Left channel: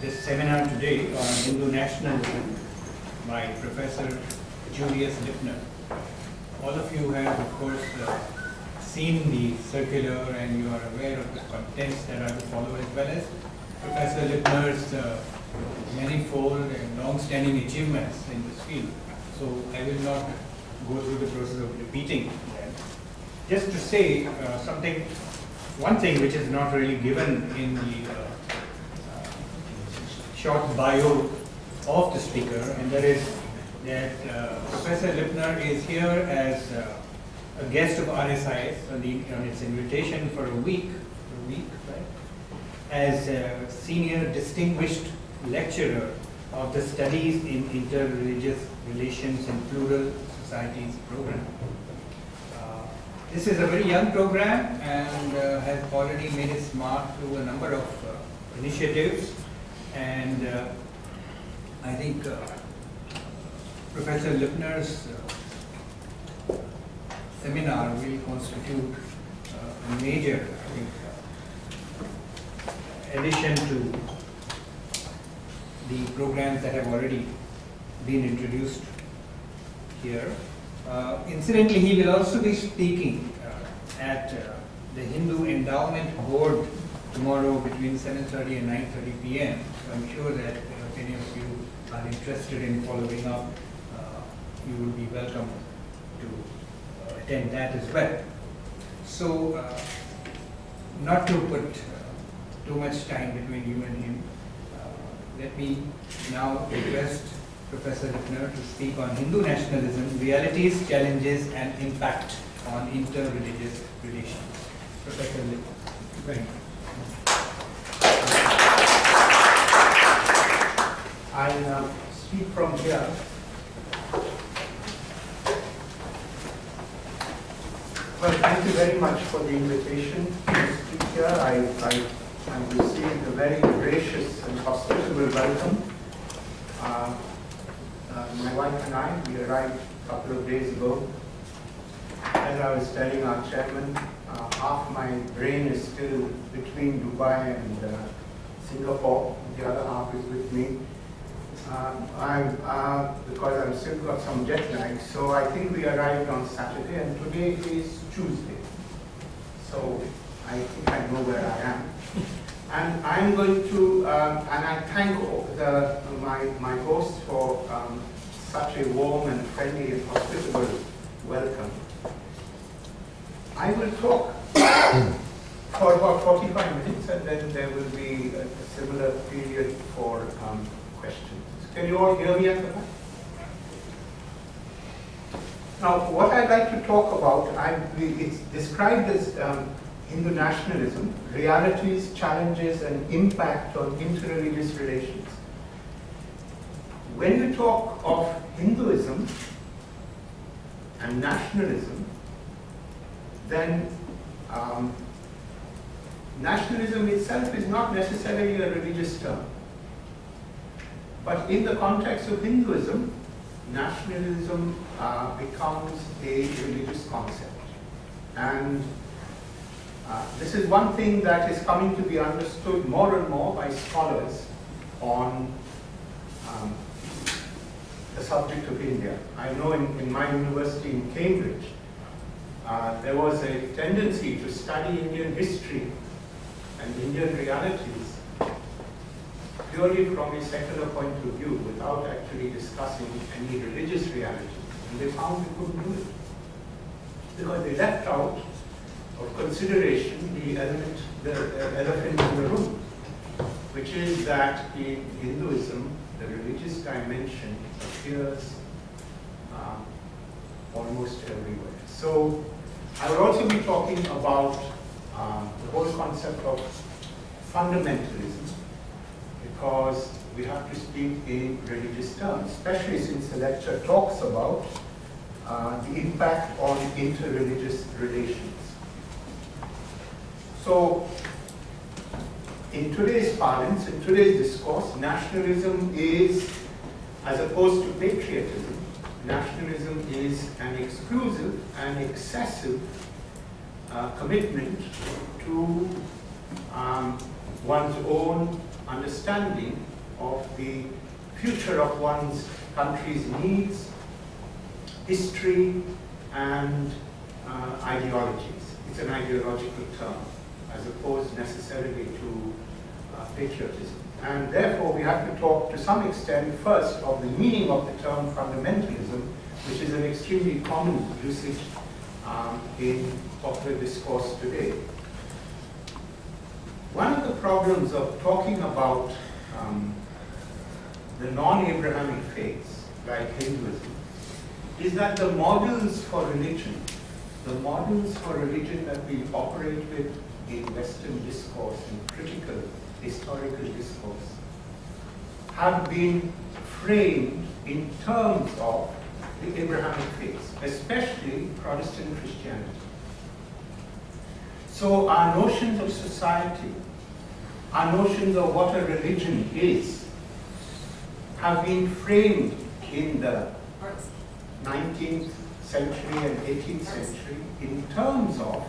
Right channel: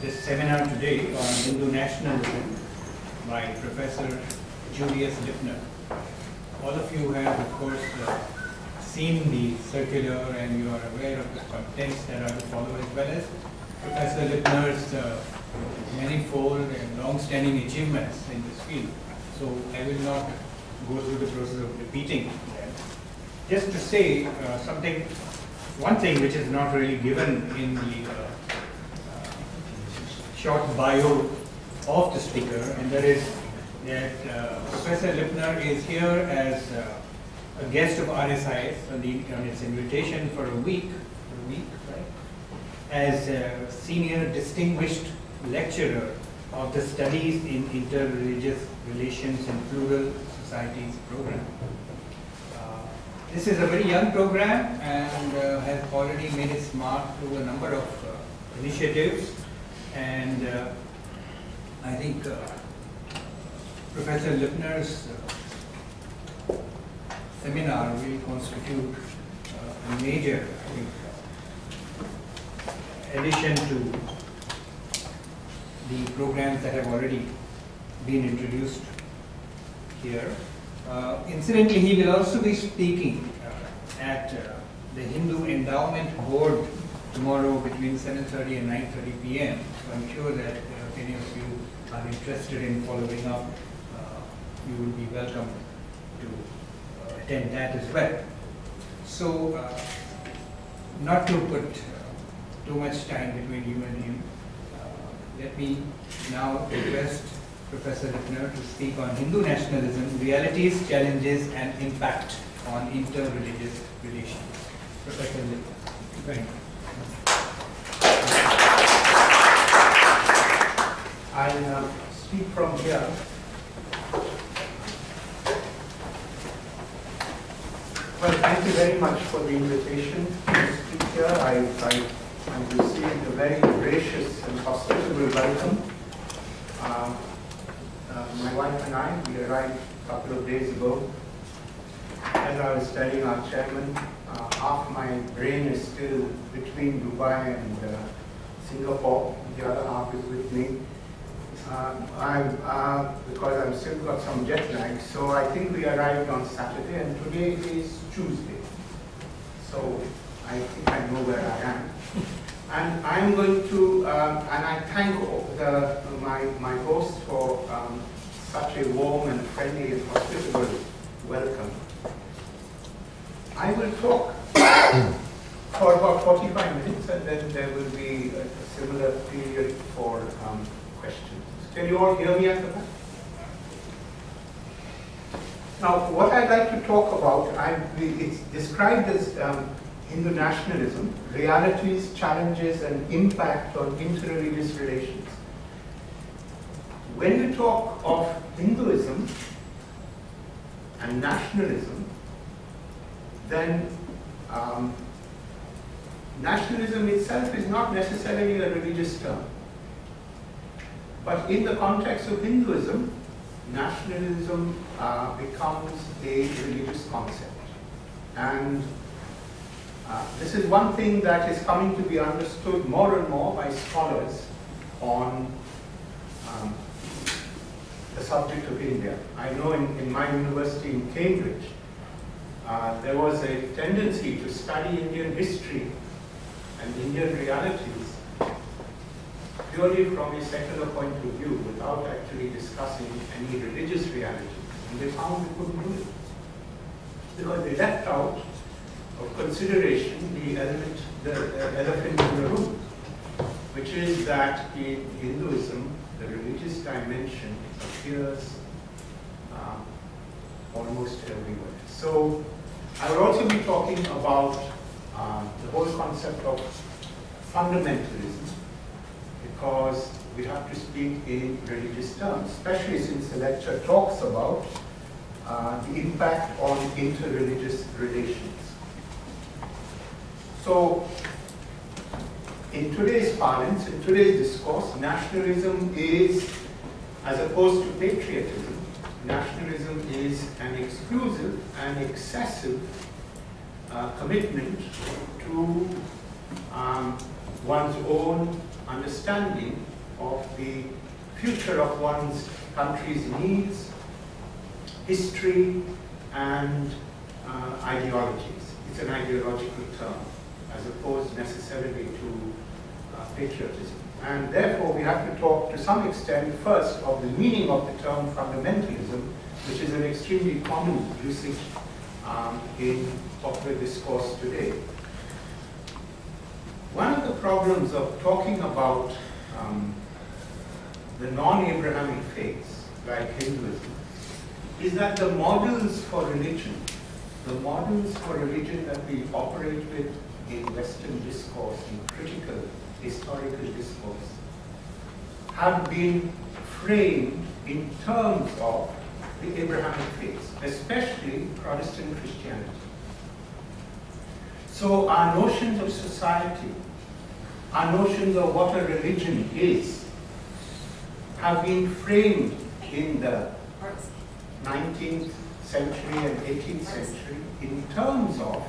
this seminar today on Hindu nationalism by Professor Julius Lipner. All of you have, of course, seen the circular and you are aware of the contents that are to follow, as well as Professor Lipner's manifold and long-standing achievements in this field. So I will not go through the process of repeating them. Just to say one thing which is not really given in the short bio of the speaker, and that is that Professor Lipner is here as a guest of RSIS on its invitation for a week, right? As a senior distinguished lecturer of the Studies in Interreligious Relations in Plural Societies program. This is a very young program and has already made its mark through a number of initiatives, and I think Professor Lipner's seminar will constitute a major, I think, addition to the programs that have already been introduced here. Incidentally, he will also be speaking at the Hindu Endowment Board tomorrow between 7:30 and 9:30 p.m. So I'm sure that if any of you are interested in following up, you will be welcome to attend that as well. So, not to put too much time between you and him, let me now request Professor Lipner to speak on Hindu nationalism, realities, challenges, and impact on inter-religious relations. Professor Lipner. Thank you. I'll speak from here. Well, thank you very much for the invitation to speak here. I received a very gracious and hospitable welcome. My wife and I, we arrived a couple of days ago. As I was telling our chairman, half my brain is still between Dubai and Singapore. The other half is with me. Because I've still got some jet lag, so I think we arrived on Saturday, and today is Tuesday. So I think I know where I am. And I'm going to, and I thank my host for such a warm and friendly and hospitable welcome. I will talk for about 45 minutes, and then there will be a similar period for questions. Can you all hear me at the back? Now, what I'd like to talk about, it's described as Hindu nationalism, realities, challenges, and impact on interreligious relations. When you talk of Hinduism and nationalism, then nationalism itself is not necessarily a religious term. But in the context of Hinduism, nationalism becomes a religious concept. And this is one thing that is coming to be understood more and more by scholars on the subject of India. I know in my university in Cambridge, there was a tendency to study Indian history and Indian realities purely from a secular point of view, without actually discussing any religious realities. And they found they couldn't do it, because they left out of consideration the elephant in the room, which is that in Hinduism, the religious dimension appears almost everywhere. So I will also be talking about the whole concept of fundamentalism, because we have to speak in religious terms, especially since the lecture talks about the impact on interreligious relations. So, in today's parlance, in today's discourse, nationalism is, as opposed to patriotism, nationalism is an exclusive and excessive commitment to one's own understanding of the future of one's country's needs, history, and ideologies. It's an ideological term, as opposed necessarily to patriotism. And therefore, we have to talk to some extent first of the meaning of the term fundamentalism, which is an extremely common usage in popular discourse today. One of the problems of talking about the non-Abrahamic faiths, like Hinduism, is that the models for religion that we operate with in Western discourse, in critical historical discourse, have been framed in terms of the Abrahamic faiths, especially Protestant Christianity. So our notions of society, our notions of what a religion is, have been framed in the 19th century and 18th century in terms of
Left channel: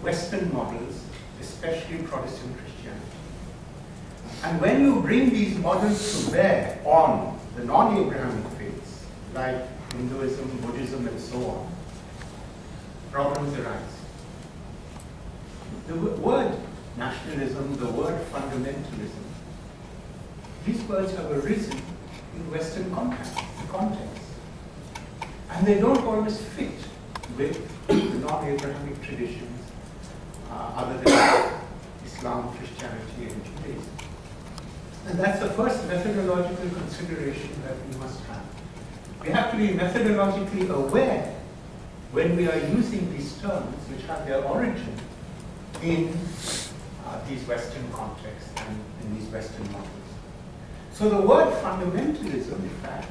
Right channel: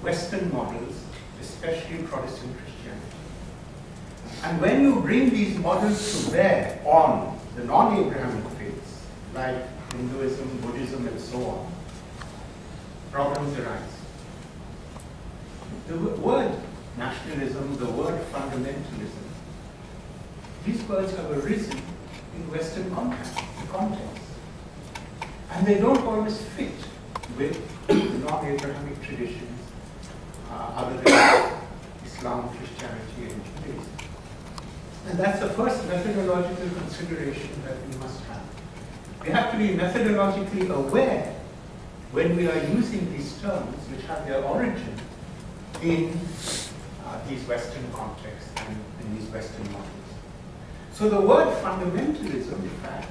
Western models, especially Protestant Christianity. And when you bring these models to bear on the non-Abrahamic faiths, like Hinduism, Buddhism, and so on, problems arise. The word nationalism, the word fundamentalism, these words have arisen in Western context. And they don't always fit with the non-Abrahamic traditions other than Islam, Christianity, and Judaism. And that's the first methodological consideration that we must have. We have to be methodologically aware when we are using these terms, which have their origin in these Western contexts and in these Western models. So the word fundamentalism, in fact,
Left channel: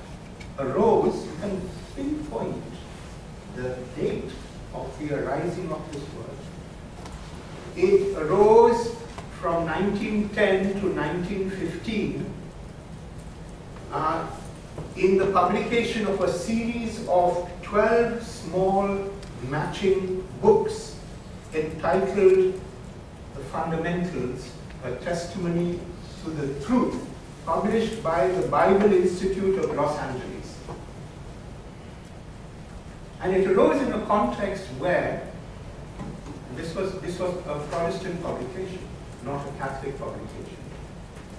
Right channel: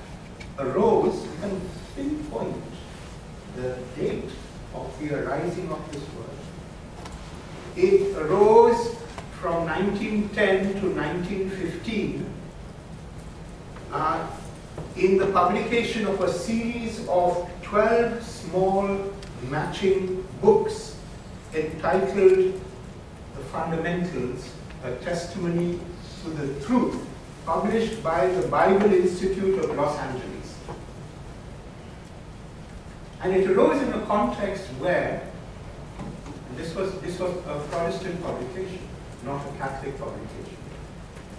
arose, you can pinpoint the date of the arising of this word. It arose from 1910 to 1915 in the publication of a series of 12 small matching books entitled The Fundamentals, a Testimony to the Truth, published by the Bible Institute of Los Angeles. And it arose in a context where, this was a Protestant publication, not a Catholic publication.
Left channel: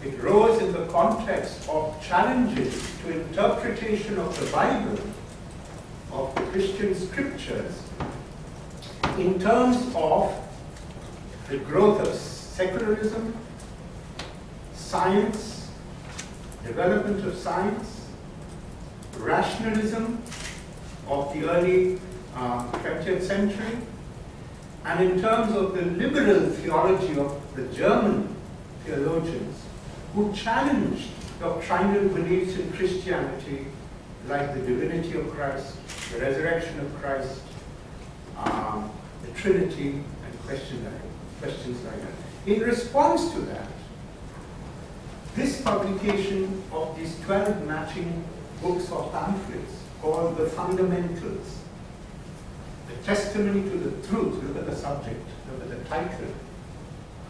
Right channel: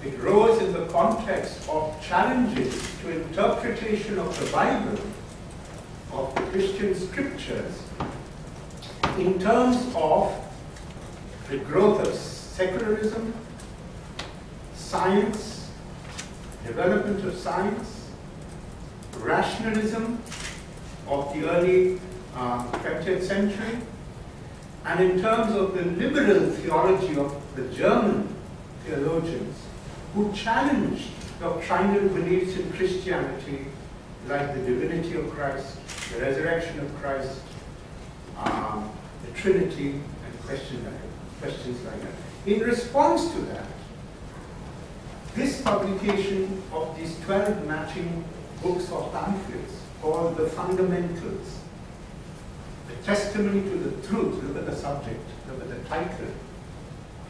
It arose in the context of challenges to interpretation of the Bible, of the Christian scriptures, in terms of the growth of secularism, science, development of science, rationalism of the early 20th century, and in terms of the liberal theology of the German theologians who challenged doctrinal beliefs in Christianity, like the divinity of Christ, the resurrection of Christ, the Trinity, and questions like that. In response to that, this publication of these 12 matching books or pamphlets called The Fundamentals, the Testimony to the Truth, look at the subject, look at the title.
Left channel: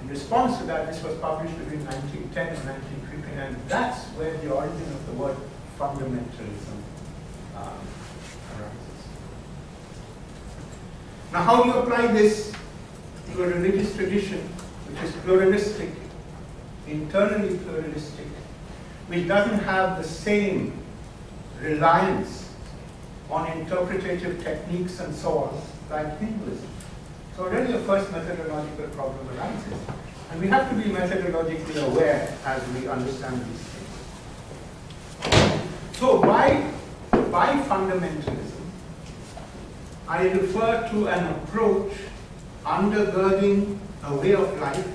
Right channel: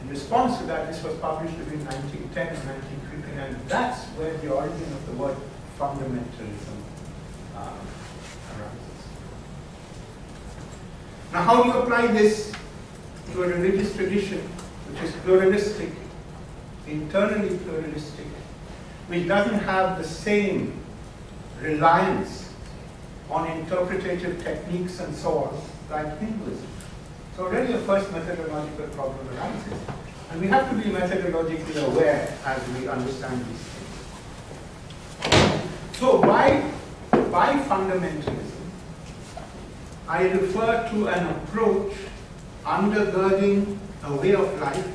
In response to that, this was published between 1910 and 1915, and that's where the origin of the word fundamentalism arises. Now, how do you apply this to a religious tradition which is pluralistic, internally pluralistic, which doesn't have the same reliance on interpretative techniques and so on, like Hinduism? So already the first methodological problem arises. And we have to be methodologically aware as we understand these things. So by fundamentalism, I refer to an approach undergirding a way of life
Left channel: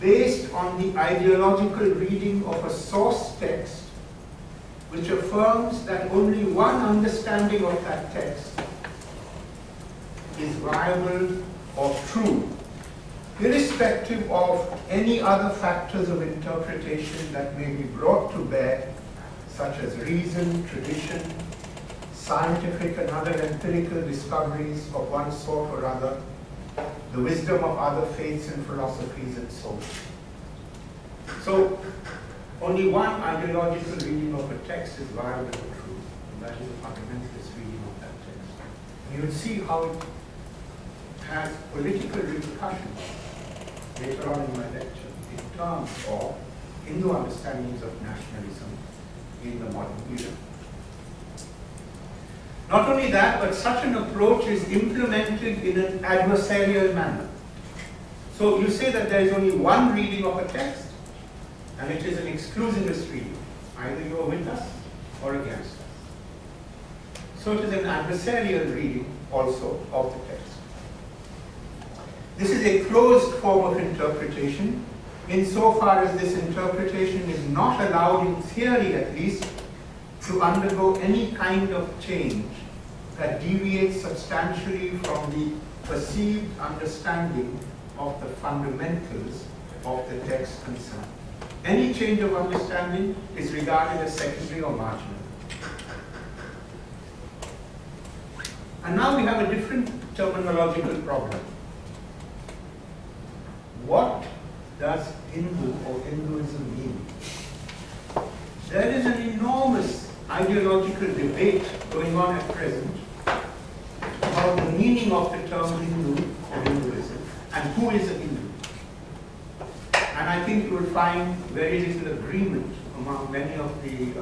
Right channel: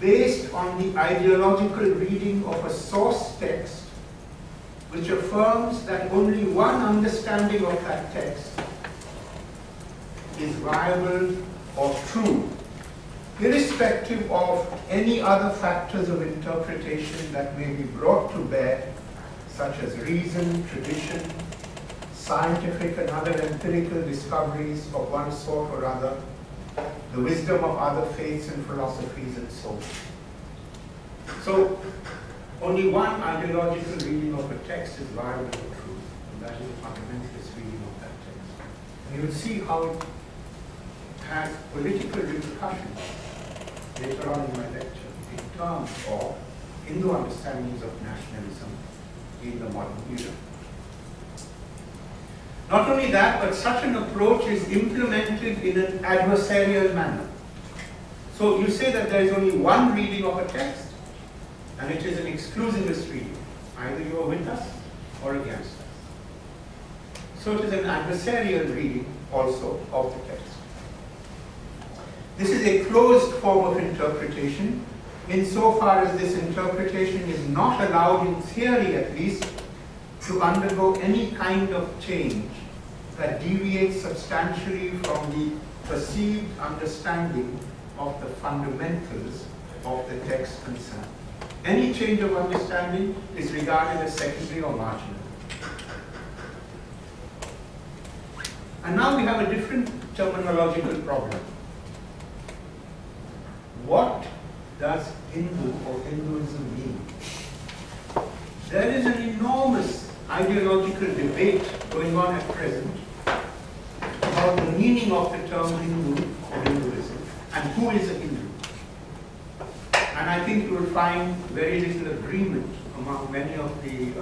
based on the ideological reading of a source text which affirms that only one understanding of that text is viable or true, irrespective of any other factors of interpretation that may be brought to bear, such as reason, tradition, scientific and other empirical discoveries of one sort or other, the wisdom of other faiths and philosophies, and so on. So only one ideological reading of a text is viable or true, and that is a fundamentalist reading of that text. And you will see how it has political repercussions later on in my lecture in terms of Hindu understandings of nationalism in the modern era. Not only that, but such an approach is implemented in an adversarial manner. So you say that there is only one reading of a text, and it is an exclusivist reading. Either you are with us or against us. So it is an adversarial reading also of the text. This is a closed form of interpretation, insofar as this interpretation is not allowed, in theory at least, to undergo any kind of change that deviates substantially from the perceived understanding of the fundamentals of the text concerned. Any change of understanding is regarded as secondary or marginal. And now we have a different terminological problem. What does Hindu or Hinduism mean? There is an enormous ideological debate going on at present about the meaning of the term Hindu or Hinduism and who is a Hindu. And I think you will find very little agreement among many of the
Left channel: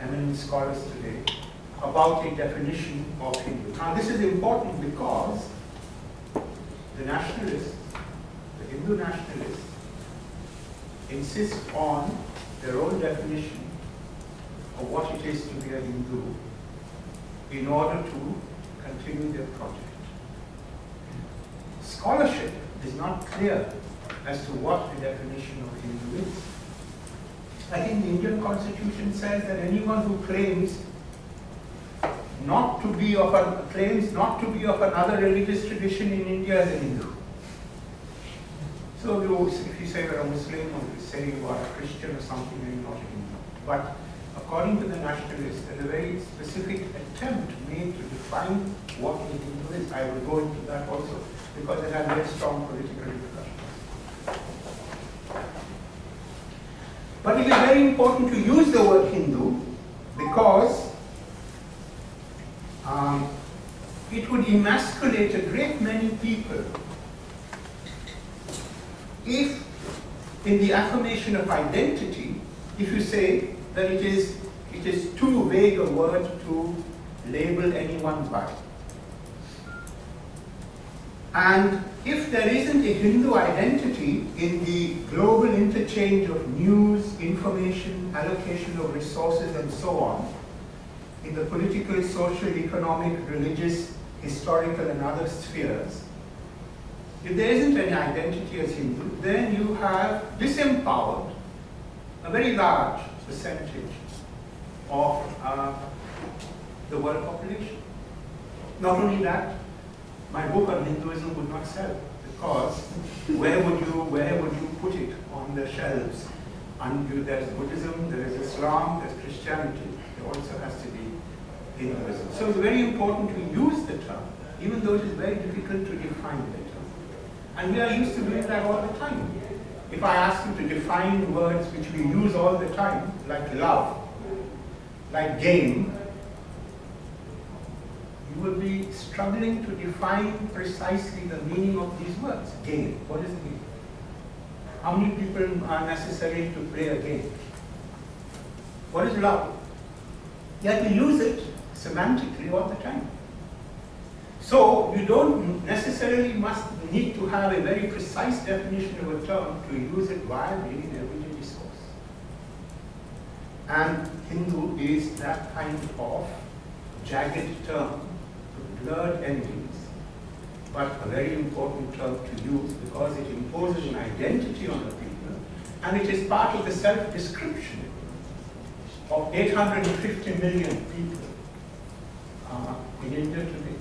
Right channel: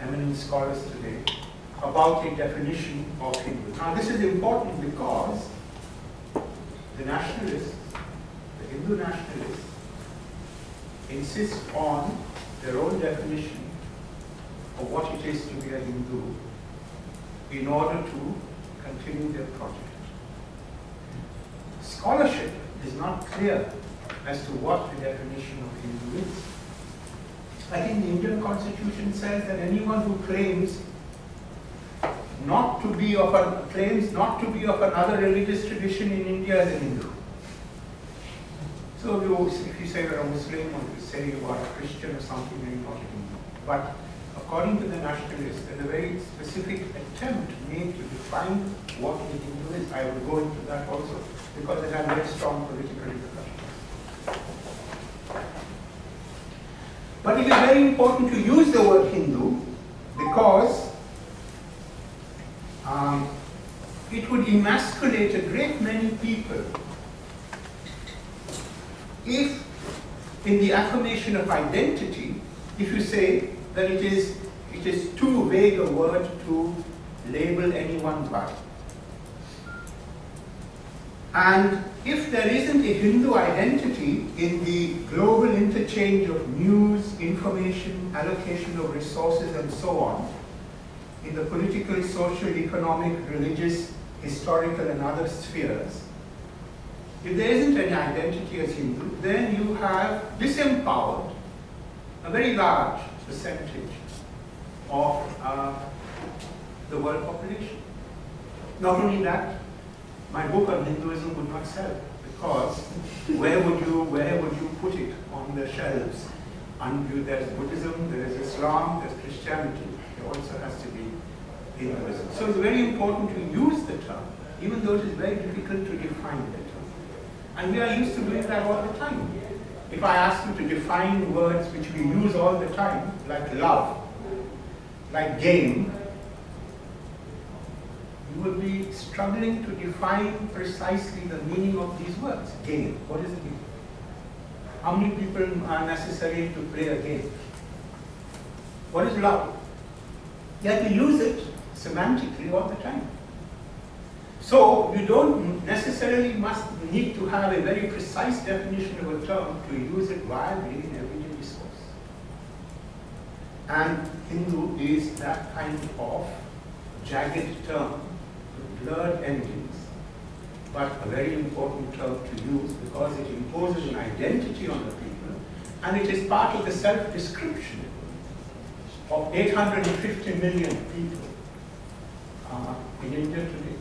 eminent scholars today about a definition of Hindu. Now this is important because the nationalists, the Hindu nationalists, insist on their own definition of what it is to be a Hindu in order to continue their project. Scholarship is not clear as to what the definition of Hindu is. I think the Indian Constitution says that anyone who claims not to be of another religious tradition in India is a Hindu. So if you say you're a Muslim, or if you say you are a Christian or something, then you're not a Hindu. But according to the nationalists, there's a very specific attempt made to define what a Hindu is. I will go into that also, because it has very strong political repercussions. But it is very important to use the word Hindu because it would emasculate a great many people if, in the affirmation of identity, if you say that it is too vague a word to label anyone by. And if there isn't a Hindu identity in the global interchange of news, information, allocation of resources, and so on, in the political, social, economic, religious, historical, and other spheres, if there isn't any identity as Hindu, then you have disempowered a very large percentage of the world population. Not only that, my book on Hinduism would not sell, because where would you put it on the shelves? And there's Buddhism, there is Islam, there's Christianity. There also has to be Hinduism. So it's very important to use the term, even though it is very difficult to define the term. And we are used to doing that all the time. If I ask you to define words which we use all the time, like love, like game, you will be struggling to define precisely the meaning of these words. Game, what is a game? How many people are necessary to play a game? What is love? You have to use it semantically all the time. So you don't necessarily need to have a very precise definition of a term to use it viably in everyday discourse. And Hindu is that kind of jagged term, with blurred endings, but a very important term to use because it imposes an identity on the people, and it is part of the self-description of 850 million people in India today.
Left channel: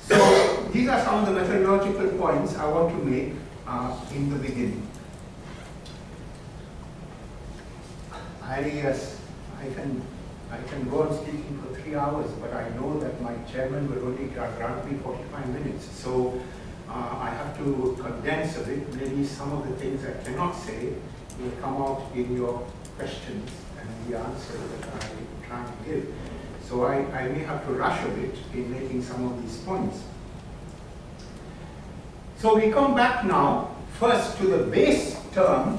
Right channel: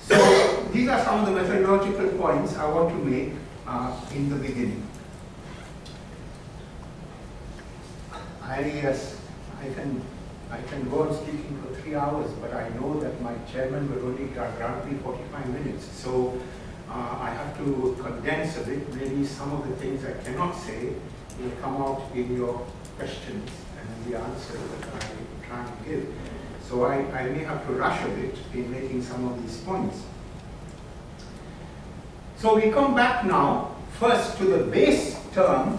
So these are some of the methodological points I want to make in the beginning. I can go on speaking for 3 hours, but I know that my chairman will only grant me 45 minutes. So I have to condense a bit. Maybe some of the things I cannot say will come out in your questions and the answers that I try to give. So I may have to rush a bit in making some of these points. So we come back now first to the base term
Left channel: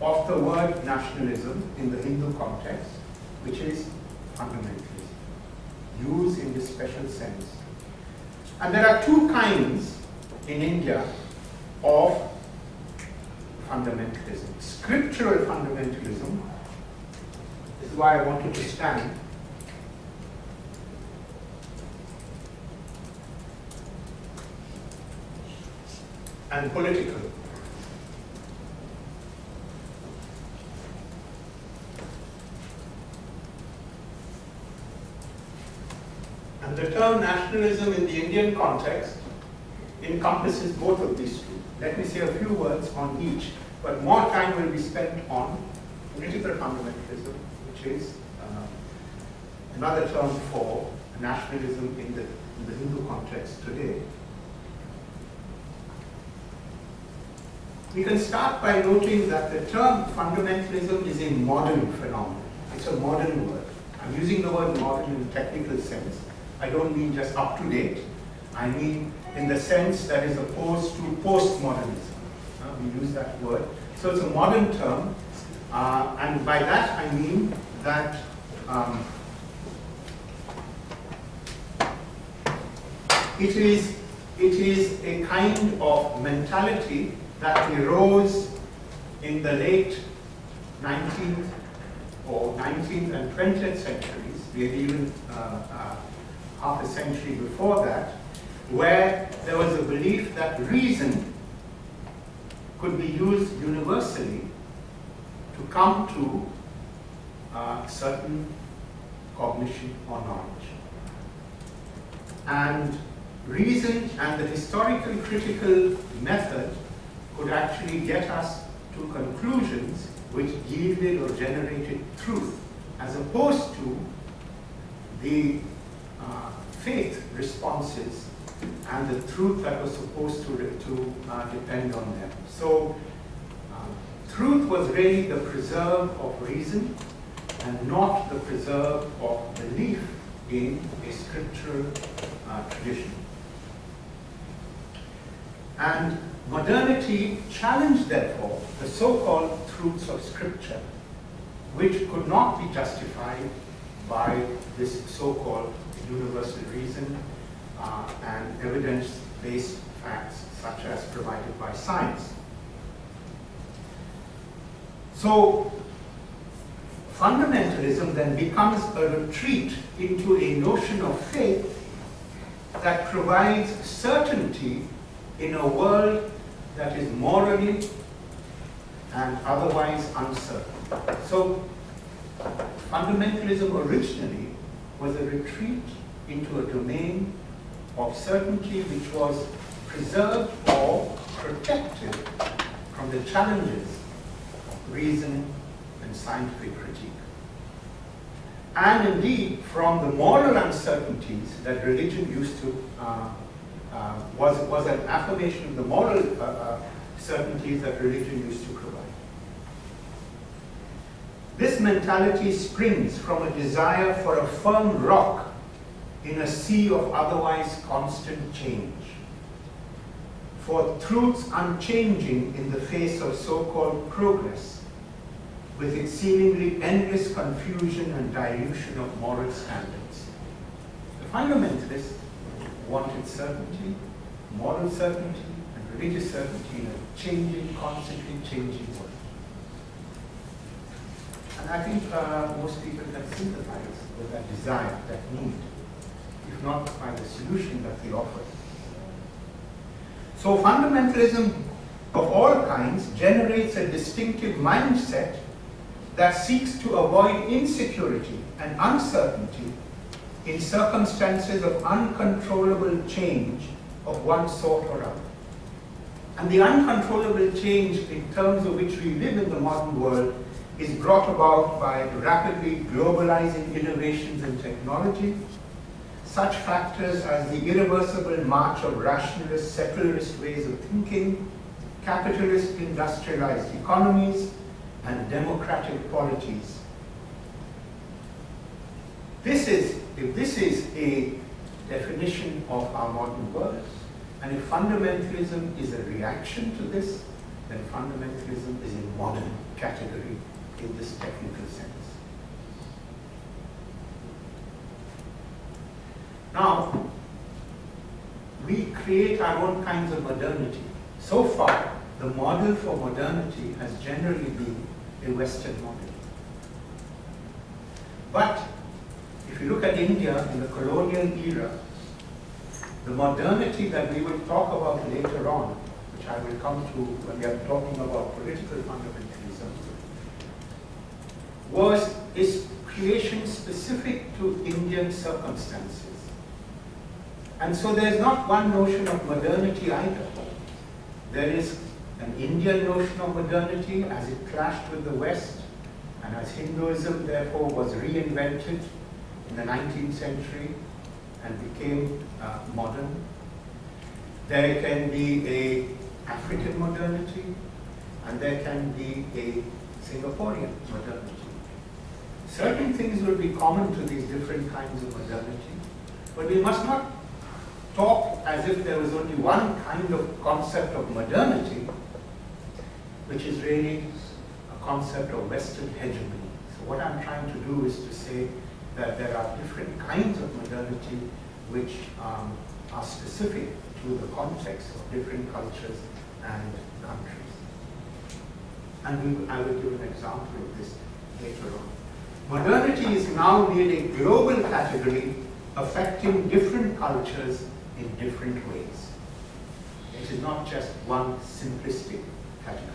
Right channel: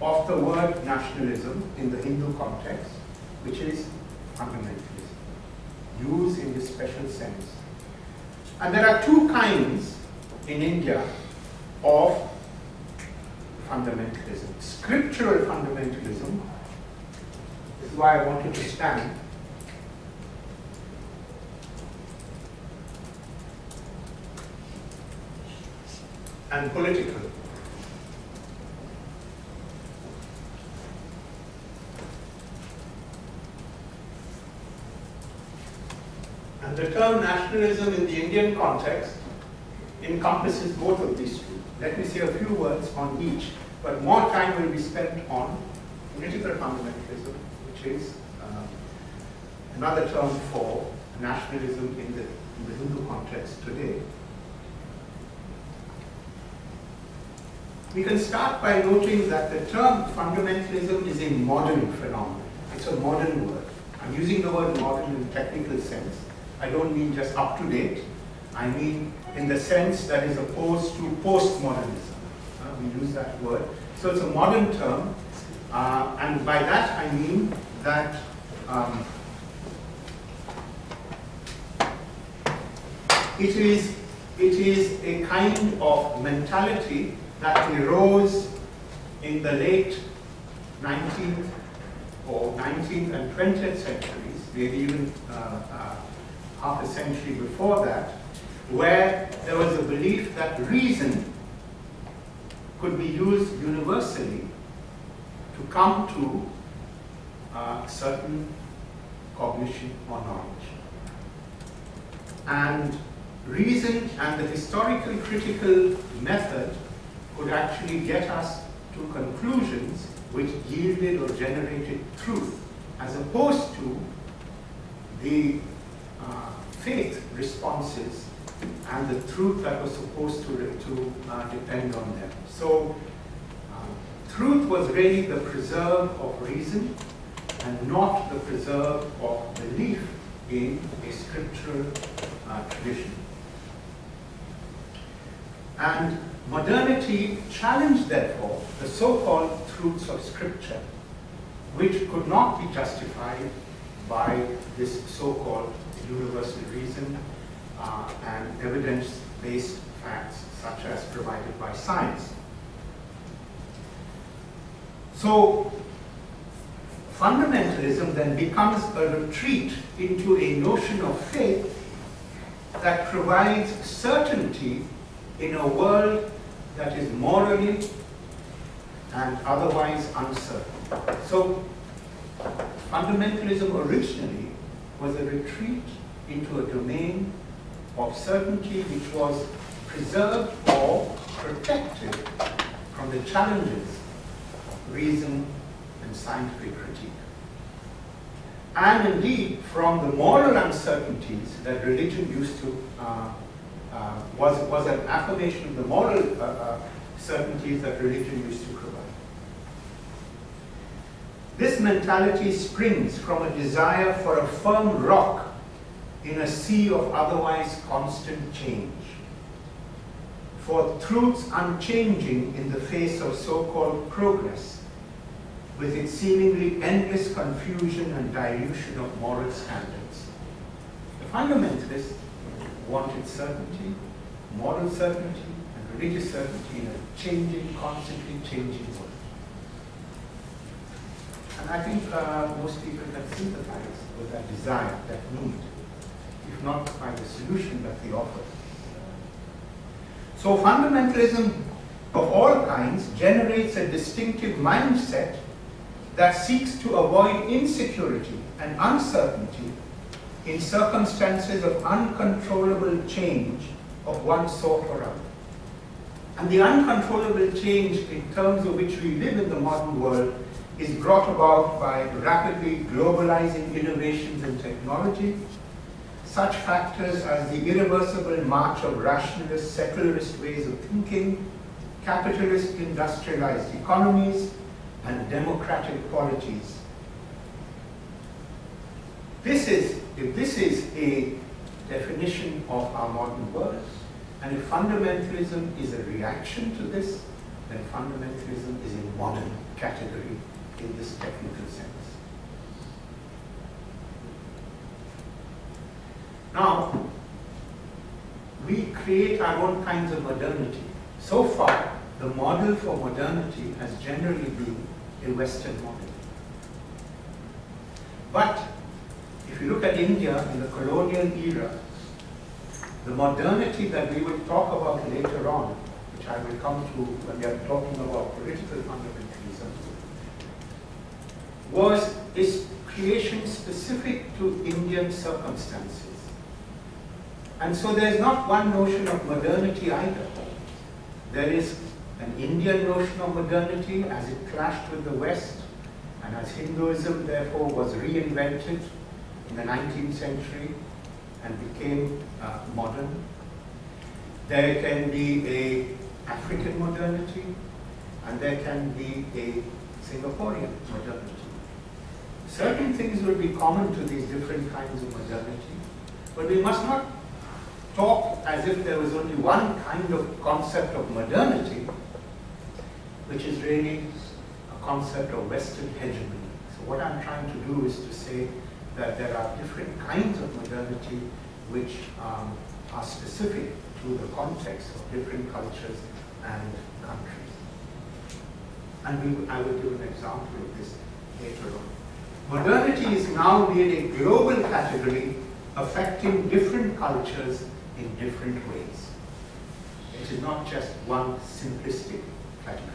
of the word nationalism in the Hindu context, which is fundamentalism, used in this special sense. And there are two kinds in India of fundamentalism. Scriptural fundamentalism, this is why I wanted to stand, and political. And the term nationalism in the Indian context encompasses both of these two. Let me say a few words on each, but more time will be spent on political fundamentalism, which is another term for nationalism in the Hindu context today. We can start by noting that the term fundamentalism is a modern phenomenon. It's a modern word. I'm using the word modern in a technical sense. I don't mean just up to date. I mean in the sense that is opposed to postmodernism. We use that word. So it's a modern term. And by that I mean that it is a kind of mentality that arose in the late 19th or 19th and 20th centuries, maybe even half a century before that, where there was a belief that reason could be used universally to come to certain cognition or knowledge. And reason and the historical critical method could actually get us to conclusions which yielded or generated truth, as opposed to the faith responses and the truth that was supposed to depend on them. So truth was really the preserve of reason and not the preserve of belief in a scriptural tradition. And modernity challenged, therefore, the so-called truths of Scripture, which could not be justified by this so-called universal reason and evidence-based facts such as provided by science. So, fundamentalism then becomes a retreat into a notion of faith that provides certainty in a world that is morally and otherwise uncertain. So, fundamentalism originally was a retreat into a domain of certainty which was preserved or protected from the challenges of reason and scientific critique. And indeed, from the moral uncertainties that religion used to was an affirmation of the moral certainties that religion used to provide. This mentality springs from a desire for a firm rock in a sea of otherwise constant change, for truths unchanging in the face of so-called progress, with its seemingly endless confusion and dilution of moral standards. The fundamentalists wanted certainty, moral certainty, and religious certainty in a changing, constantly changing world. And I think most people can sympathize with that desire, that need, if not by the solution that they offer. So fundamentalism of all kinds generates a distinctive mindset that seeks to avoid insecurity and uncertainty in circumstances of uncontrollable change of one sort or other. And the uncontrollable change in terms of which we live in the modern world is brought about by rapidly globalizing innovations in technology, such factors as the irreversible march of rationalist, secularist ways of thinking, capitalist industrialized economies, and democratic polities. If this is a definition of our modern world, and if fundamentalism is a reaction to this, then fundamentalism is a modern category in this technical sense. Now, we create our own kinds of modernity. So far, the model for modernity has generally been a Western model. But if you look at India in the colonial era, the modernity that we will talk about later on, which I will come to when we are talking about political fundamentalism, was its creation specific to Indian circumstances. And so there is not one notion of modernity either. There is an Indian notion of modernity as it clashed with the West, and as Hinduism therefore was reinvented in the 19th century and became modern. There can be an African modernity, and there can be a Singaporean modernity. Certain things will be common to these different kinds of modernity, but we must not talk as if there was only one kind of concept of modernity, which is really a concept of Western hegemony. So what I'm trying to do is to say that there are different kinds of modernity which are specific to the context of different cultures and countries. And I will give an example of this later on. Modernity is now made a global category affecting different cultures in different ways. It is not just one simplistic category.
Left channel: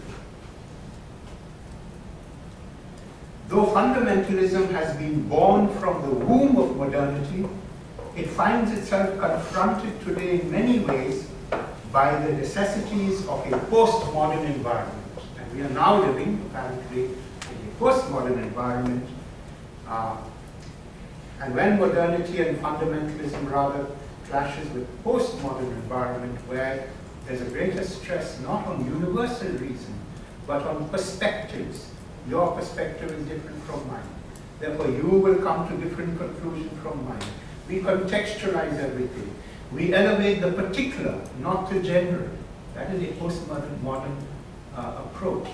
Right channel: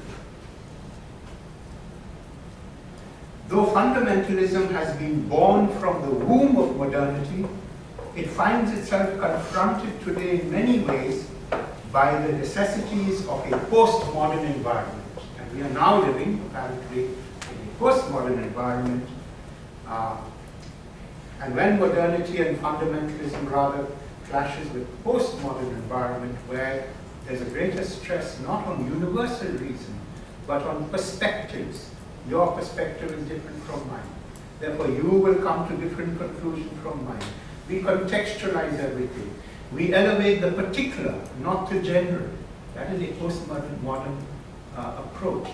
Though fundamentalism has been born from the womb of modernity, it finds itself confronted today in many ways by the necessities of a postmodern environment. And we are now living, apparently, in a postmodern environment. And when modernity and fundamentalism rather clashes with postmodern environment, where there's a greater stress not on universal reason, but on perspectives. Your perspective is different from mine. Therefore, you will come to different conclusions from mine. We contextualize everything. We elevate the particular, not the general. That is a postmodern approach.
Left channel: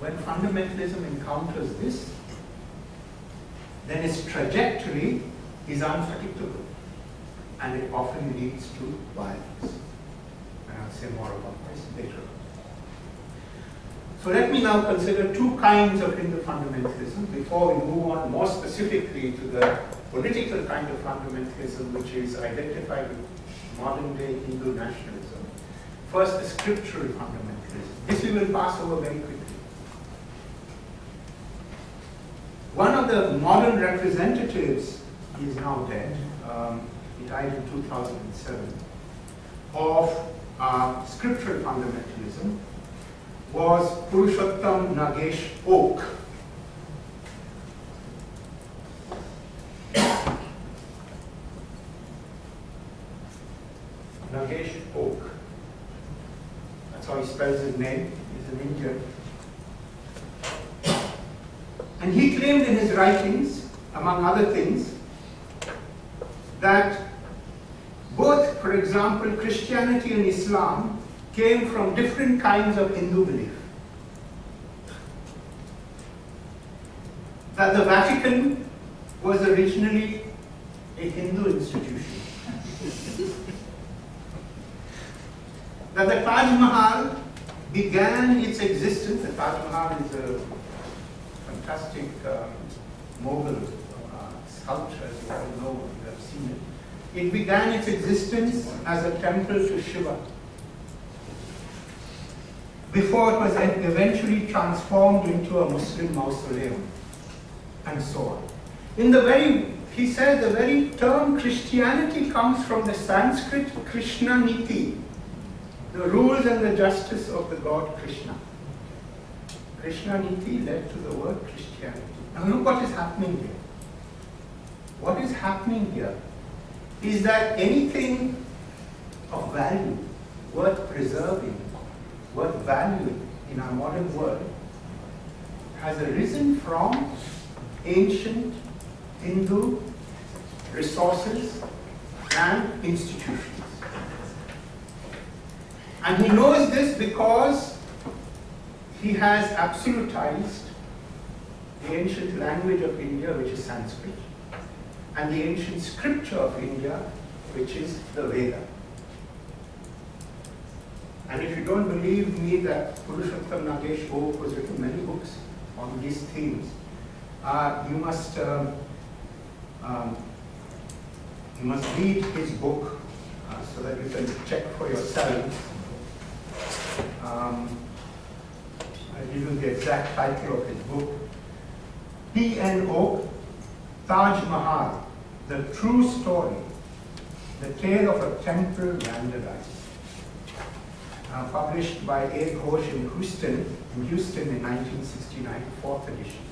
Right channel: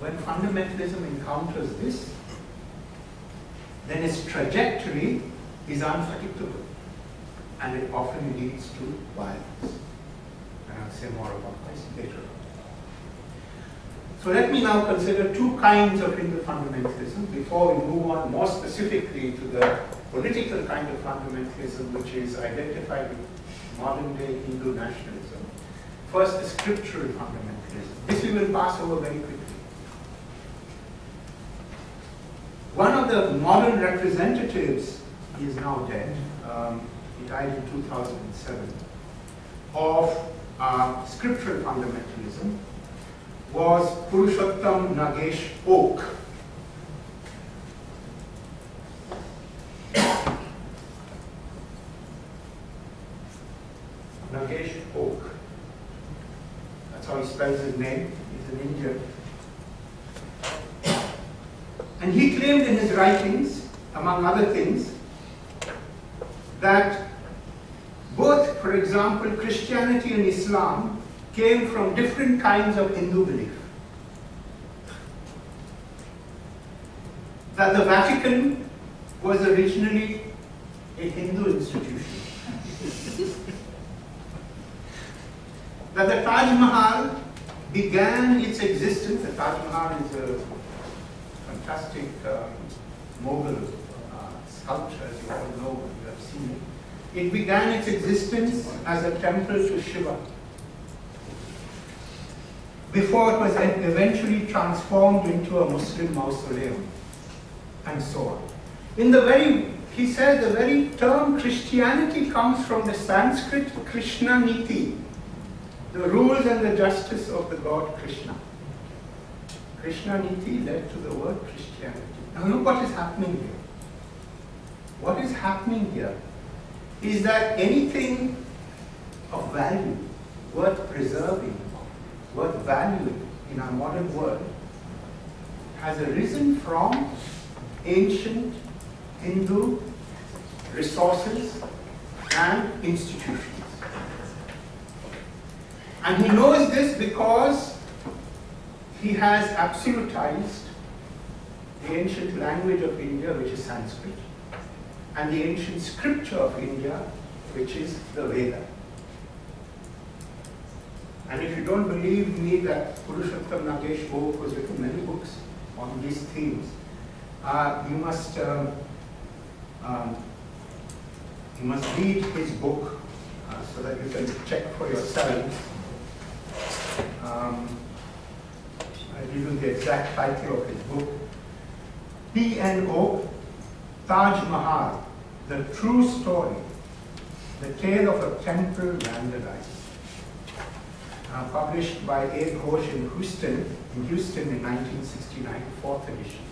When fundamentalism encounters this, then its trajectory is unpredictable, and it often leads to violence. And I'll say more about this later on. So let me now consider two kinds of Hindu fundamentalism before we move on more specifically to the political kind of fundamentalism which is identified with modern day Hindu nationalism. First, the scriptural fundamentalism. This we will pass over very quickly. One of the modern representatives, he is now dead, he died in 2007, of scriptural fundamentalism was Purushottam Nagesh Oak. Nagesh Oak. That's how he spells his name. He's an Indian. And he claimed in his writings, among other things, that both, for example, Christianity and Islam came from different kinds of Hindu belief. That the Vatican was originally a Hindu institution. That the Taj Mahal began its existence. The Taj Mahal is a fantastic Mughal sculpture, as you all know, you have seen it. It began its existence as a temple to Shiva, before it was eventually transformed into a Muslim mausoleum, and so on. He said the very term Christianity comes from the Sanskrit Krishna Niti, the rules and the justice of the god Krishna. Krishna Niti led to the word Christianity. Now look what is happening here. What is happening here is that anything of value, worth preserving, worth valuing in our modern world, has arisen from ancient Hindu resources and institutions. And he knows this because he has absolutized the ancient language of India, which is Sanskrit, and the ancient scripture of India, which is the Veda. And if you don't believe me that Purushottam Nagesh Oak has written many books on these themes, you must read his book so that you can check for yourselves. I'll give you the exact title of his book. P.N. Oak, Taj Mahal, The True Story, The Tale of a Temple Vandalized. Published by A. Ghosh in Houston in 1969, 4th edition.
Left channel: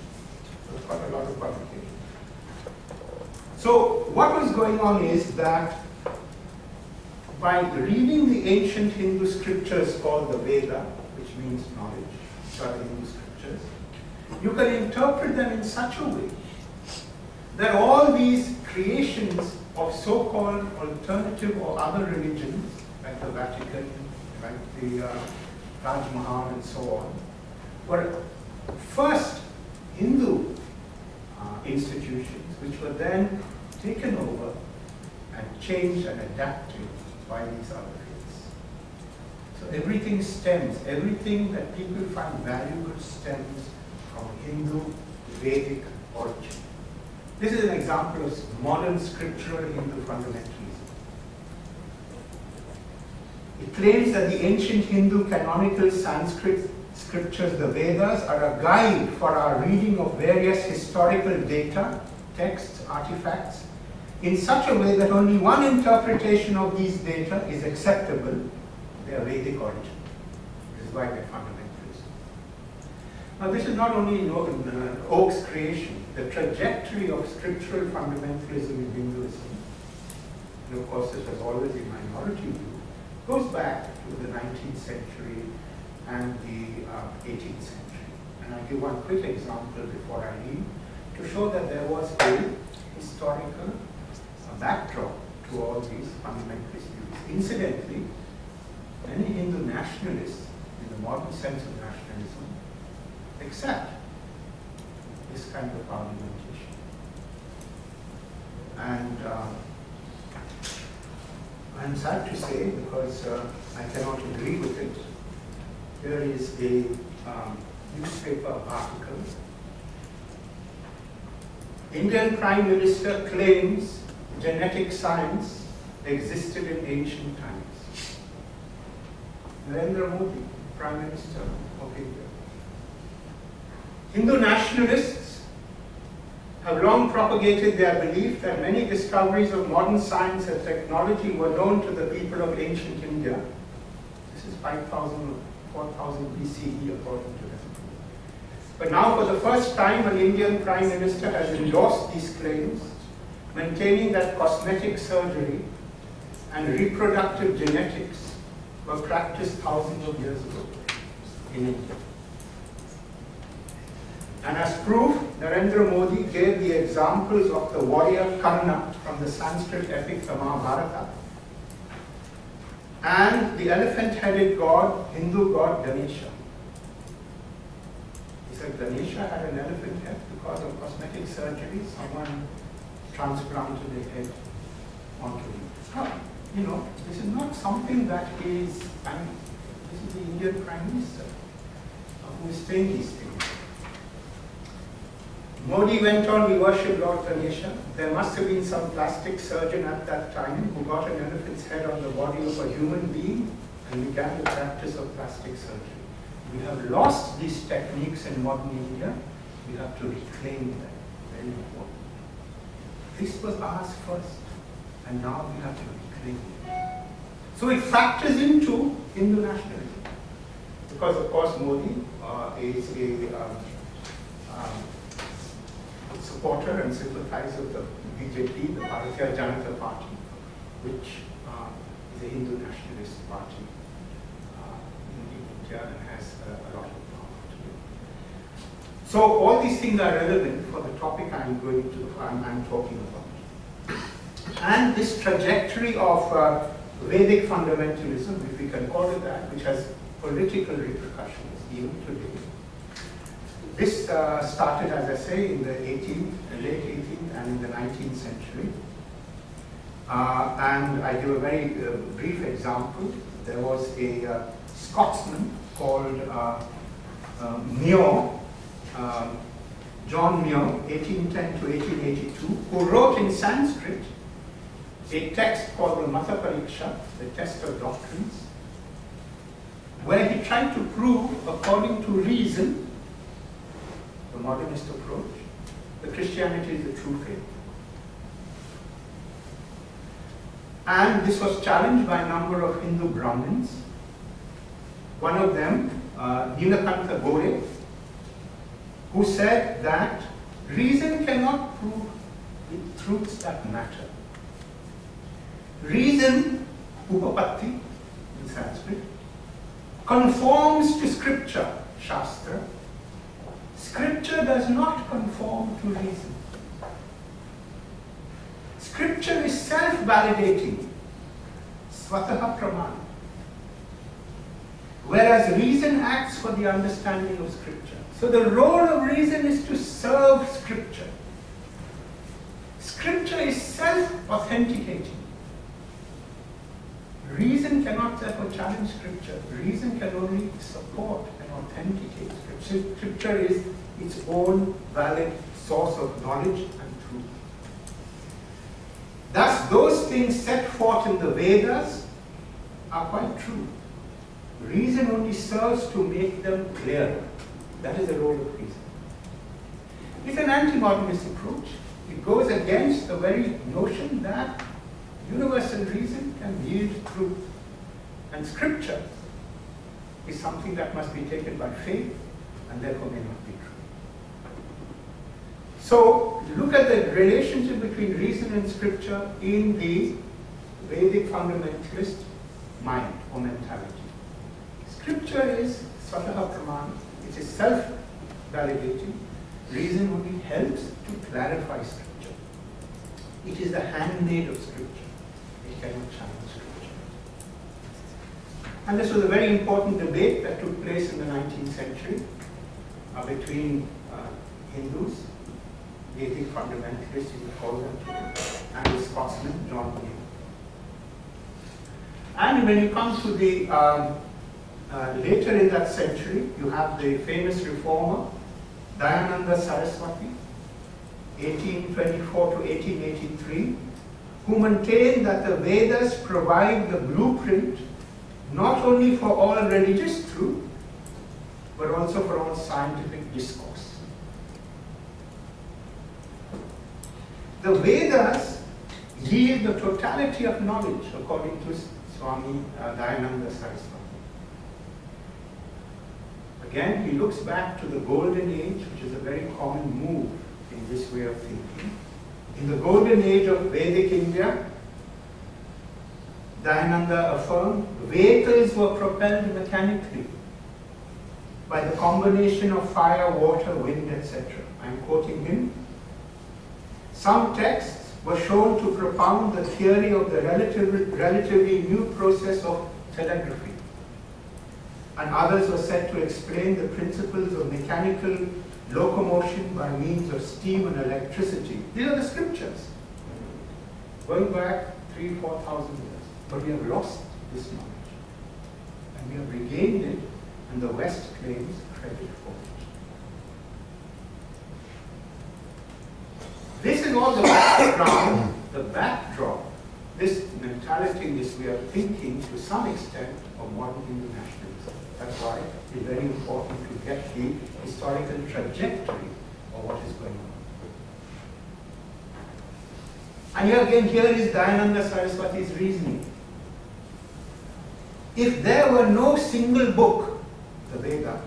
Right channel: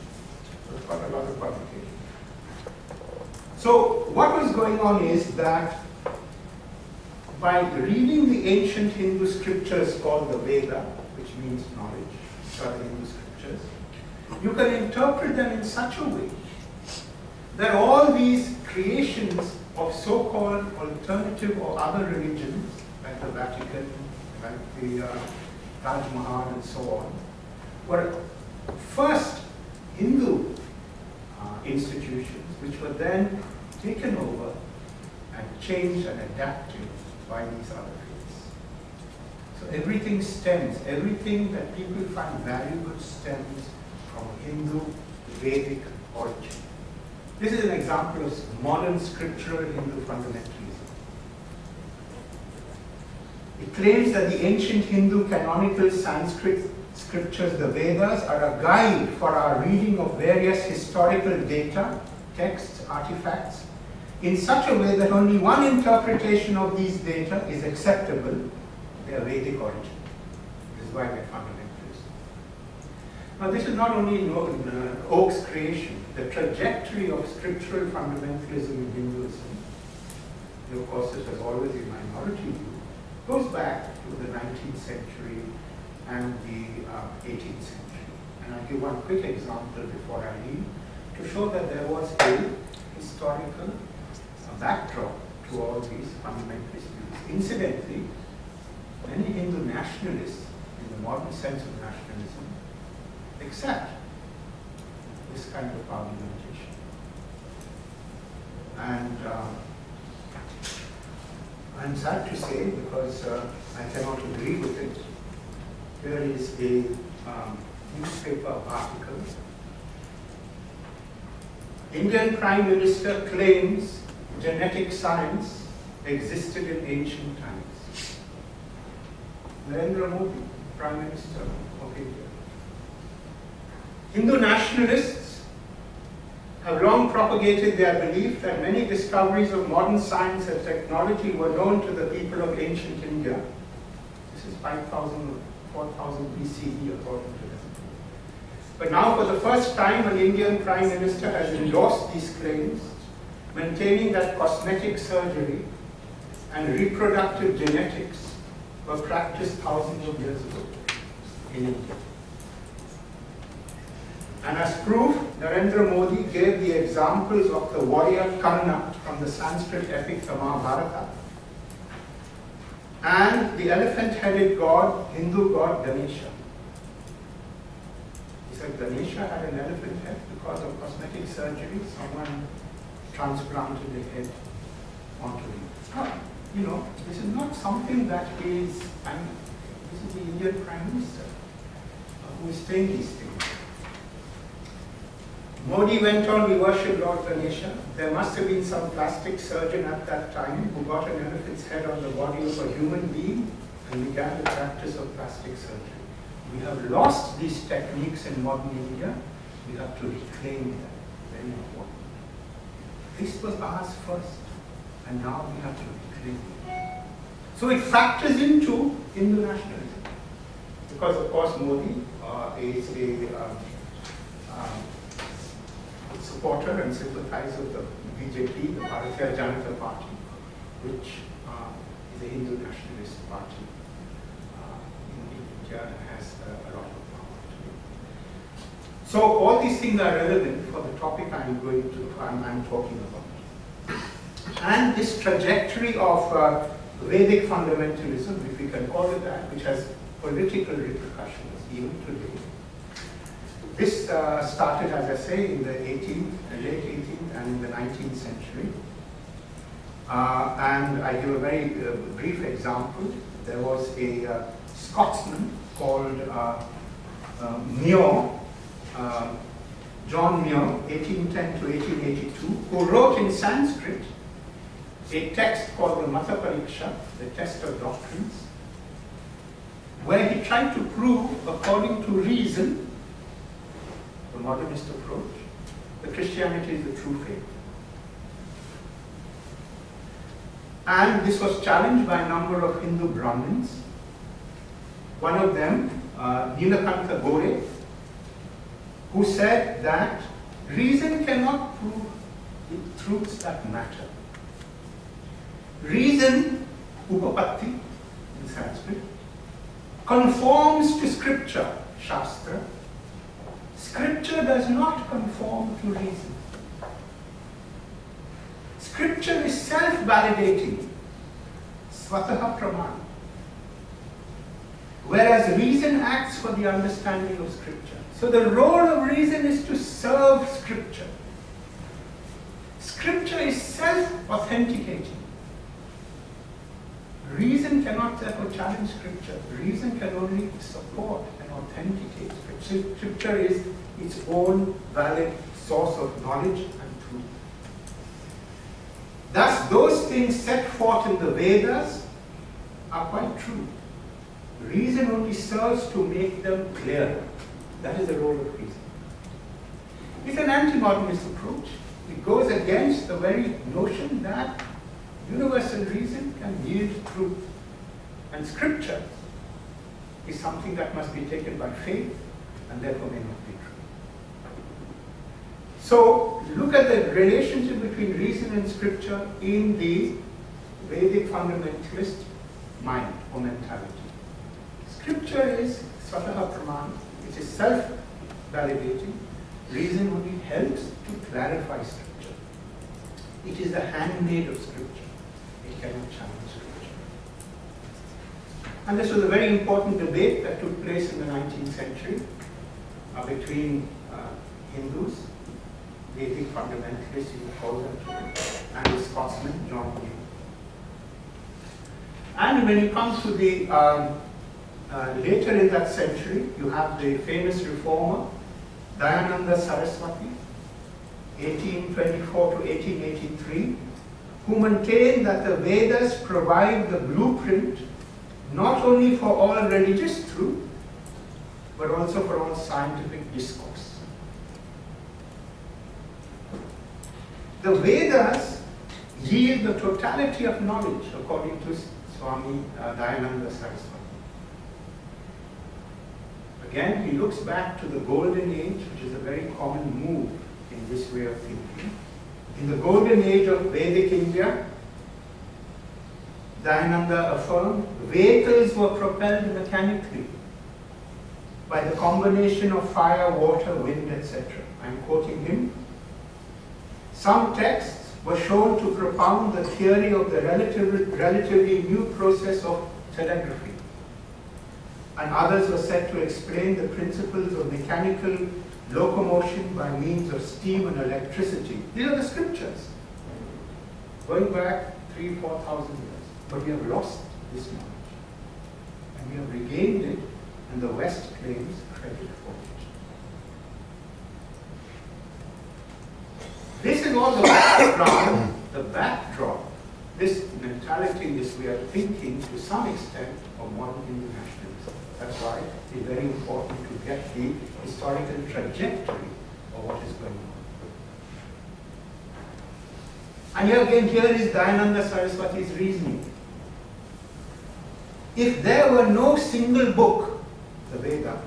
So it's quite a lot of publication. So what was going on is that by reading the ancient Hindu scriptures called the Veda, which means knowledge, which are the Hindu scriptures, you can interpret them in such a way that all these creations of so-called alternative or other religions, like the Vatican, like the Taj Mahal and so on, were first Hindu institutions, which were then taken over and changed and adapted by these other faiths. So everything stems, everything that people find valuable stems from Hindu Vedic origin. This is an example of modern scriptural Hindu fundamentalism. It claims that the ancient Hindu canonical Sanskrit scriptures, the Vedas, are a guide for our reading of various historical data, texts, artifacts, in such a way that only one interpretation of these data is acceptable, their Vedic origin. This is why they're fundamentalists. Now this is not only Oak's creation, the trajectory of scriptural fundamentalism in Hinduism, and of course this was always a minority view, goes back to the 19th century and the 18th century. And I'll give one quick example before I leave to show that there was a historical backdrop to all these fundamentalist views. Incidentally, many Hindu nationalists, in the modern sense of nationalism, accept this kind of argumentation. And I'm sad to say, because I cannot agree with it, here is a newspaper article. Indian Prime Minister claims genetic science existed in ancient times. Narendra Modi, Prime Minister of India. Hindu nationalists have long propagated their belief that many discoveries of modern science and technology were known to the people of ancient India. This is 5,000 or 4,000 BCE according to them. But now for the first time an Indian Prime Minister has endorsed these claims, maintaining that cosmetic surgery and reproductive genetics were practiced thousands of years ago in India. And as proof, Narendra Modi gave the examples of the warrior Karna from the Sanskrit epic the Mahabharata and the elephant-headed god, Hindu god Ganesha. He said Ganesha had an elephant head because of cosmetic surgery. Someone transplanted a head onto him. Now, you know, this is not something that is, this is the Indian Prime Minister who is saying these things. Modi went on, we worship Lord Ganesha. There must have been some plastic surgeon at that time who got an elephant's head on the body of a human being and began the practice of plastic surgery. We have lost these techniques in modern India. We have to reclaim them. Very important. This was ours first, and now we have to reclaim it. So it factors into Hindu nationalism. Because of course Modi is a supporter and sympathizer of the BJP, the Bharatiya Janata Party, which is a Hindu nationalist party in India and has a lot of power today. So all these things are relevant for the topic I'm talking about. And this trajectory of Vedic fundamentalism, if we can call it that, which has political repercussions even today. This started, as I say, in the late 18th and in the 19th century. And I give a very brief example. There was a Scotsman called Muir, John Muir, 1810 to 1882, who wrote in Sanskrit a text called the Mata Pariksha, the test of doctrines, where he tried to prove, according to reason, the modernist approach, that Christianity is the true faith. And this was challenged by a number of Hindu Brahmins. One of them, Nilakantha Gore, who said that reason cannot prove the truths that matter. Reason, upapatti in Sanskrit, conforms to scripture, shastra. Scripture does not conform to reason. Scripture is self-validating, swataha praman, whereas reason acts for the understanding of scripture. So the role of reason is to serve scripture. Scripture is self-authenticating. Reason cannot therefore challenge scripture. Reason can only support and authenticate scripture. Scripture is its own valid source of knowledge and truth. Thus, those things set forth in the Vedas are quite true. Reason only serves to make them clearer. That is the role of reason. It's an anti-modernist approach. It goes against the very notion that universal reason can yield truth. And scripture is something that must be taken by faith and therefore may not be true. So look at the relationship between reason and scripture in the Vedic fundamentalist mind or mentality. Scripture is swataha praman. It is self-validating. Reason only helps to clarify scripture. It is the handmaid of scripture. It cannot challenge scripture. And this was a very important debate that took place in the 19th century between Hindus, Vedic fundamentalists, you call them, and the Scotsman, John Muir. And when you come to the later in that century, you have the famous reformer, Dayananda Saraswati, 1824 to 1883, who maintained that the Vedas provide the blueprint not only for all religious truth, but also for all scientific discourse. The Vedas yield the totality of knowledge, according to Swami Dayananda Saraswati. Again, he looks back to the Golden Age, which is a very common move in this way of thinking. In the Golden Age of Vedic India, Dayananda affirmed, vehicles were propelled mechanically by the combination of fire, water, wind, etc. I'm quoting him. Some texts were shown to propound the theory of the relatively new process of telegraphy, and others were said to explain the principles of mechanical locomotion by means of steam and electricity. These are the scriptures, going back 3,000–4,000 years. But we have lost this knowledge, and we have regained it, and the West claims credit for it. This is all the background, the backdrop, this mentality, this way of thinking to some extent of modern Hindu nationalism. That's why it's very important to get the historical trajectory of what is going on. And here again, here is Dayananda Saraswati's reasoning. If there were no single book, the Veda,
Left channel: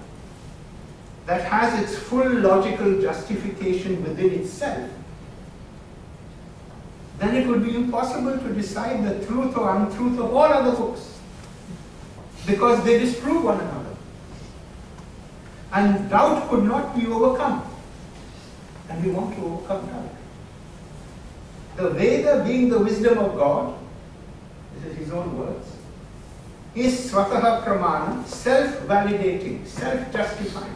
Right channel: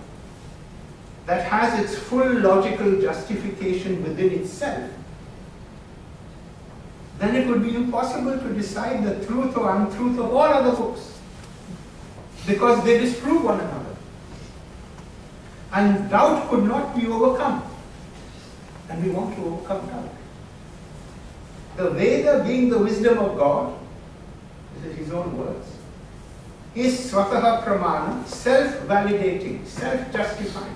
that has its full logical justification within itself, then it would be impossible to decide the truth or untruth of all other books, because they disprove one another. And doubt could not be overcome. And we want to overcome doubt. The Veda, being the wisdom of God, this is his own words, is swataha pramana, self-validating, self-justifying,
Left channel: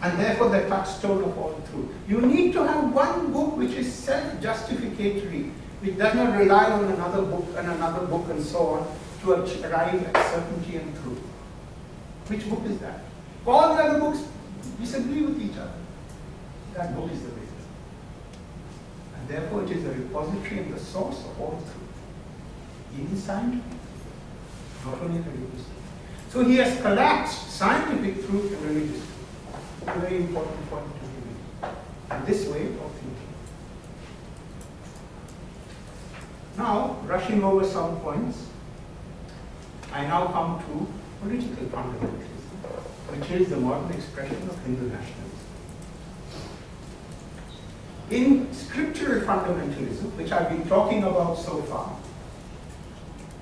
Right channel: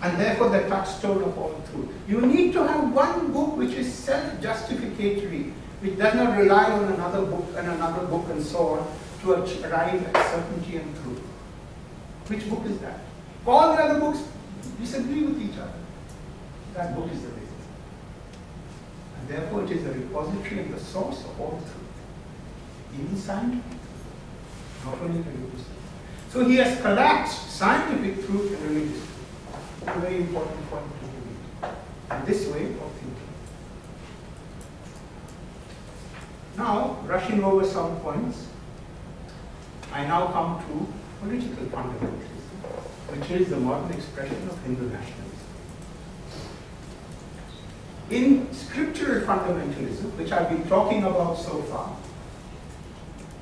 and therefore the touchstone of all truth. You need to have one book which is self-justificatory, which does not rely on another book and so on to arrive at certainty and truth. Which book is that? All the other books disagree with each other. That book is the Veda. And therefore it is the repository and the source of all truth. Even scientific, not only religious truth. So he has collapsed scientific truth and religious truth. It's a very important point to read. And this way of thinking. Now, rushing over some points, I now come to political fundamentalism, which is the modern expression of Hindu nationalism. In scriptural fundamentalism, which I've been talking about so far,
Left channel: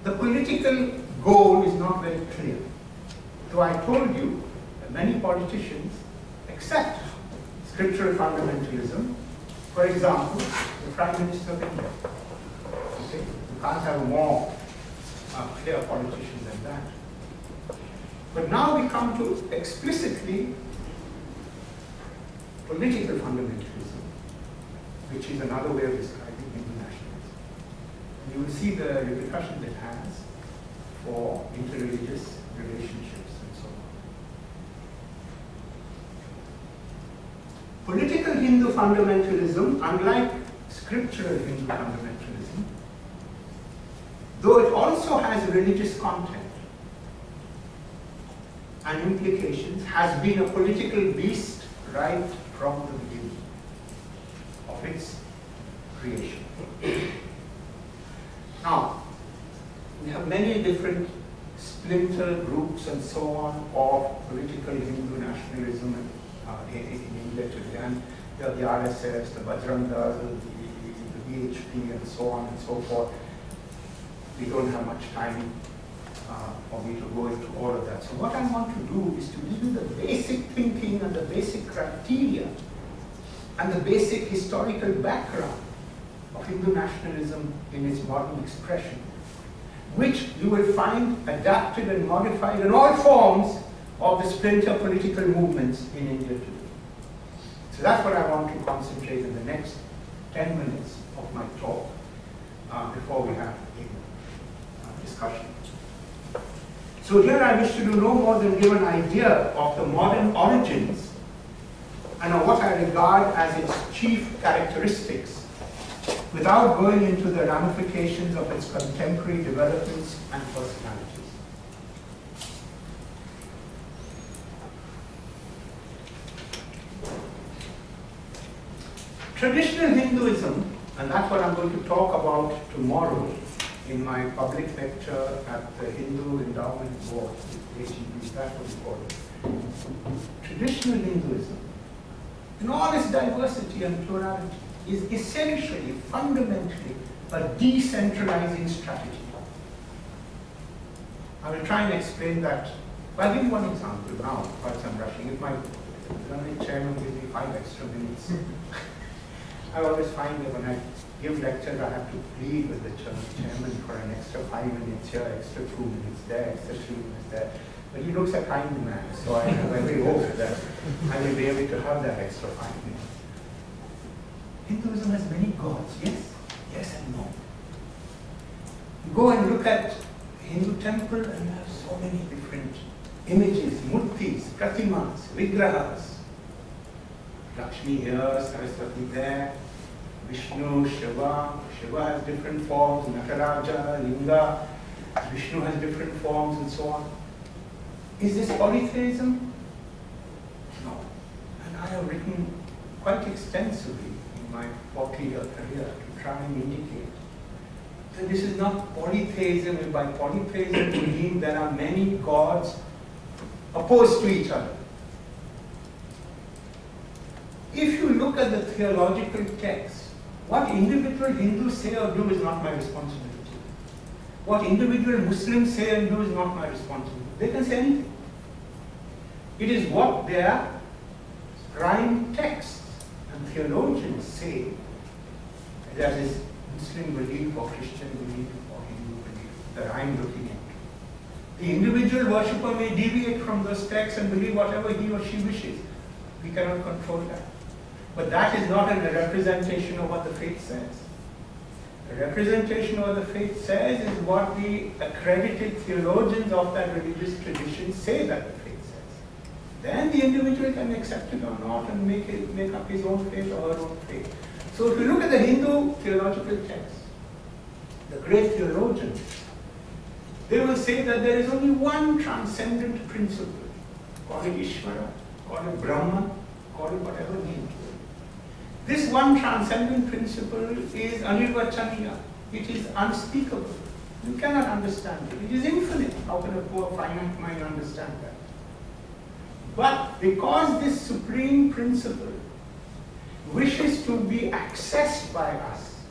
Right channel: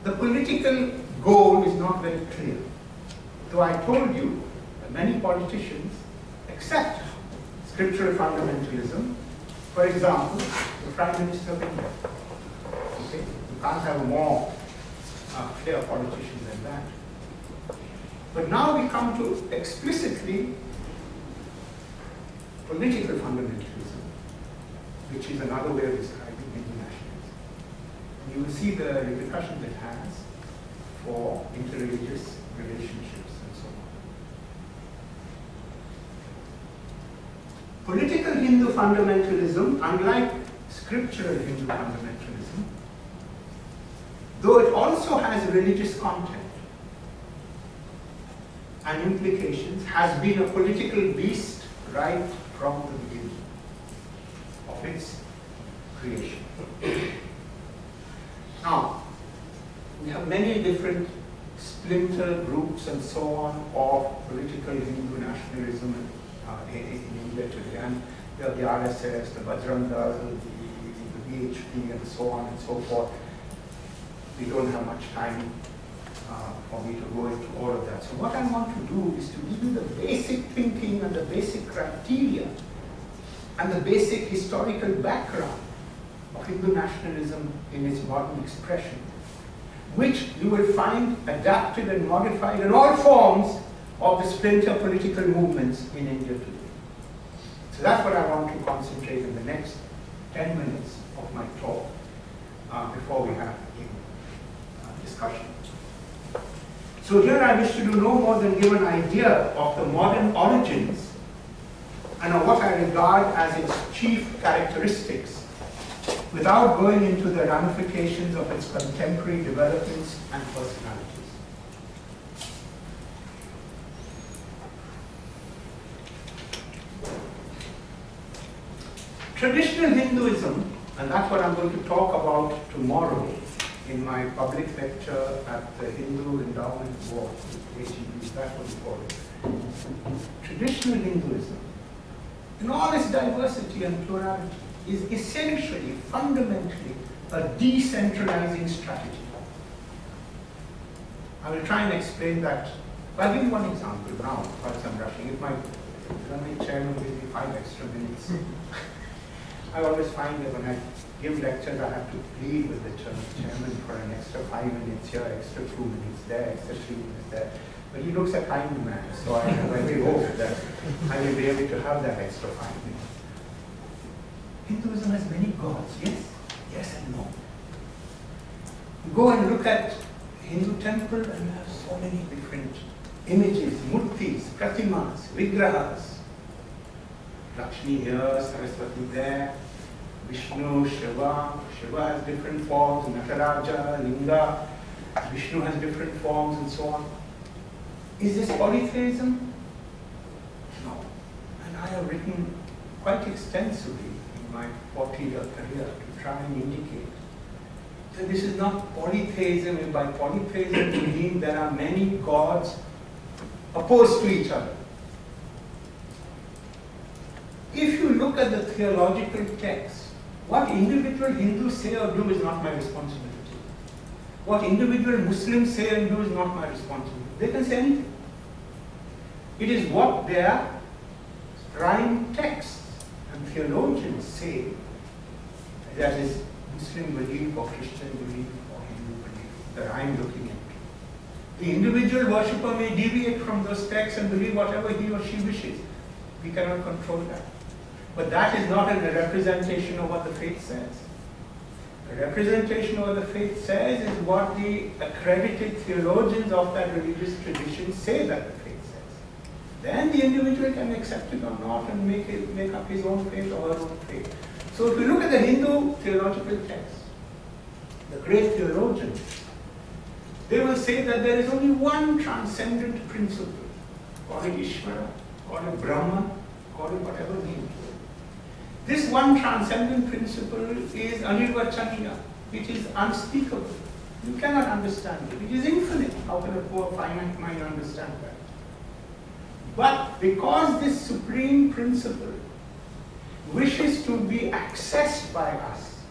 the political goal is not very clear. Though I told you that many politicians accept scriptural fundamentalism. For example, the Prime Minister of India. Okay? You can't have a more clear politician than that. But now we come to explicitly political fundamentalism, which is another way of describing Hindu nationalism. And you will see the repercussions it has for interreligious relationships and so on. Political Hindu fundamentalism, unlike scriptural Hindu fundamentalism, though it also has religious content and implications, has been a political beast right from the beginning of its creation. Now, we have many different splinter groups and so on of political Hindu nationalism in India today. And you have the RSIS, the Bajrang Dal, the BHP, and so on and so forth. We don't have much time for me to go into all of that. So what I want to do is to give you the basic thinking and the basic criteria and the basic historical background of Hindu nationalism in its modern expression, which you will find adapted and modified in all forms of the splinter political movements in India today. So that's what I want to concentrate in the next 10 minutes of my talk before we have a discussion. So here I wish to do no more than give an idea of the modern origins and of what I regard as its chief characteristics, without going into the ramifications of its contemporary developments and personalities. Traditional Hinduism, and that's what I'm going to talk about tomorrow in my public lecture at the Hindu Endowment Board, AGB, that's what we call it. Traditional Hinduism, in all its diversity and plurality, is essentially, fundamentally, a decentralizing strategy. I will try and explain that. I'll give you one example now, whilst I'm rushing. If my chairman gives me 5 extra minutes. I always find that when I give lectures, I have to plead with the chairman for an extra 5 minutes here, extra 2 minutes there, extra 3 minutes there. But he looks a kind man, so I have every hope that I will be able to have that extra 5 minutes. Hinduism has many gods, yes? Yes and no. You go and look at Hindu temple and you have so many different images, murtis, pratimas, vigrahas. Lakshmi here, Saraswati there, Vishnu, Shiva. Shiva has different forms, Nataraja, Linga. Vishnu has different forms and so on. Is this polytheism? No. And I have written quite extensively in my 40-year career to try and indicate that this is not polytheism, and by polytheism we mean there are many gods opposed to each other. If you look at the theological text What individual Hindus say or do is not my responsibility. What individual Muslims say and do is not my responsibility. They can say anything. It is what their prime texts and theologians say, that is Muslim belief or Christian belief or Hindu belief, that I am looking into. The individual worshipper may deviate from those texts and believe whatever he or she wishes. We cannot control that. But that is not a representation of what the faith says. A representation of what the faith says is what the accredited theologians of that religious tradition say that the faith says. Then the individual can accept it or not and make up his own faith or her own faith. So if you look at the Hindu theological text, the great theologians, they will say that there is only one transcendent principle. Call it Ishvara, call it Brahma, call it whatever name. This one transcendent principle is anirvachaniya. It is unspeakable. You cannot understand it. It is infinite. How can a poor finite mind understand that? But because this supreme principle wishes to be accessed by us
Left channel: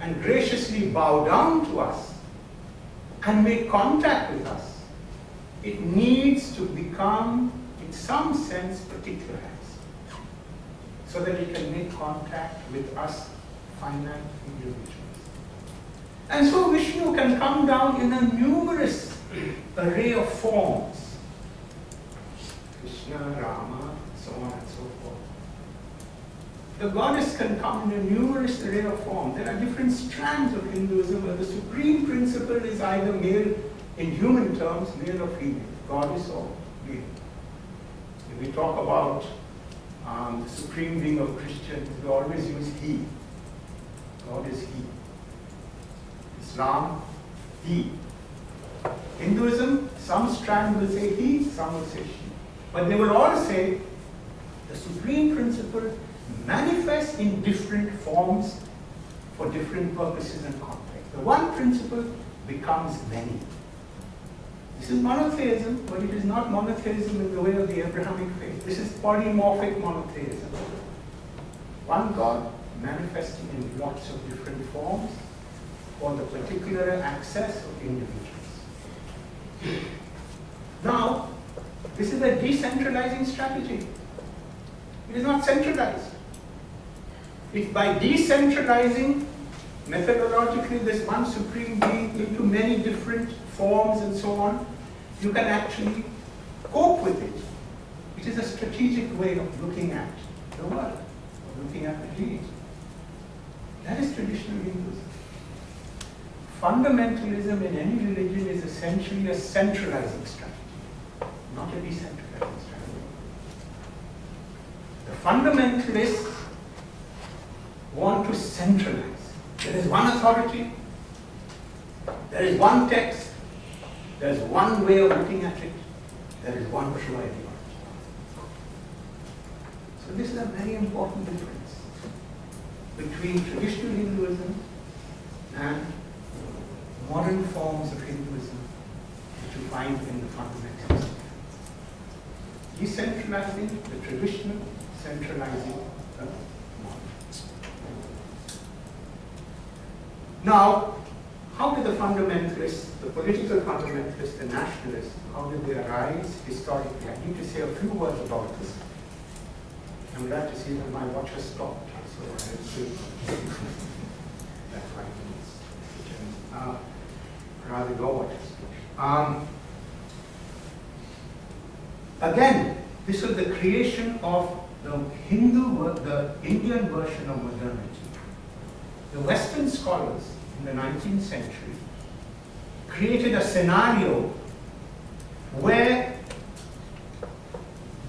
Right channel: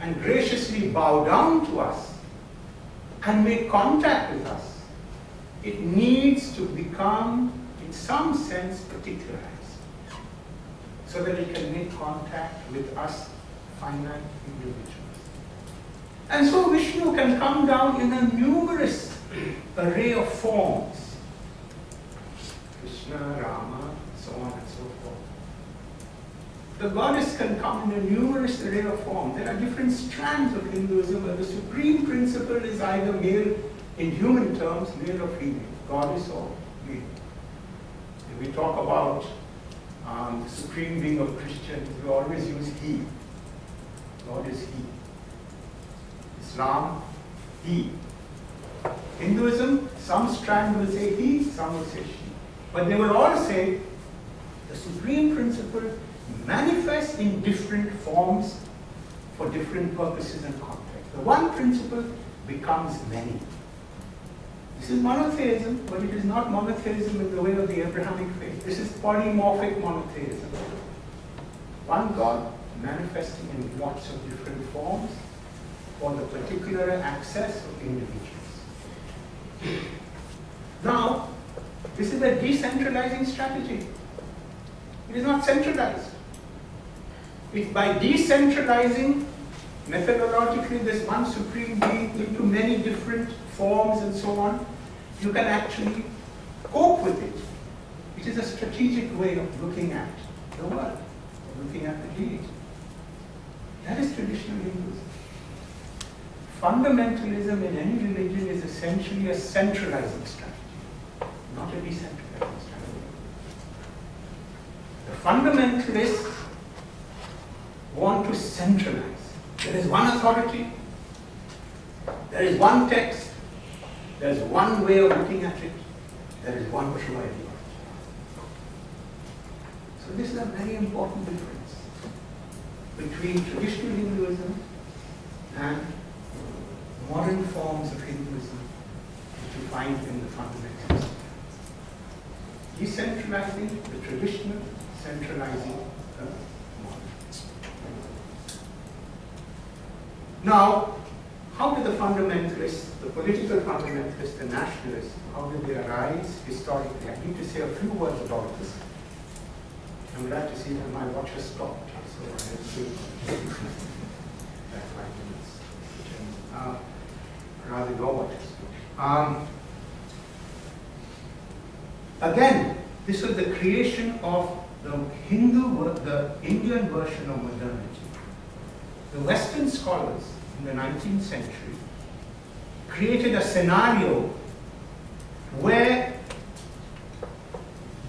and graciously bow down to us and make contact with us, it needs to become, in some sense, particularized, so that it can make contact with us finite individuals. And so Vishnu can come down in a numerous array of forms. Krishna, Rama, so on and so forth. The goddess can come in a numerous array of forms. There are different strands of Hinduism where the supreme principle is either male, in human terms, male or female, goddess or male. If we talk about the supreme being of Christians, we always use he. God is he. Islam, he. Hinduism, some strand will say he, some will say she. But they will all say the supreme principle manifests in different forms for different purposes and contexts. The one principle becomes many. This is monotheism, but it is not monotheism in the way of the Abrahamic faith. This is polymorphic monotheism. One God manifesting in lots of different forms for the particular access of individuals. Now, this is a decentralizing strategy. It is not centralized. It's by decentralizing methodologically this one supreme being into many different forms and so on, you can actually cope with it. It is a strategic way of looking at the world, of looking at the deity. That is traditional Hinduism. Fundamentalism in any religion is essentially a centralizing strategy, not a decentralizing strategy. The fundamentalists want to centralize. There is one authority, there is one text, there is one way of looking at it, there is one true ideology. So this is a very important difference between traditional Hinduism and modern forms of Hinduism which you find in the fundamentalists. Decentralizing the traditional, centralizing the modern. Now, how did the fundamentalists, the political fundamentalists, the nationalists, how did they arise historically? I need to say a few words about this. I'm glad to see that my watch has stopped, so I have to that 5 minutes. Rather go watch. Again, this was the creation of the Indian version of modernity. The Western scholars in the 19th century created a scenario where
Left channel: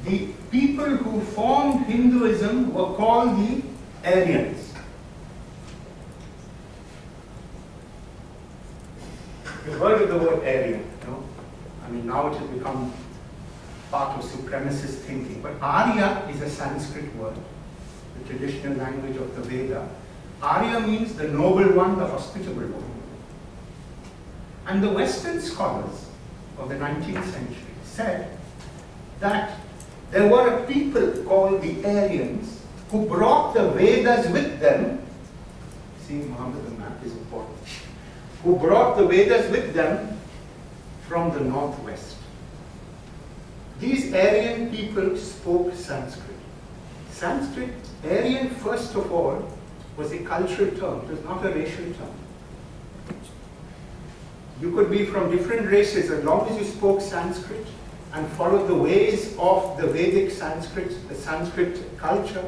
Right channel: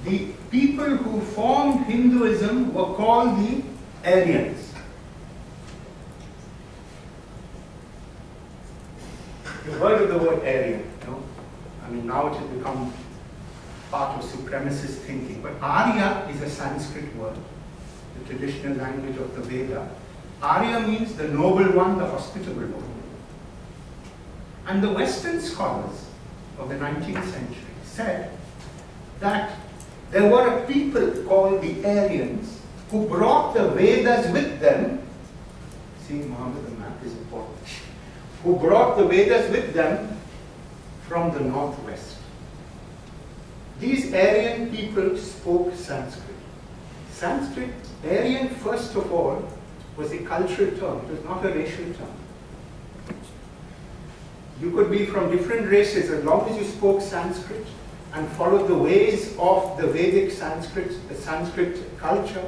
the people who formed Hinduism were called the Aryans. You've heard of the word Aryan, no? I mean, now it has become part of supremacist thinking. But Arya is a Sanskrit word, the traditional language of the Veda. Arya means the noble one, the hospitable one. And the Western scholars of the 19th century said that there were a people called the Aryans who brought the Vedas with them seeing Muhammad the map is important, who brought the Vedas with them from the northwest. These Aryan people spoke Sanskrit. Sanskrit, Aryan first of all, was a cultural term, it was not a racial term. You could be from different races as long as you spoke Sanskrit and followed the ways of the Vedic Sanskrit, the Sanskrit culture,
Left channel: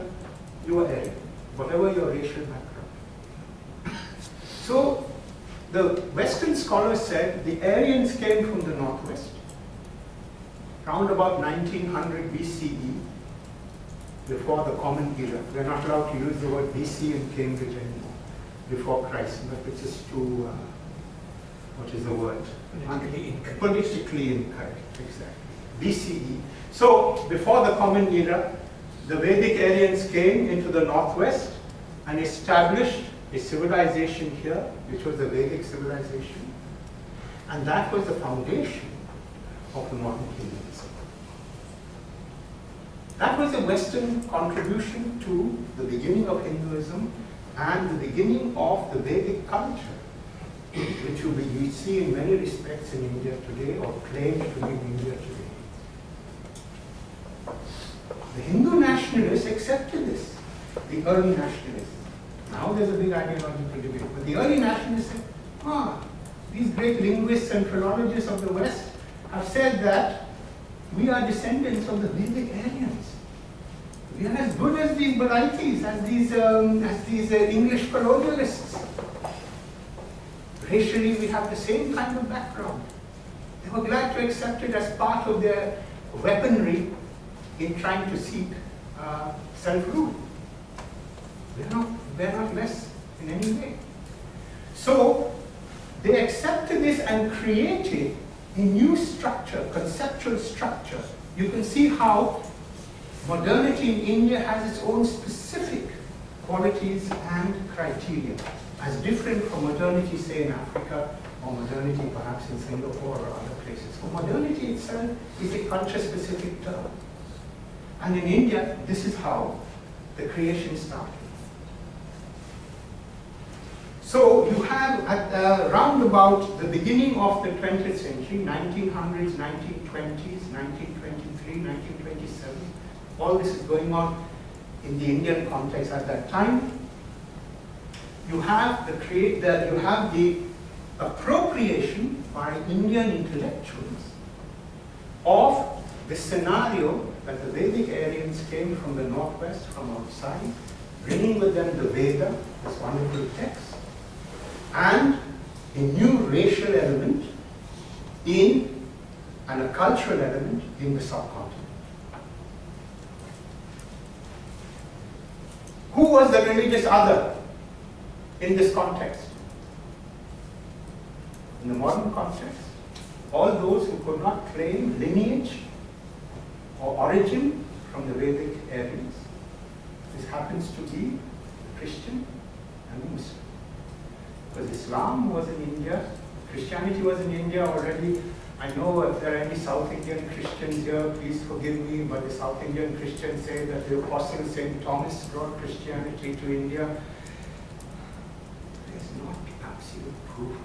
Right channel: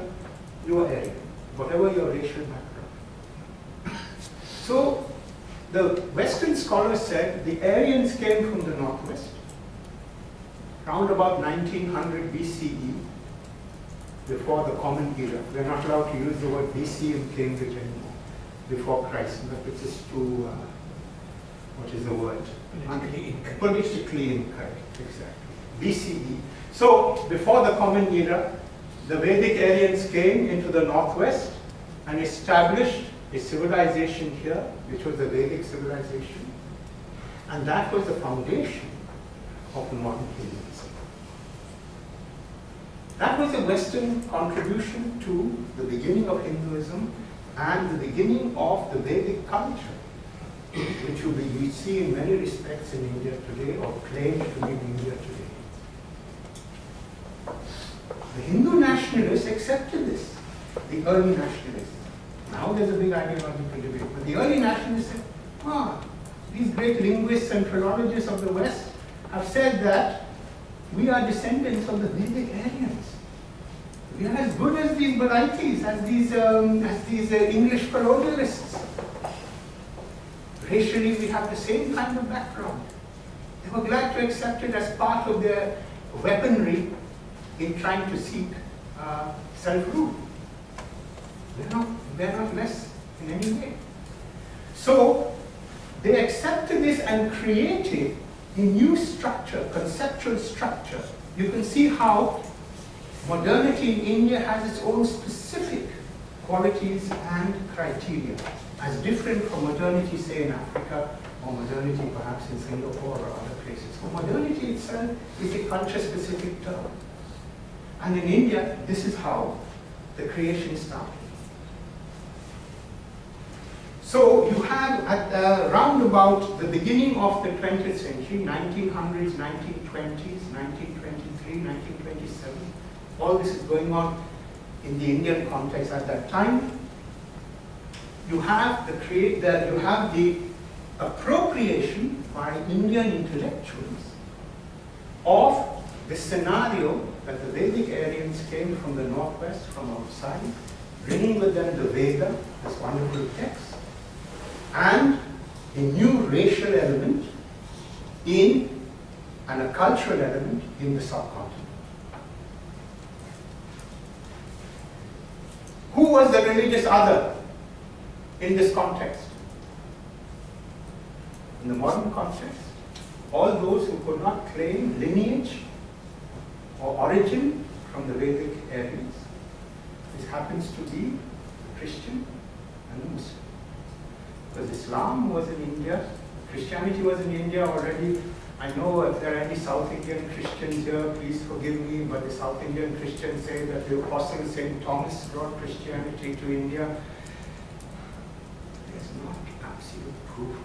you were Aryan, whatever your racial background. So the Western scholars said the Aryans came from the northwest, around about 1900 BCE, before the Common Era. We're not allowed to use the word BC in Cambridge anymore, before Christ, but it's just too, what is the word? Politically incorrect, exactly. BCE. So, before the Common Era, the Vedic Aryans came into the northwest and established a civilization here, which was the Vedic civilization, and that was the foundation of the modern Hinduism. That was a Western contribution to the beginning of Hinduism and the beginning of the Vedic culture, which we see in many respects in India today, or claim to be in India today. The Hindu nationalists accepted this, the early nationalists. Now there's a big ideological debate, but the early nationalists said, these great linguists and philologists of the West have said that we are descendants of the Vedic Aryans. We are as good as these varieties, as these English colonialists. Racially, we have the same kind of background. They were glad to accept it as part of their weaponry in trying to seek self-rule. They're not less in any way. So they accepted this and created a new structure, conceptual structure. You can see how modernity in India has its own specific qualities and criteria, as different from modernity, say, in Africa, or modernity perhaps in Singapore or other places. So modernity itself is a culture-specific term. And in India, this is how the creation started. So you have at round about the beginning of the 20th century, 1900s, 1920s, 1923, 1927, all this is going on in the Indian context at that time. You have the appropriation by Indian intellectuals of the scenario that the Vedic Aryans came from the northwest, from outside, bringing with them the Veda, this wonderful text, and a new racial element and a cultural element in the subcontinent. Who was the religious other in this context? In the modern context, all those who could not claim lineage or origin from the Vedic Aryans. This happens to be the Christian and the Muslim. Because Islam was in India, Christianity was in India already. I know if there are any South Indian Christians here, please forgive me, but the South Indian Christians say that the Apostle St. Thomas brought Christianity to India. There's not absolute proof.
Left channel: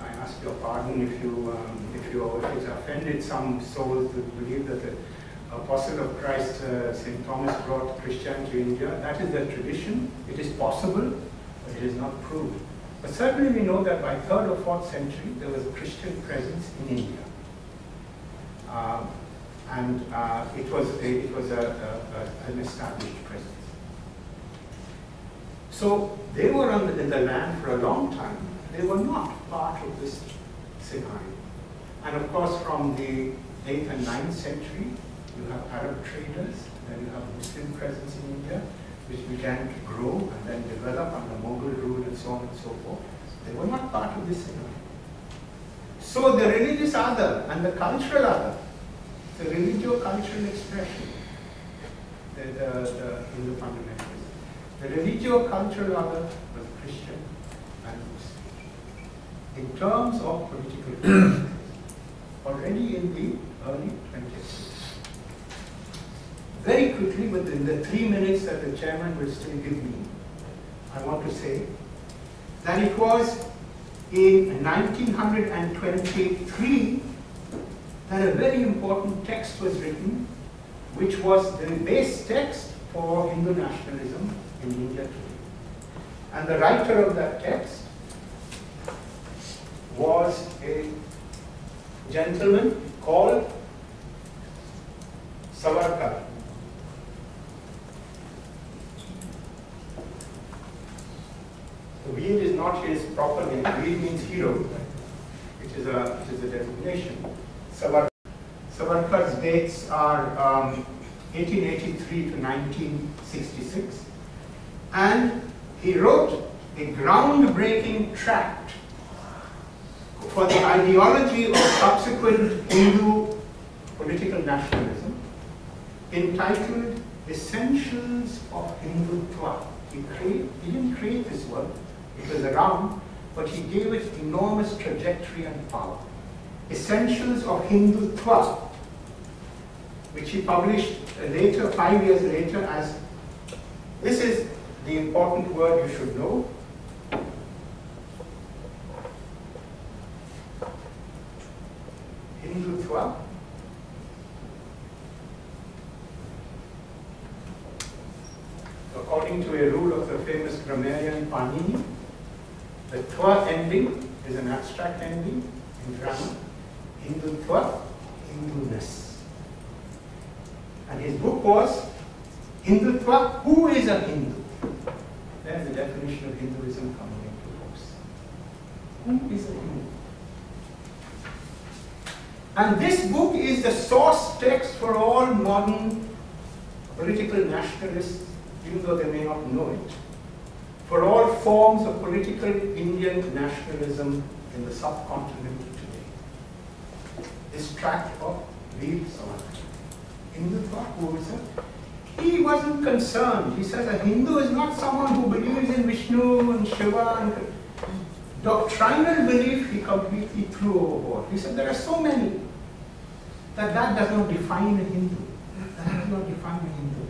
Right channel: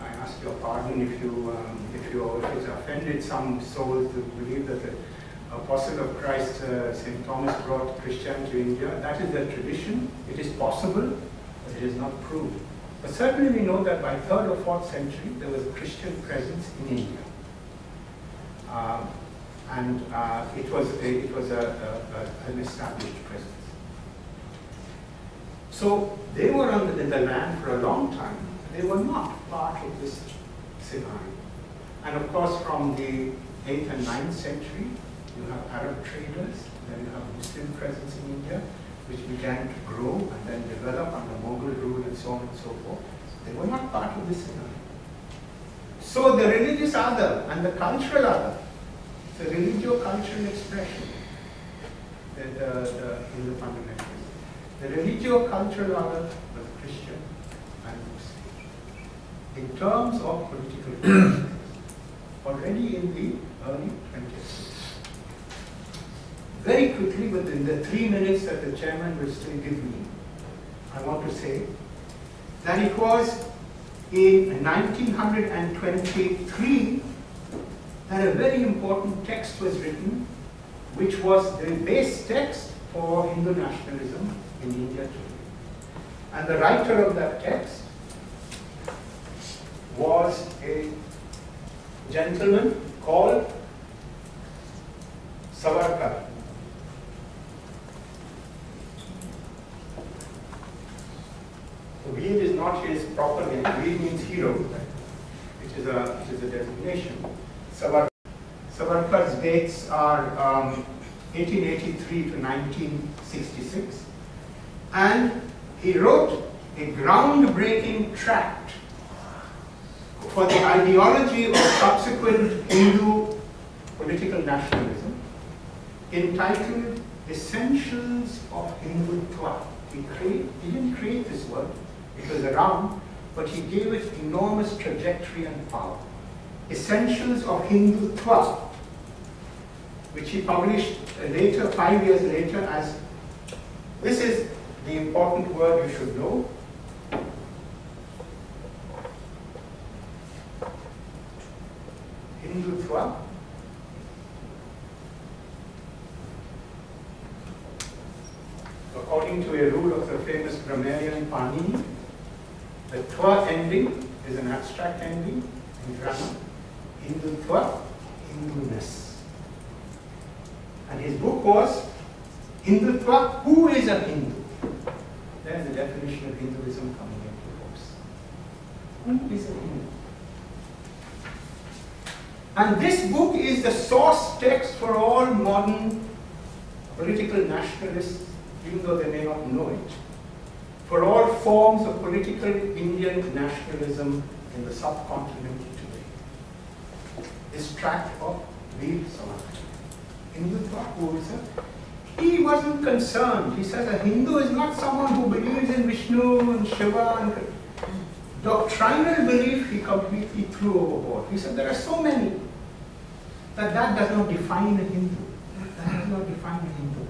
I ask your pardon if it's offended some souls to believe that the Apostle of Christ, St. Thomas, brought Christianity to India. That is the tradition. It is possible, but it is not proved. But certainly we know that by 3rd or 4th century, there was a Christian presence in India. It was an established presence. So they were in the land for a long time. They were not part of this scenario. And of course, from the 8th and 9th century, you have Arab traders, then you have Muslim presence in India, which began to grow and then develop under Mughal rule and so on and so forth. They were not part of this scenario. So the religious other and the cultural other, the religio-cultural expression, in the fundamentalism. The religio-cultural other was Christian and Muslim. In terms of political differences, already in the early 20th century. very quickly, within the 3 minutes that the chairman will still give me, I want to say that it was in 1923 that a very important text was written, which was the base text for Hindu nationalism in India today. And the writer of that text was a gentleman called Savarkar. So Veer is not his proper name. Veer means hero, which is a designation. Savarkar's dates are 1883 to 1966, and he wrote a groundbreaking tract for the ideology of subsequent Hindu political nationalism, entitled Essentials of Hindutva. He didn't create this word, it was around, but he gave it enormous trajectory and power. Essentials of Hindutva, which he published later, 5 years later, as, this is the important word you should know, Hindutva. According to a rule of the famous grammarian Panini, the twa ending is an abstract ending in grammar. Hindutva, Hinduness. And his book was Hindutva, Who is a Hindu? There's the definition of Hinduism coming into force. Who is a Hindu? And this book is the source text for all modern political nationalists, even though they may not know it, for all forms of political Indian nationalism in the subcontinent today. This tract of Veer Savarkar. Hindutva, who is a? He wasn't concerned. He says a Hindu is not someone who believes in Vishnu and Shiva and doctrinal belief he completely threw overboard. He said there are so many that does not define a Hindu. That does not define a Hindu.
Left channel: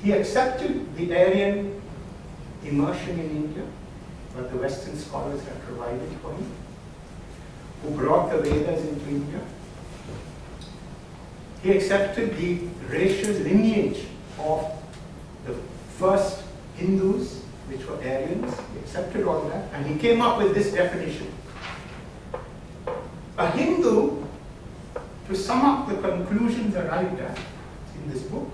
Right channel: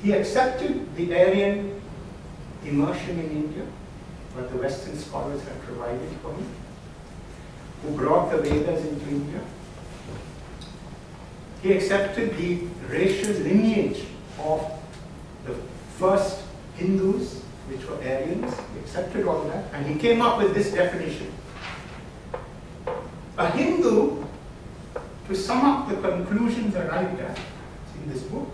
He accepted the Aryan immersion in India, what the Western scholars had provided for him, who brought the Vedas into India. He accepted the racial lineage of the first Hindus, which were Aryans. He accepted all that, and he came up with this definition. A Hindu, to sum up the conclusions arrived at in this book,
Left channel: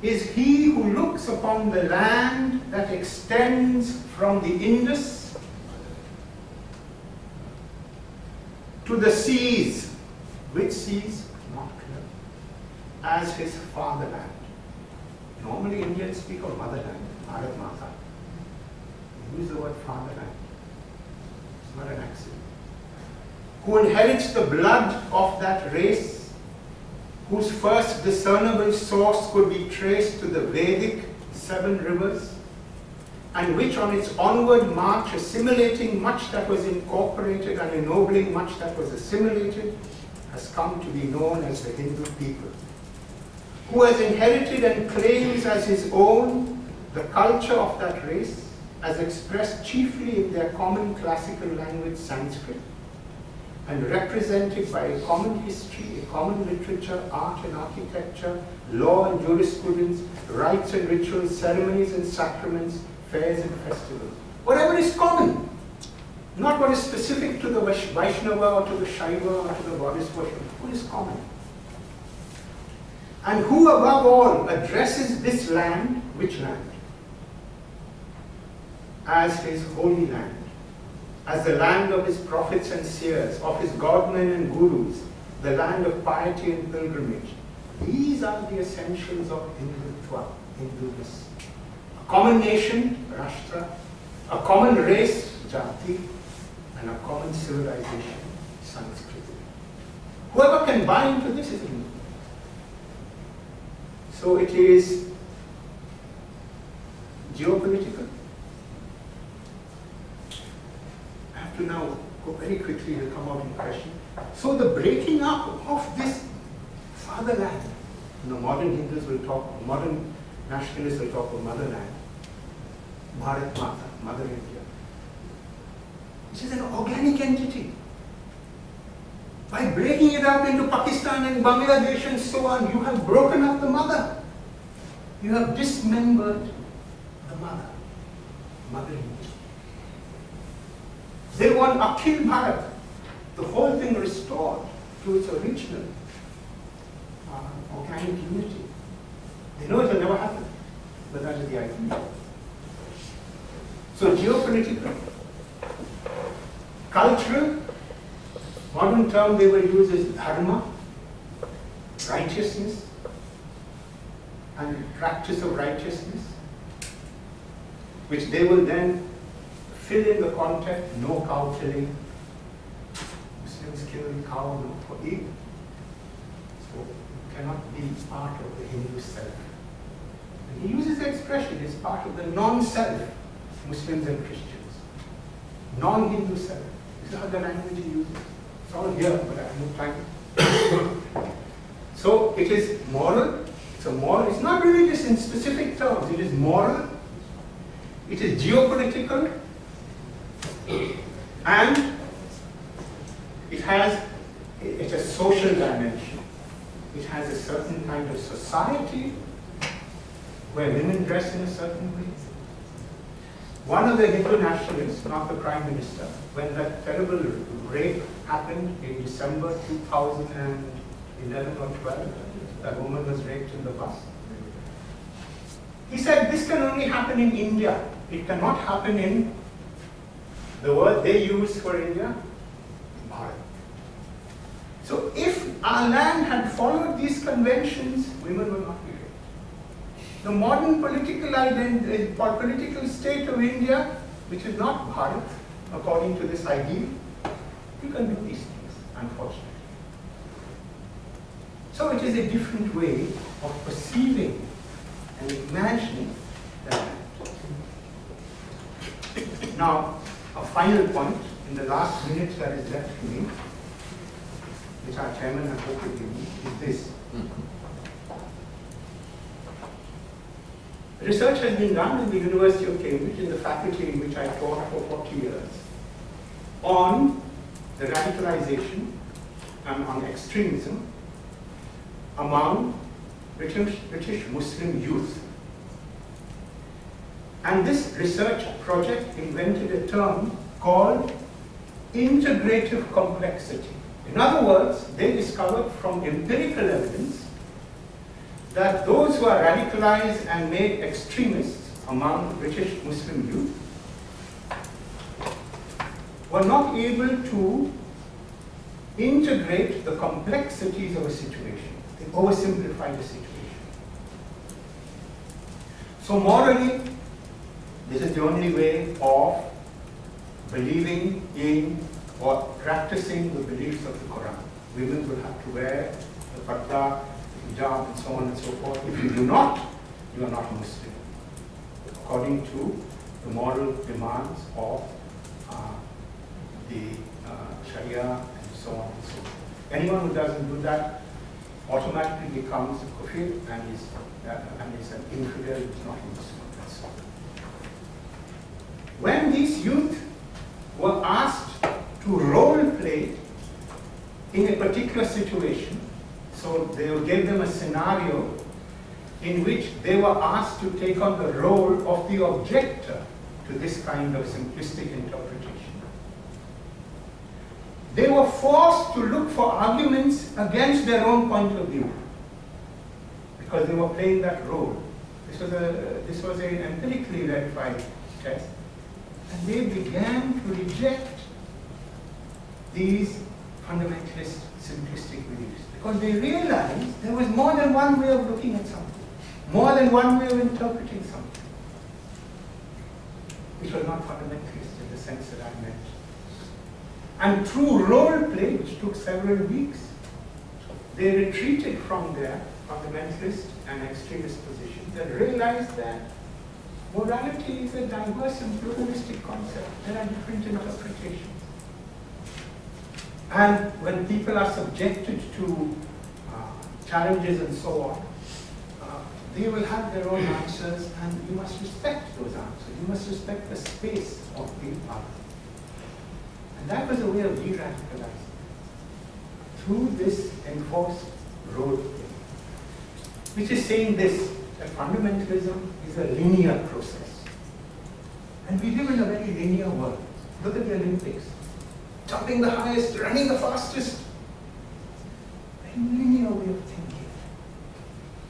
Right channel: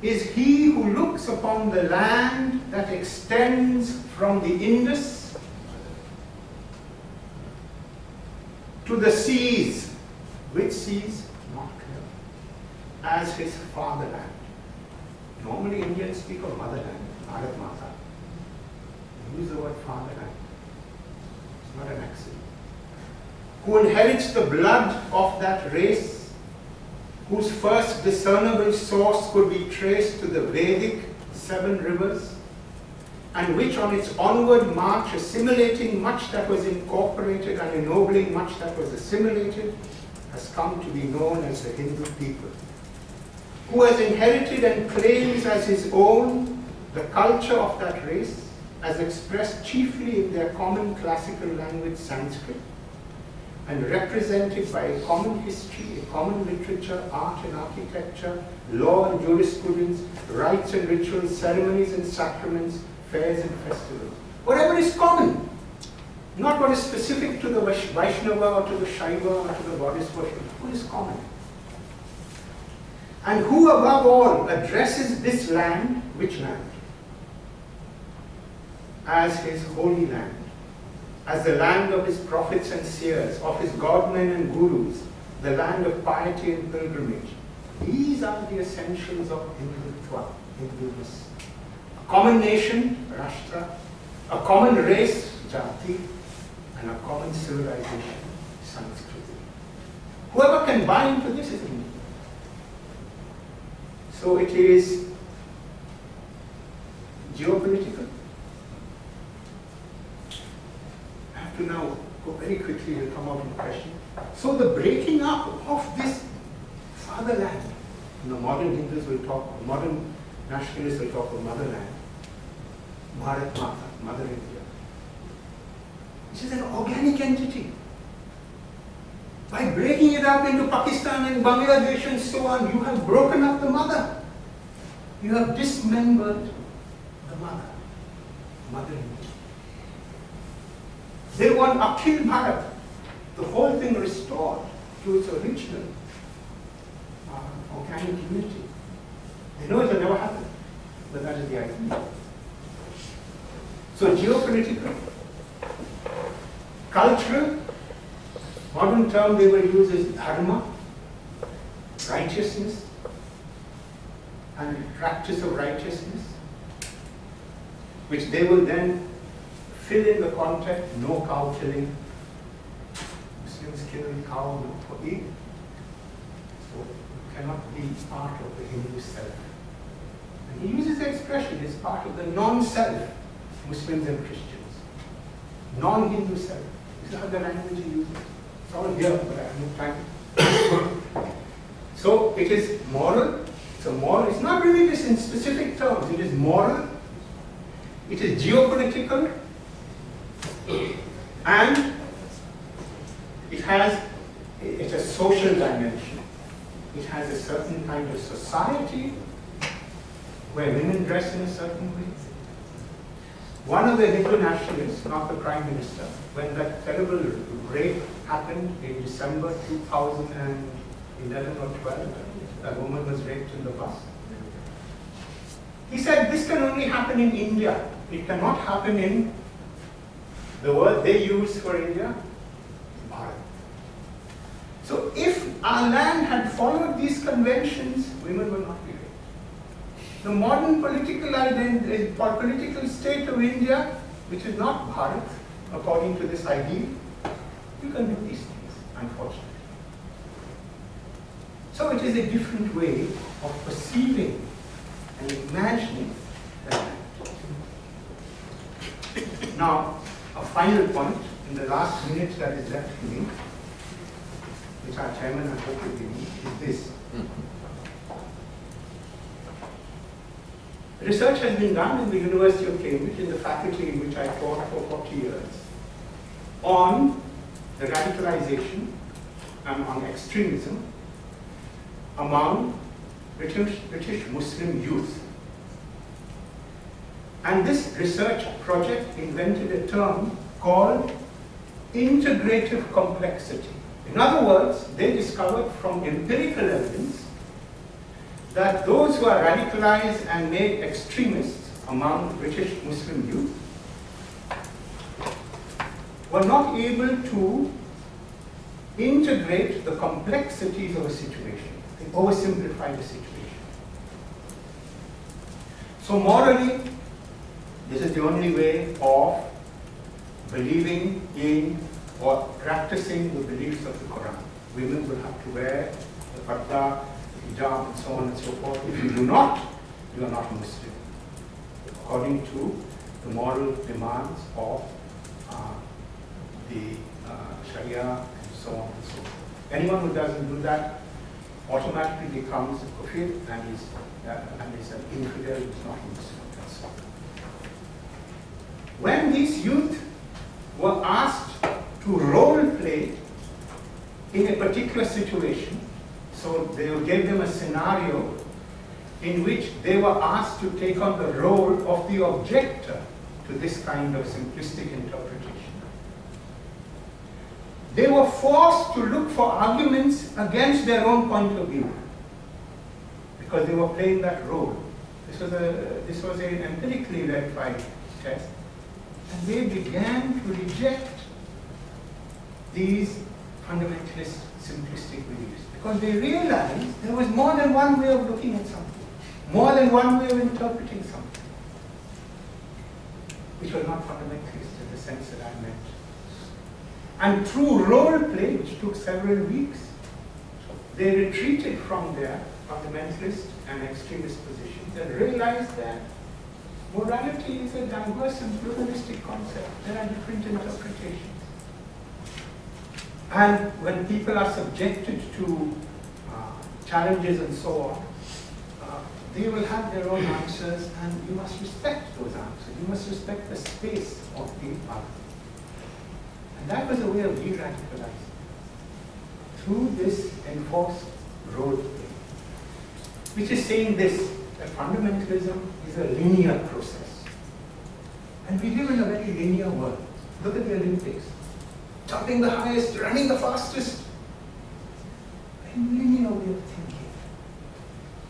is he who looks upon the land that extends from the Indus to the seas, which seas? Not clear, as his fatherland. Normally Indians speak of motherland, Bharat Mata. They use the word fatherland. It's not an accident. Who inherits the blood of that race, whose first discernible source could be traced to the Vedic 7 rivers, and which on its onward march, assimilating much that was incorporated and ennobling much that was assimilated, has come to be known as the Hindu people. Who has inherited and claims as his own the culture of that race, as expressed chiefly in their common classical language Sanskrit, and represented by a common history, a common literature, art and architecture, law and jurisprudence, rites and rituals, ceremonies and sacraments, fairs and festivals. Whatever is common, not what is specific to the Vaishnava or to the Shaiva or to the goddess worship. What is common? And who above all addresses this land, which land? As his holy land, as the land of his prophets and seers, of his godmen and gurus, the land of piety and pilgrimage. These are the essentials of Hindutva, Hinduness. A common nation, Rashtra, a common race, Jati, and a common civilization, Sanskriti. Whoever can buy into this is Hindu. So it is geopolitical. I have to now go very quickly, will come out in questions. So the breaking up of this fatherland, modern Hindus will talk, modern nationalists will talk of motherland, Bharat Mata, Mother India, which is an organic entity. By breaking it up into Pakistan and Bangladesh and so on, you have broken up the mother. You have dismembered the mother, Mother India. They want Akhil Bharat, the whole thing restored to its original organic unity. They know it will never happen, but that is the idea. So geopolitical, cultural, modern term they will use is dharma, righteousness, and practice of righteousness, which they will then fill in the context, no cow killing. Muslims kill cow not for Eid. So it cannot be part of the Hindu self. And he uses the expression, it's part of the non-self, Muslims and Christians. Non-Hindu self. This is how the language he uses. It's all here, but I have no time. So it is moral. It's a moral. It's not religious in specific terms. It is moral. It is geopolitical. And it has a social dimension. It has a certain kind of society where women dress in a certain way. One of the Hindu nationalists, not the Prime Minister, when that terrible rape happened in December 2011 or 12, that woman was raped in the bus. He said this can only happen in India. It cannot happen in the word they use for India, Bharat. So if our land had followed these conventions, women would not be raped. The modern political identity, political state of India, which is not Bharat, according to this ideal, you can do these things, unfortunately. So it is a different way of perceiving and imagining the land. Now, a final point in the last minute that is left to me, which our chairman has hoped to give me, is this. Research has been done in the University of Cambridge, in the faculty in which I taught for 40 years, on the radicalization and on extremism among British Muslim youth. And this research project invented a term called integrative complexity. In other words, they discovered from empirical evidence that those who are radicalized and made extremists among British Muslim youth were not able to integrate the complexities of a situation. They oversimplified the situation. So morally, this is the only way of believing in or practicing the beliefs of the Quran. Women will have to wear the parda, the hijab, and so on and so forth. If you do not, you are not a Muslim, according to the moral demands of the Sharia and so on and so forth. Anyone who doesn't do that automatically becomes a kafir and is an infidel, is not a Muslim. That's all. When these youth were asked to role play in a particular situation, so they gave them a scenario in which they were asked to take on the role of the objector to this kind of simplistic interpretation. They were forced to look for arguments against their own point of view because they were playing that role. This was an empirically verified test. And they began to reject these fundamentalist, simplistic beliefs because they realized there was more than one way of looking at something, more than one way of interpreting something, which was not fundamentalist in the sense that I meant. And through role play, which took several weeks, they retreated from their fundamentalist and extremist positions and realized that morality is a diverse and pluralistic concept. There are different interpretations. And when people are subjected to challenges and so on, they will have their own answers, and you must respect those answers. You must respect the space of the other. And that was a way of de-radicalizing through this enforced role play, which is saying this, that fundamentalism is a linear process. And we live in a very linear world. Look at the Olympics. Jumping the highest, running the fastest. A linear way of thinking.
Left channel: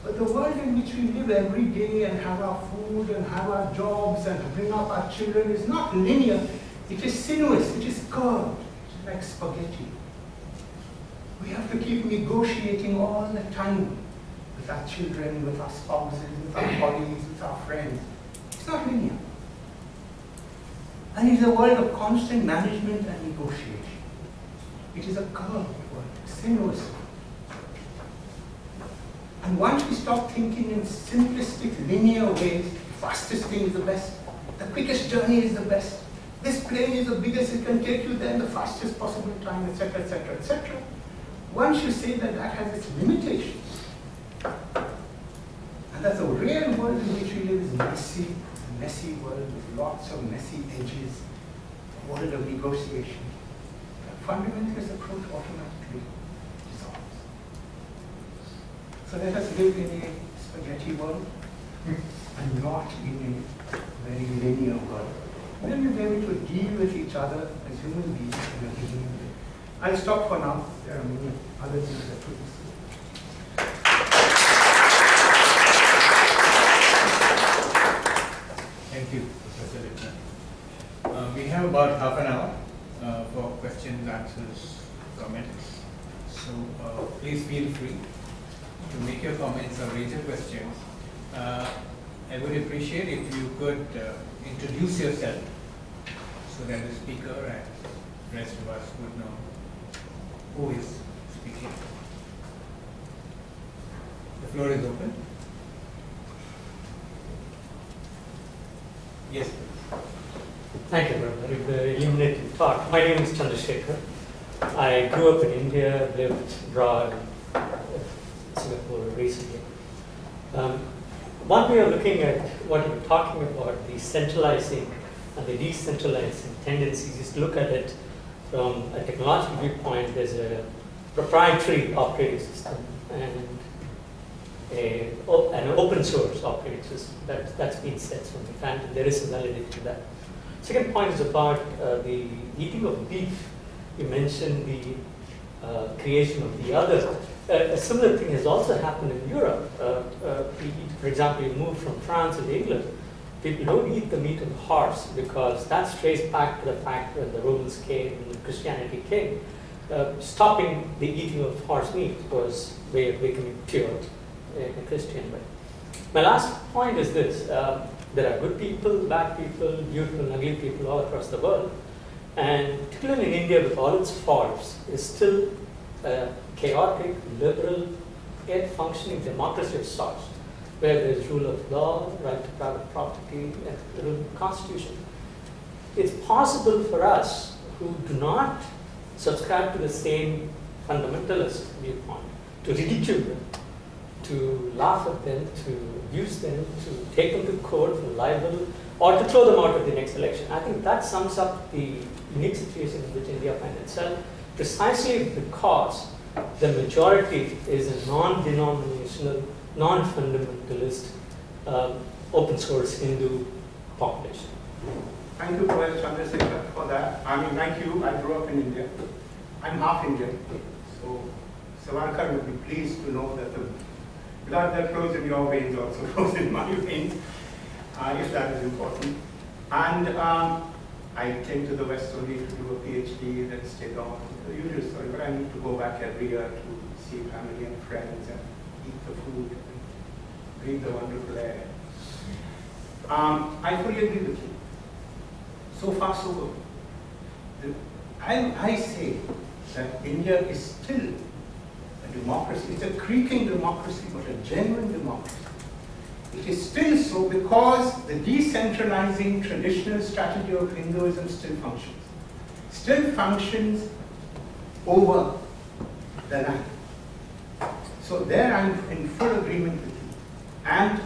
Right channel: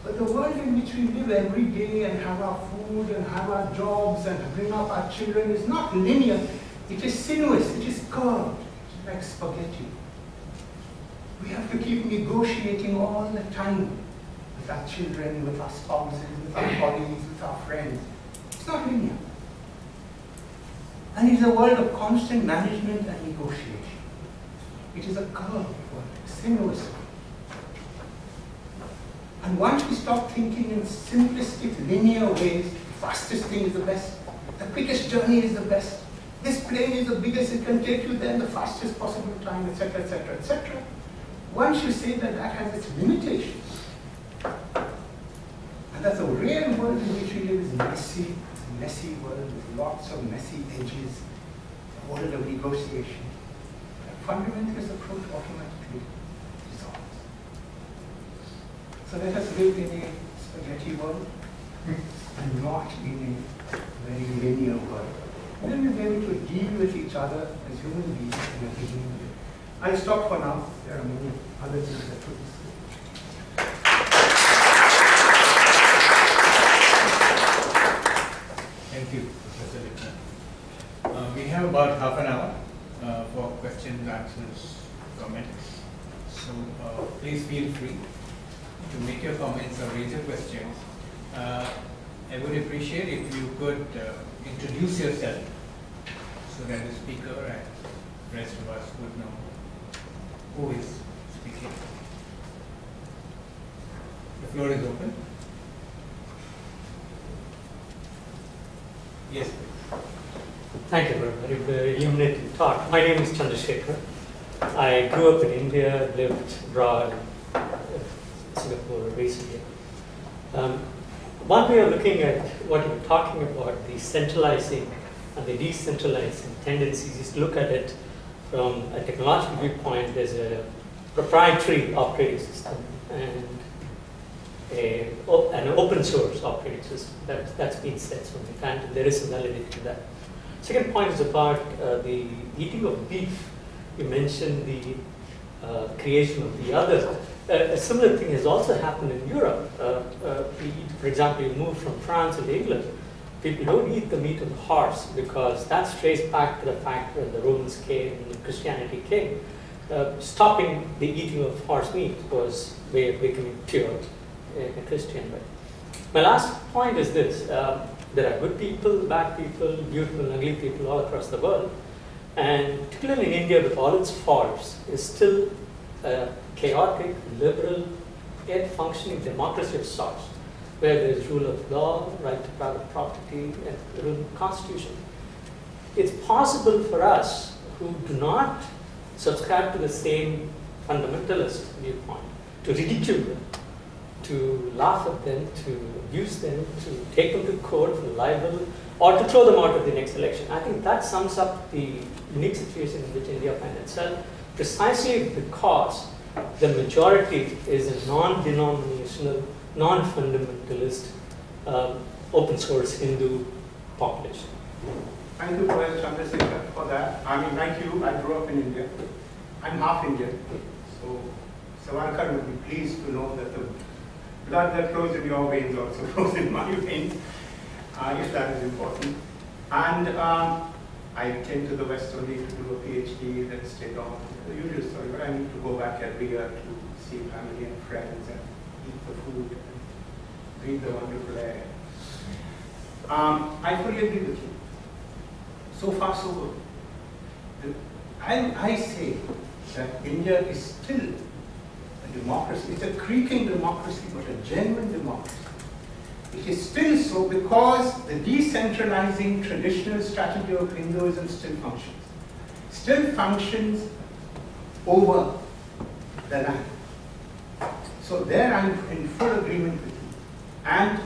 But the world in which we live every day and have our food and have our jobs and bring up our children is not linear. It is sinuous, it is curved, it is like spaghetti. We have to keep negotiating all the time with our children, with our spouses, with our colleagues, with our friends. It's not linear. And it's a world of constant management and negotiation. It is a curved world, sinuous world. And once we stop thinking in simplistic, linear ways, the fastest thing is the best, the quickest journey is the best, this plane is the biggest, it can take you there in the fastest possible time, etc., etc., etc. Once you say that that has its limitations, and that the real world in which we live is messy, it's a messy world with lots of messy edges, a world of negotiation, the fundamentalist approach automatically dissolves. So let us live in a spaghetti world and not in a very linear world. And then we'll be able to deal with each other as human beings in a linear way. I'll stop for now. There are many other things that could be said. Thank you, Professor Lipner. We have about half an hour for questions, answers, comments. So please feel free to make your comments or raise your questions. I would appreciate if you could introduce yourself so that the speaker and the rest of us would know who is speaking. The floor is open. Yes, please. Thank you for a very illuminating talk. My name is Chandrasekhar. I grew up in India, lived abroad, Singapore recently. One way of looking at what you were talking about, the centralizing and the decentralizing tendencies, is to look at it from a technological viewpoint. There's a proprietary operating system and an open source operating system. That's been said so many times, and there is some validity to that. Second point is about the eating of beef. You mentioned the creation of the other. A similar thing has also happened in Europe. For example, you move from France into England, people don't eat the meat of the horse because that's traced back to the fact that the Romans came and Christianity came. Stopping the eating of horse meat was a way of becoming pure in a Christian way. My last point is this. There are good people, bad people, beautiful and ugly people all across the world. And particularly in India, with all its faults, is still a chaotic, liberal, yet functioning democracy of sorts, where there is rule of law, right to private property, and the rule of the constitution. It's possible for us who do not subscribe to the same fundamentalist viewpoint to ridicule them, to laugh at them, to abuse them, to take them to court for libel, or to throw them out of the next election. I think that sums up the unique situation in which India finds itself, precisely because the majority is a non-denominational, non-fundamentalist, open source Hindu population. Thank you, Professor Chandrasekhar, for that. I mean, like you, I grew up in India. I'm half Indian, so Savarkar would be pleased to know that the blood that flows in your veins also flows in my veins, if that is important. And I came to the West only to do a PhD, then stayed on. The usual story, but I need to go back every year to see family and friends and eat the food and breathe the wonderful air. I fully agree with you. So far, so good. I say that India is still a democracy. It's a creaking democracy, but a genuine democracy. It is still so because the decentralizing traditional strategy of Hinduism still functions. Still functions over the land. So there I'm in full agreement with you. And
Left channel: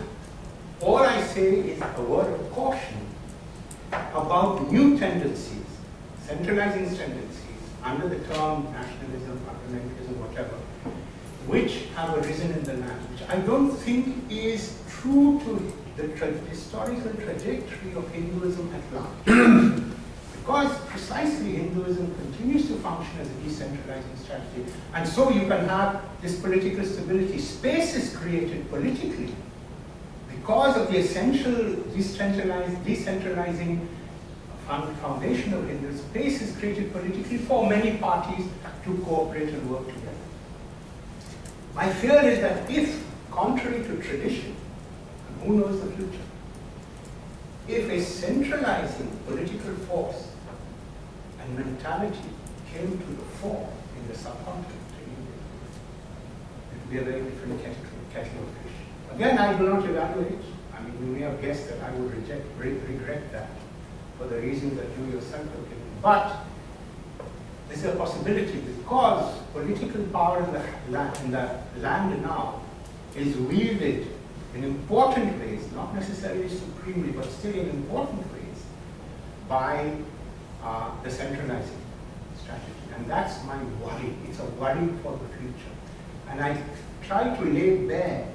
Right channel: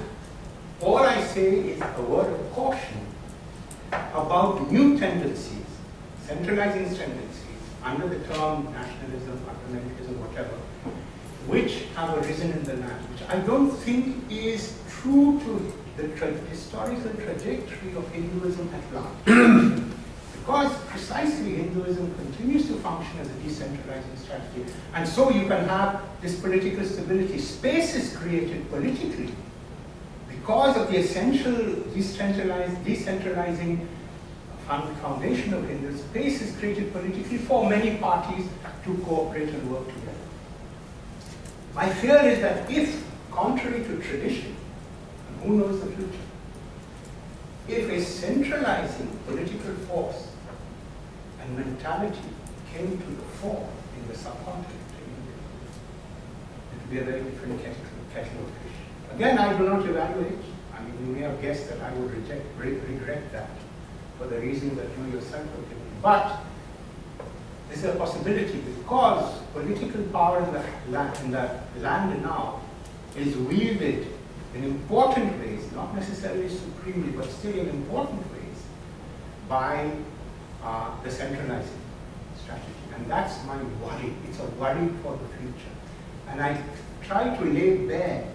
all I say is a word of caution about new tendencies, centralizing tendencies, under the term nationalism, fundamentalism, whatever, which have arisen in the land, which I don't think is true to the historical trajectory of Hinduism at large. Because precisely Hinduism continues to function as a decentralizing strategy. And so you can have this political stability. Space is created politically because of the essential decentralizing foundation of Hinduism. Space is created politically for many parties to cooperate and work together. My fear is that if, contrary to tradition, and who knows the future, if a centralizing political force and mentality came to the fore in the subcontinent in India, it would be a very different kettle of fish. Again, I do not evaluate. I mean, you may have guessed that I would regret that for the reasons that you yourself have given. But this is a possibility because political power in the land now is wielded in important ways, not necessarily supremely, but still in important ways, by the centralizing strategy. And that's my worry. It's a worry for the future. And I try to lay bare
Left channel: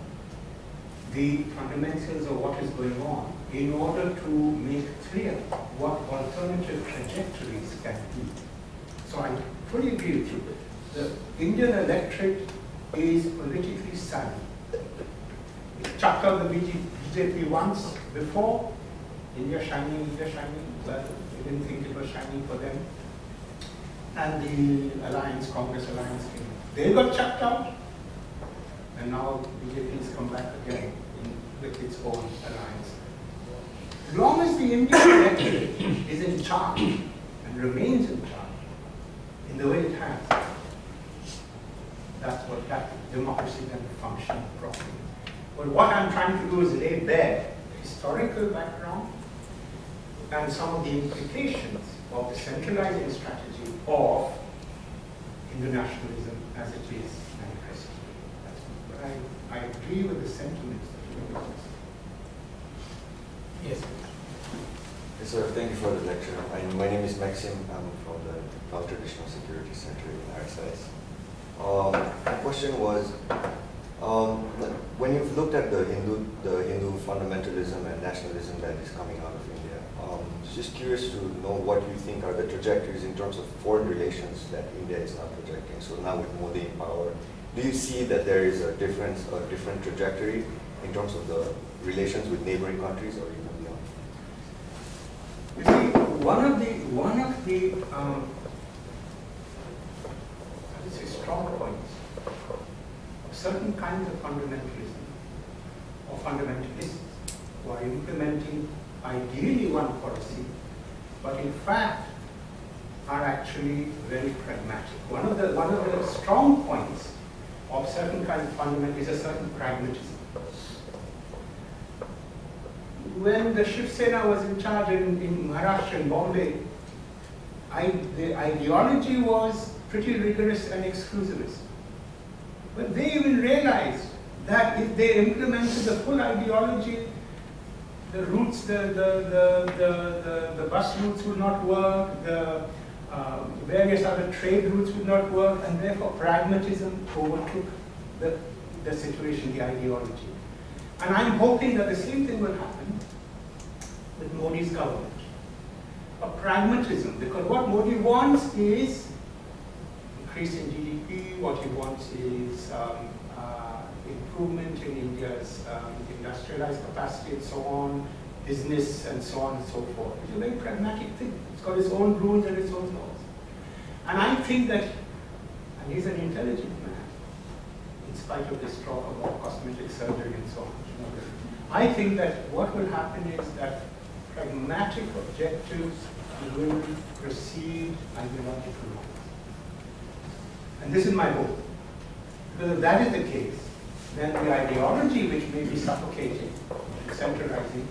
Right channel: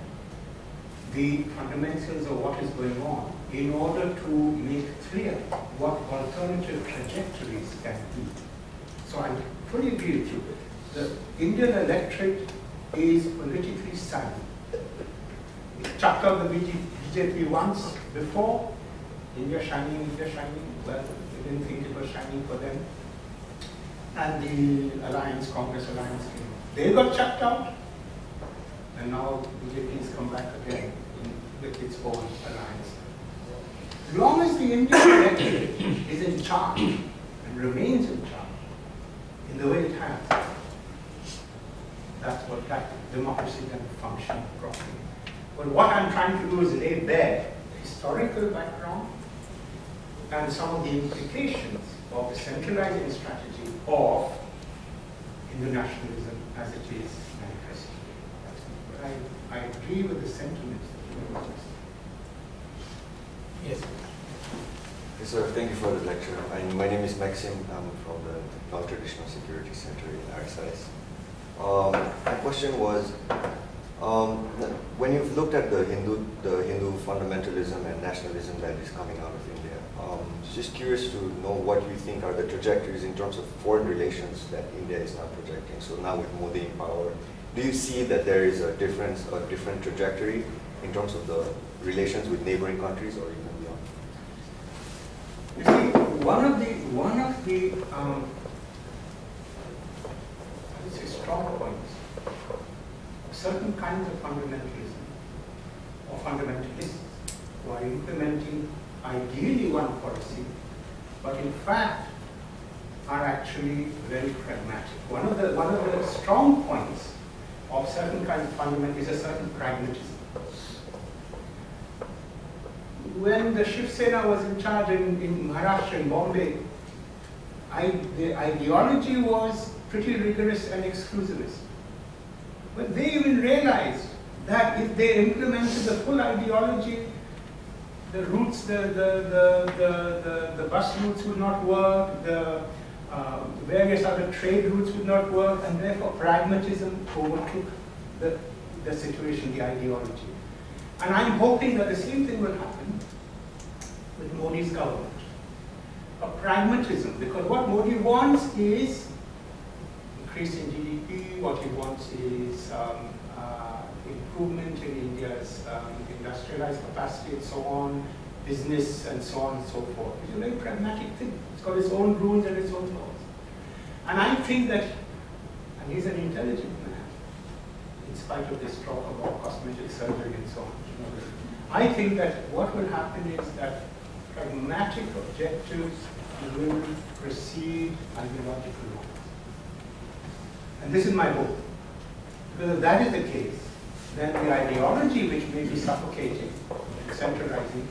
the fundamentals of what is going on in order to make clear what alternative trajectories can be. So I fully agree with you. The Indian electorate is politically savvy. It chucked out the BJP once before. India shining. Well, they didn't think it was shining for them. And the alliance, Congress alliance came. They got chucked out. And now BJP has come back again with its own alliance. As long as the Indian electorate is in charge and remains in charge in the way it has, that's what that democracy can function properly. But what I'm trying to do is lay bare the historical background and some of the implications of the centralizing strategy of Hindu nationalism as it is manifested. But I agree with the sentiments that you expressed. Yes. Yes, sir. Thank you for the lecture. My name is Maxim. I'm from the Non-Traditional Security Center in RSIS. My question was, when you've looked at the Hindu fundamentalism and nationalism that is coming out of India, just curious to know what you think are the trajectories in terms of foreign relations that India is now projecting. So now with Modi in power, do you see that there is a different trajectory in terms of the relations with neighboring countries or even beyond? You see, one of the strong points of certain kinds of fundamentalism or fundamentalists who are implementing ideally one policy, but in fact are actually very pragmatic. One of the strong points of certain kinds of fundamentalism is a certain pragmatism. When the Shiv Sena was in charge in Maharashtra, in Bombay, the ideology was pretty rigorous and exclusivist. But they even realized that if they implemented the full ideology, the routes, the bus routes would not work, the various other trade routes would not work, and therefore pragmatism overtook the situation, the ideology. And I'm hoping that the same thing will happen with Modi's government. A pragmatism, because what Modi wants is increase in GDP, what he wants is improvement in India's industrialized capacity and so on, business and so on and so forth. It's a very pragmatic thing. It's got its own rules and its own laws. And I think that, and he's an intelligent man, in spite of this talk about cosmetic surgery and so on. I think that what will happen is that pragmatic objectives will precede ideological ones. And this is my hope. Because if that is the case, then the ideology which may be suffocating, centralizing,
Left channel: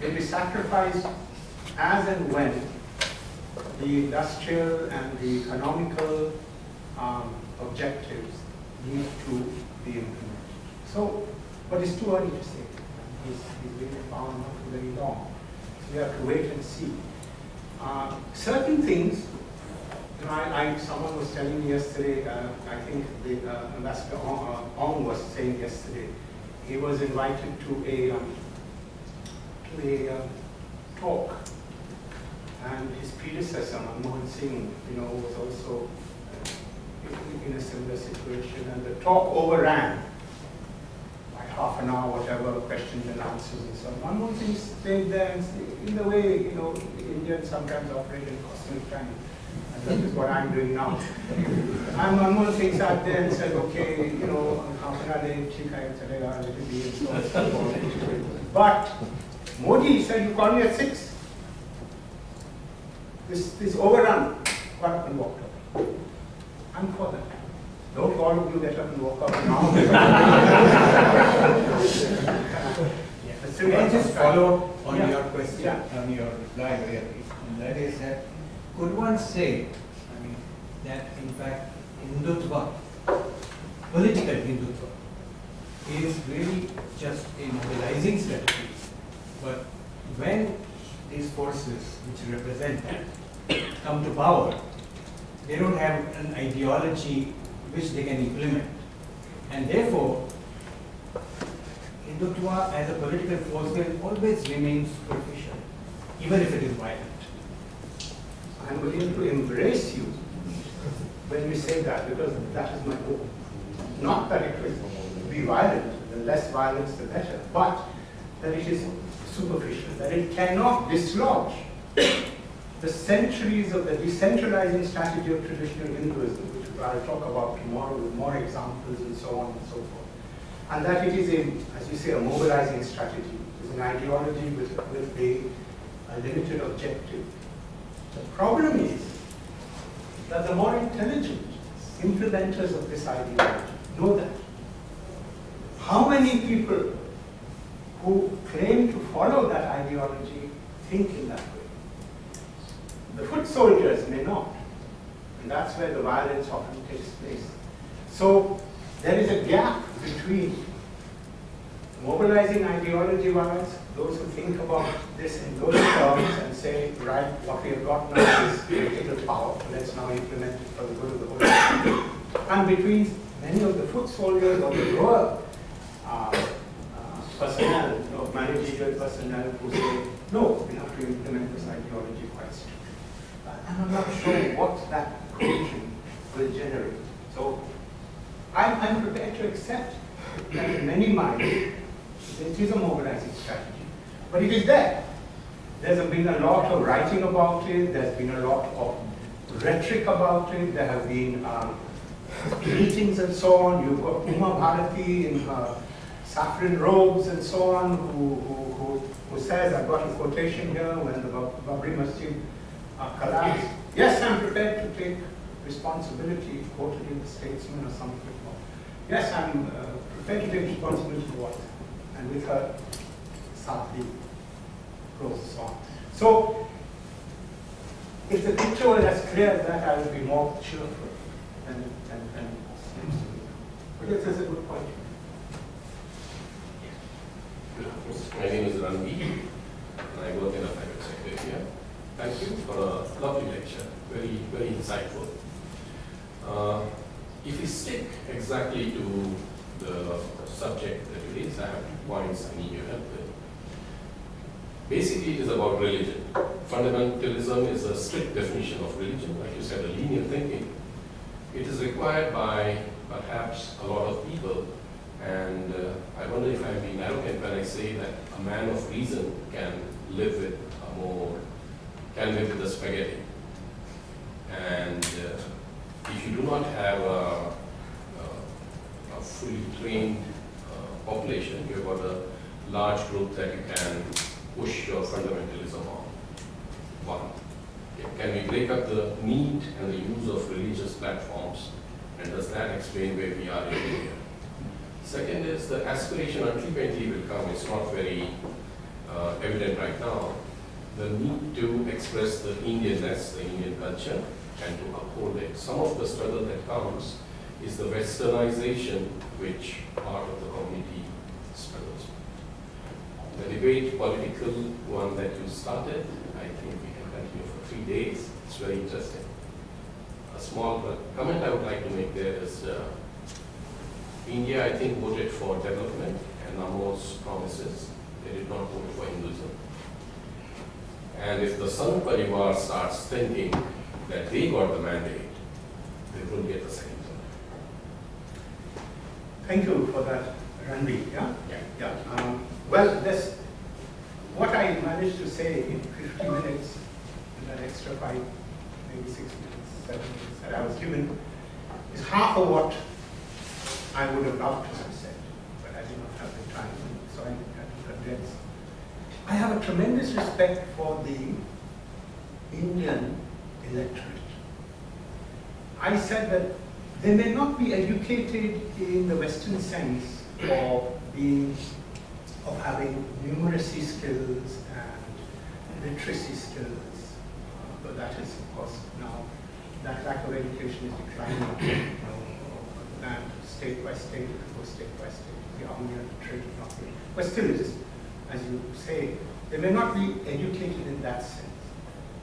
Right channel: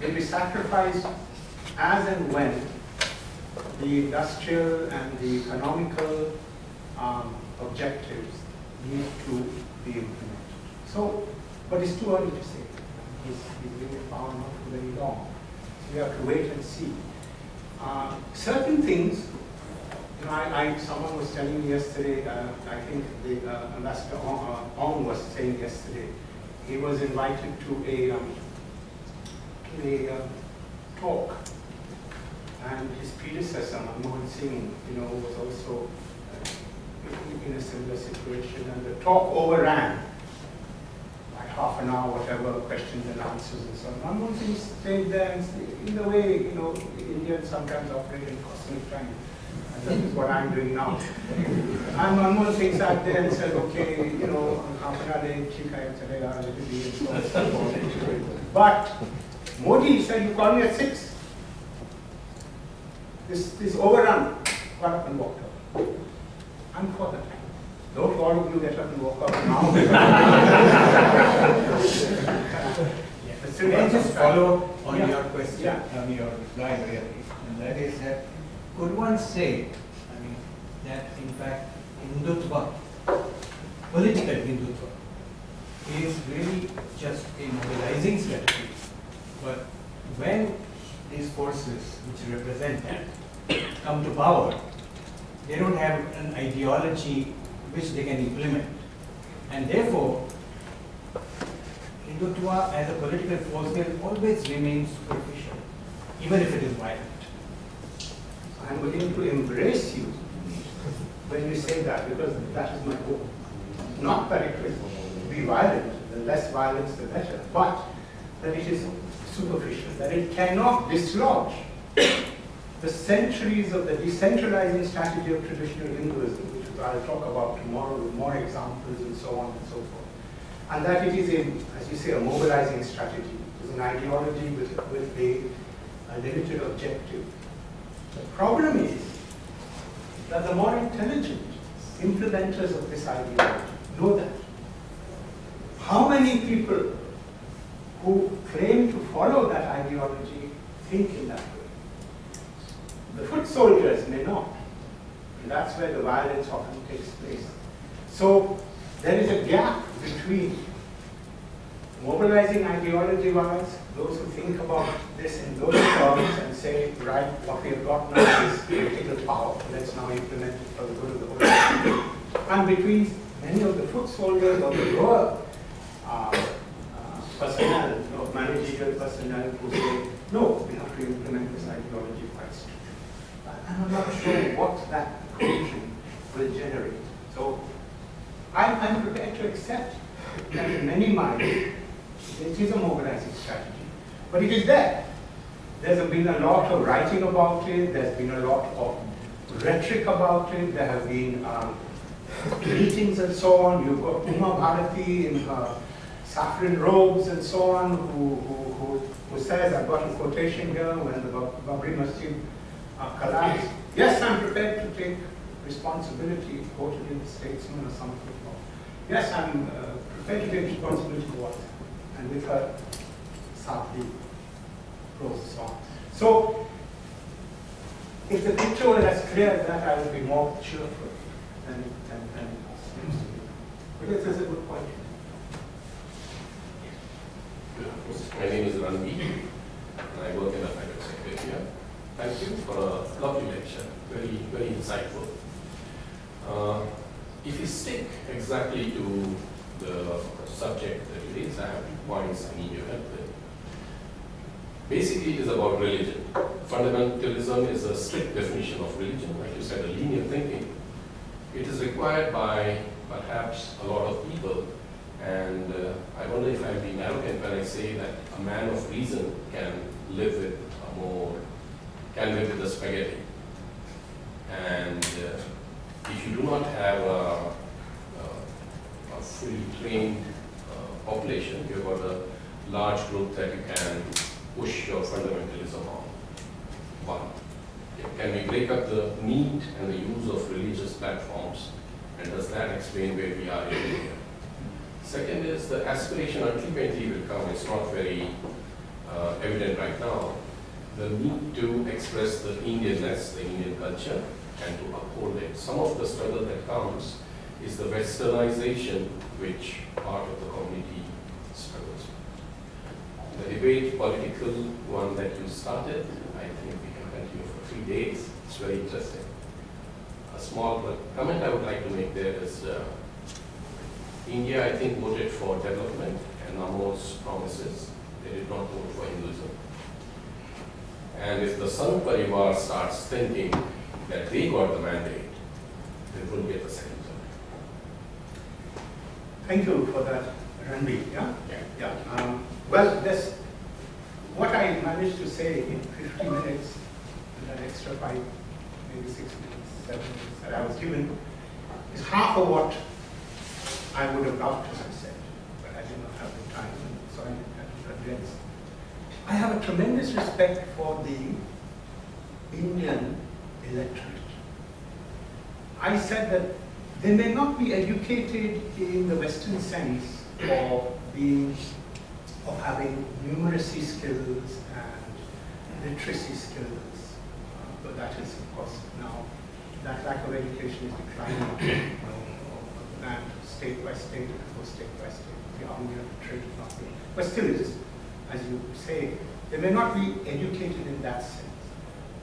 may be sacrificed as and when the industrial and the economical objectives need to be implemented. So, but it's too early to say. He's been in power not for very long. So we have to wait and see. Certain things, you know, someone was telling me yesterday, I think the Ambassador Ong was saying yesterday, he was invited to a talk, and his predecessor, Manmohan Singh, you know, was also in a similar situation, and the talk overran by half an hour, whatever, questions and answers and so on. Manmohan Singh stayed there, and in the way, you know, Indians sometimes operate in cosmic time, and that is what I'm doing now. And Manmohan Singh sat there and said, okay, you know, half an hour later, and so on and so forth. But Modi said, you called me at 6. This overrun, got up and walked out. I'm for that. Don't all of you get up and walk out now. Can I just follow on your question, Yeah. on your reply really, and that is that could one say, I mean, that in fact Hindutva, political Hindutva, is really just a mobilizing strategy, but when these forces which represent that come to power, they don't have an ideology which they can implement, and therefore Hindutva as a political force will always remain superficial, even if it is violent. I'm willing to embrace you when you say that, because that is my goal. Not that it will be violent, the less violence the better, but that it is superficial, that it cannot dislodge the centuries of the decentralizing strategy of traditional Hinduism, which I'll talk about tomorrow with more examples and so on and so forth. And that it is, as you say, a mobilizing strategy. It is an ideology with a limited objective. The problem is that the more intelligent implementers of this ideology know that. How many people who claim to follow that ideology think in that way? The foot soldiers may not, and that's where the violence often takes place. So there is a gap between mobilizing ideology-wise, those who think about this in those terms and say, right, what we have got now is political power, let's now implement it for the good of the whole country, and between many of the foot soldiers or the lower personnel, managerial personnel who say, no, we have to implement this ideology quite strictly. And I'm not sure what that collision will generate. So I'm prepared to accept that in many minds it is a mobilizing strategy, but it is there. There's been a lot of writing about it, there's been a lot of rhetoric about it, there have been meetings and so on. You've got Uma Bharati in her saffron robes and so on, who says, I've got a quotation here, when the Babri Masjid collapsed. Yes, I'm prepared to take responsibility, quoted in the Statesman or something. Yes, I'm prepared to take responsibility for what happened. And with her, Sathi prose and so on. So, if the picture were as clear as that, I would be more cheerful than it seems to be. But this is a good point. My name is Ranvi, and I work in a private sector here. Thank you for a lovely lecture, very, very insightful. If you stick exactly to the subject that you raised, I have 2 points I need your help with. Basically, it is about religion. Fundamentalism is a strict definition of religion, like you said, a linear thinking. It is required by perhaps a lot of people, and I wonder if I'm being arrogant when I say that a man of reason can live with the spaghetti. And if you do not have a fully trained population, you've got a large group that you can push your fundamentalism on. One, can we break up the need and the use of religious platforms, and does that explain where we are in India? Second is the aspiration ultimately will come. It's not very evident right now. The need to express the Indianness, the Indian culture, and to uphold it. Some of the struggle that comes is the westernization which part of the community struggles with. The debate, political one that you started, I think we can continue for 3 days. It's very interesting. A small comment I would like to make there is India, I think, voted for development and Namo's promises. They did not vote for Hinduism. And if the Sangh Parivar starts thinking that they got the mandate, they will get the same thing. Thank you for that, Ranvi. Yeah? Yeah. Well, this, what I managed to say in 50 minutes, and that extra 5, maybe 6 minutes, 7 minutes that I was given, is half of what I would have loved to have said, but I did not have the time, so I had to condense. I have a tremendous respect for the Indian electorate. I said that they may not be educated in the Western sense of having numeracy skills and literacy skills, but that is, of course, now that lack of education is declining. And state by state, or state by state, the army and the trade is not good. But still it is, as you say, they may not be educated in that sense,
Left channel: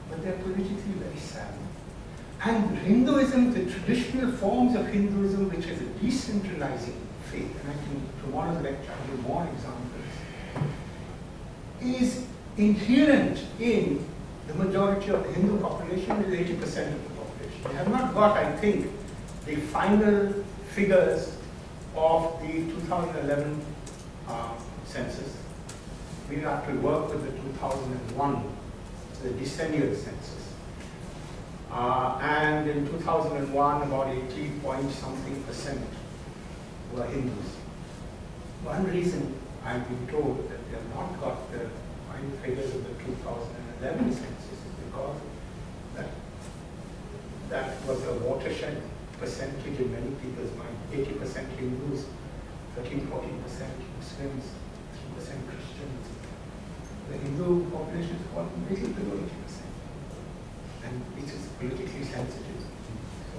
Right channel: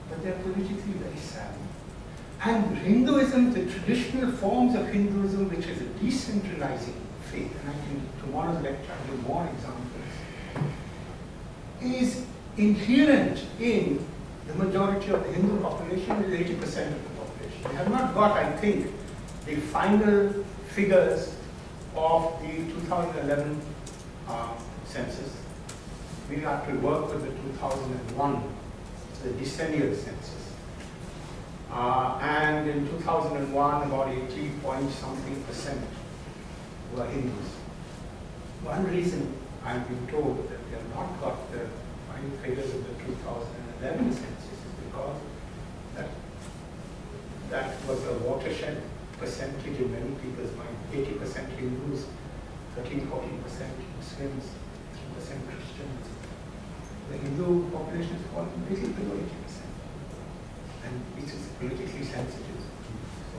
but they're politically very savvy. And Hinduism, the traditional forms of Hinduism, which is a decentralizing faith, and I can, tomorrow's lecture, I'll give more examples, is inherent in the majority of the Hindu population, is 80% of the population. They have not got, I think, the final figures of the 2011 census. We have to work with the 2001, the decennial census. And in 2001, about 80-point-something% were Hindus. One reason I've been told that they have not got the final figures of the 2011 census is because that was a watershed percentage in many people's mind. 80% Hindus, 13-14% Muslims, 3% Christians. The Hindu population is falling a little below 80%, and which is politically sensitive. So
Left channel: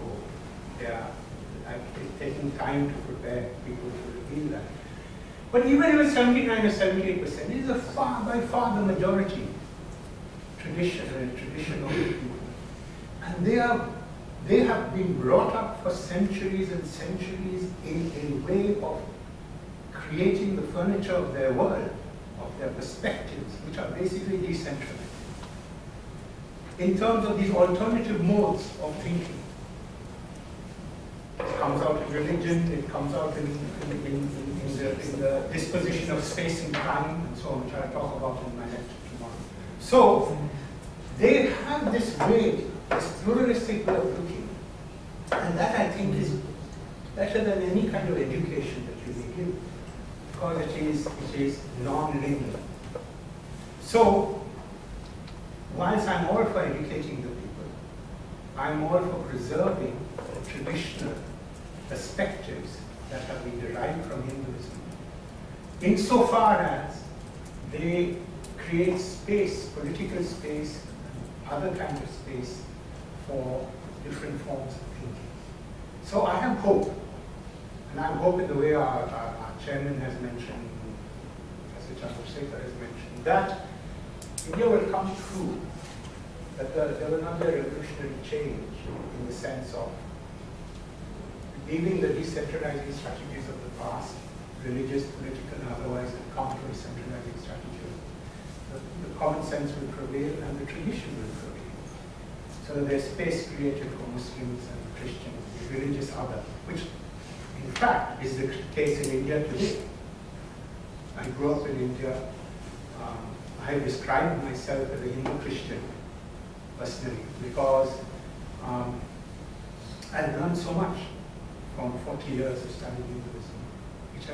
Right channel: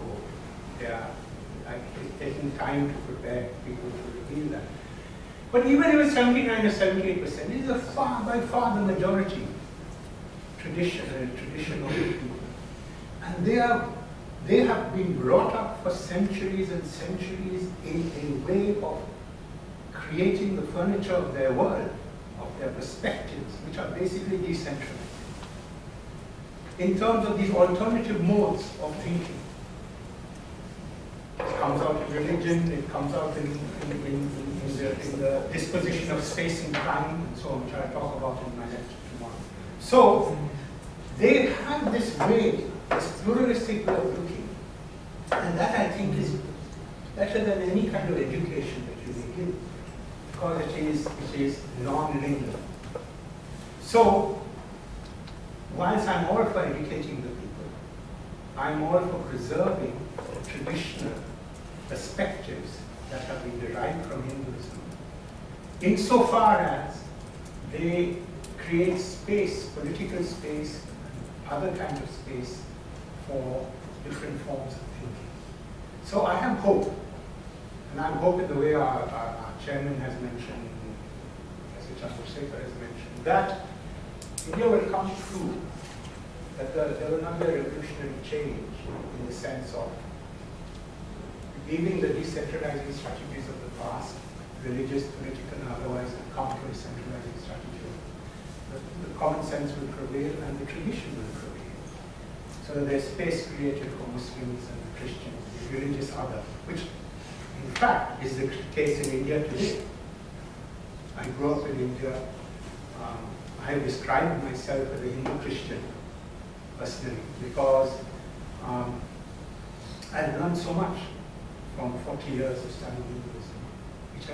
they are taking time to prepare people to reveal that. But even if it's 79 or 78%, it is by far the majority traditional people, and they have been brought up for centuries and centuries in a way of creating the furniture of their world, of their perspectives, which are basically decentralized. In terms of these alternative modes of thinking, it comes out in religion, it comes out in the disposition of space and time, and so on, which I'll talk about in my lecture tomorrow. So, they have this way, this pluralistic way of looking, and that I think is better than any kind of education that you may give, because it is non-linear. So, whilst I'm all for educating the people, I'm all for preserving the traditional perspectives that have been derived from Hinduism, insofar as they create space, political space, and other kinds of space for different forms of thinking. So I have hope, and I have hope in the way our chairman has mentioned, Professor Chandrasekhar has mentioned, that India will come through, that there will not be a revolutionary change in the sense of leaving the decentralizing strategies of the past, religious, political, and otherwise, and come to a centralizing strategy. The common sense will prevail and the tradition will prevail. So there's space created for Muslims and Christians, the religious other, which in fact is the case in India today. I grew up in India. I have described myself as a Hindu Christian personally because I learned so much from 40 years of studying Hinduism, which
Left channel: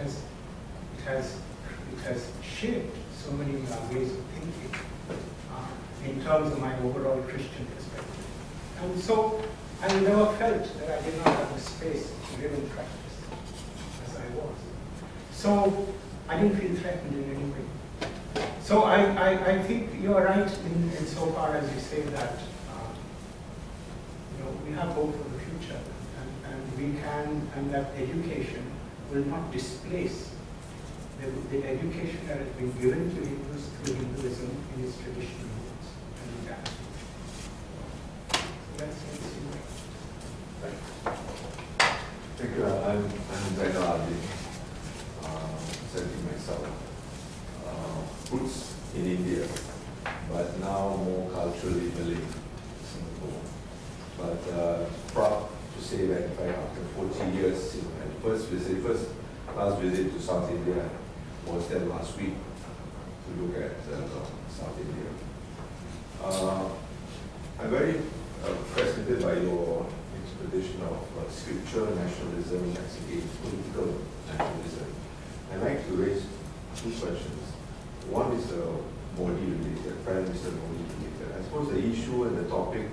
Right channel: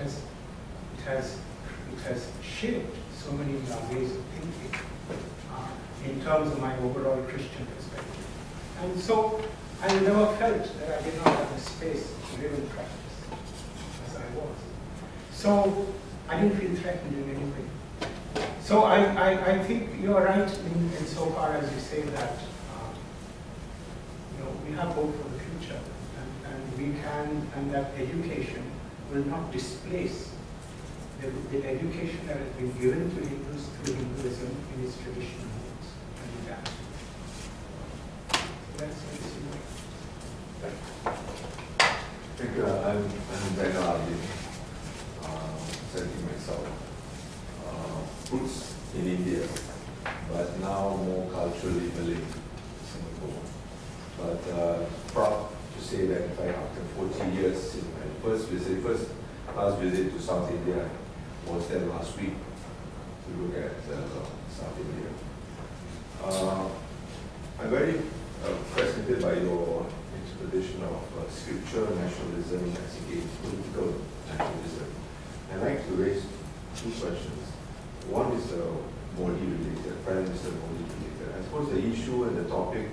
has shaped so many ways of thinking in terms of my overall Christian perspective. And so I never felt that I did not have the space to live and practice as I was. So I didn't feel threatened in any way. So I think you're right in so far as you say that have hope for the future, and we can, and that education will not displace the education that has been given to Hindus through Hinduism in its traditional roots and legality. So that's Thank you. I'm Ben Ardi, setting myself. Roots in India, but now more culturally Malay, Singapore. But proud to say that in fact after 40 years since my first class visit to South India was there last week to look at South India. I'm very fascinated by your interpretation of scripture nationalism as against political nationalism. I'd like to raise two questions. One is Modi related, Prime Minister Modi related. I suppose the issue and the topic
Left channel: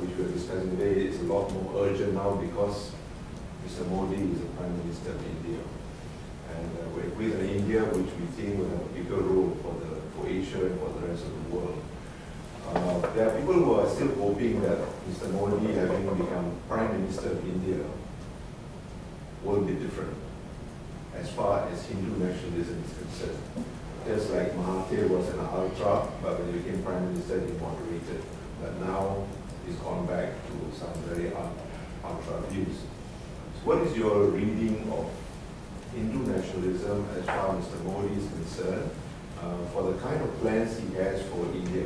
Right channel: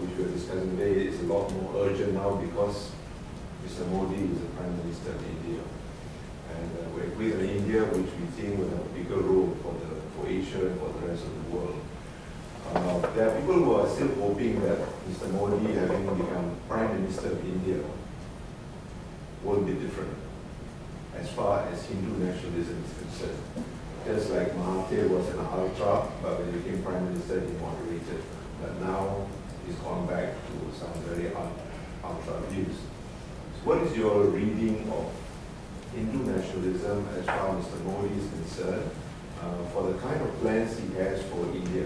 which we are discussing today is a lot more urgent now because Mr. Modi is the Prime Minister of India. And we're with an India which we think will have a bigger role for Asia and for the rest of the world. There are people who are still hoping that Mr. Modi, having become Prime Minister of India, will be different as far as Hindu nationalism is concerned. Just like Mahathir was an ultra, but when he became Prime Minister, he moderated. But now he's gone back to some very ultra views. So what is your reading of Hindu nationalism as far as Mr. Modi is concerned, for the kind of plans he has for India,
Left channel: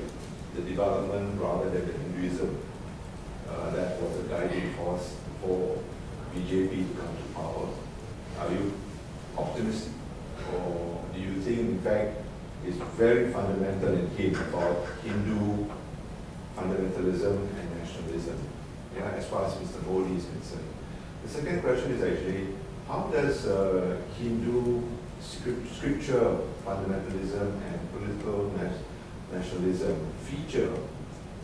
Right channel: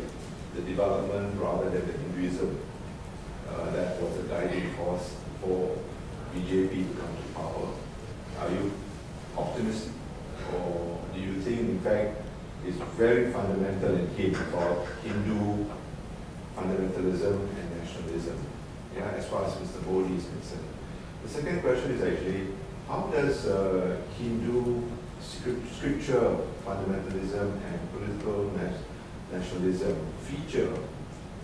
the development rather than the Hinduism that was a guiding force for BJP to come to power? Are you optimistic, or do you think in fact it's very fundamental in him about Hindu fundamentalism and nationalism, yeah, as far as Mr. Modi is concerned? The second question is actually, how does Hindu scripture fundamentalism and political nationalism feature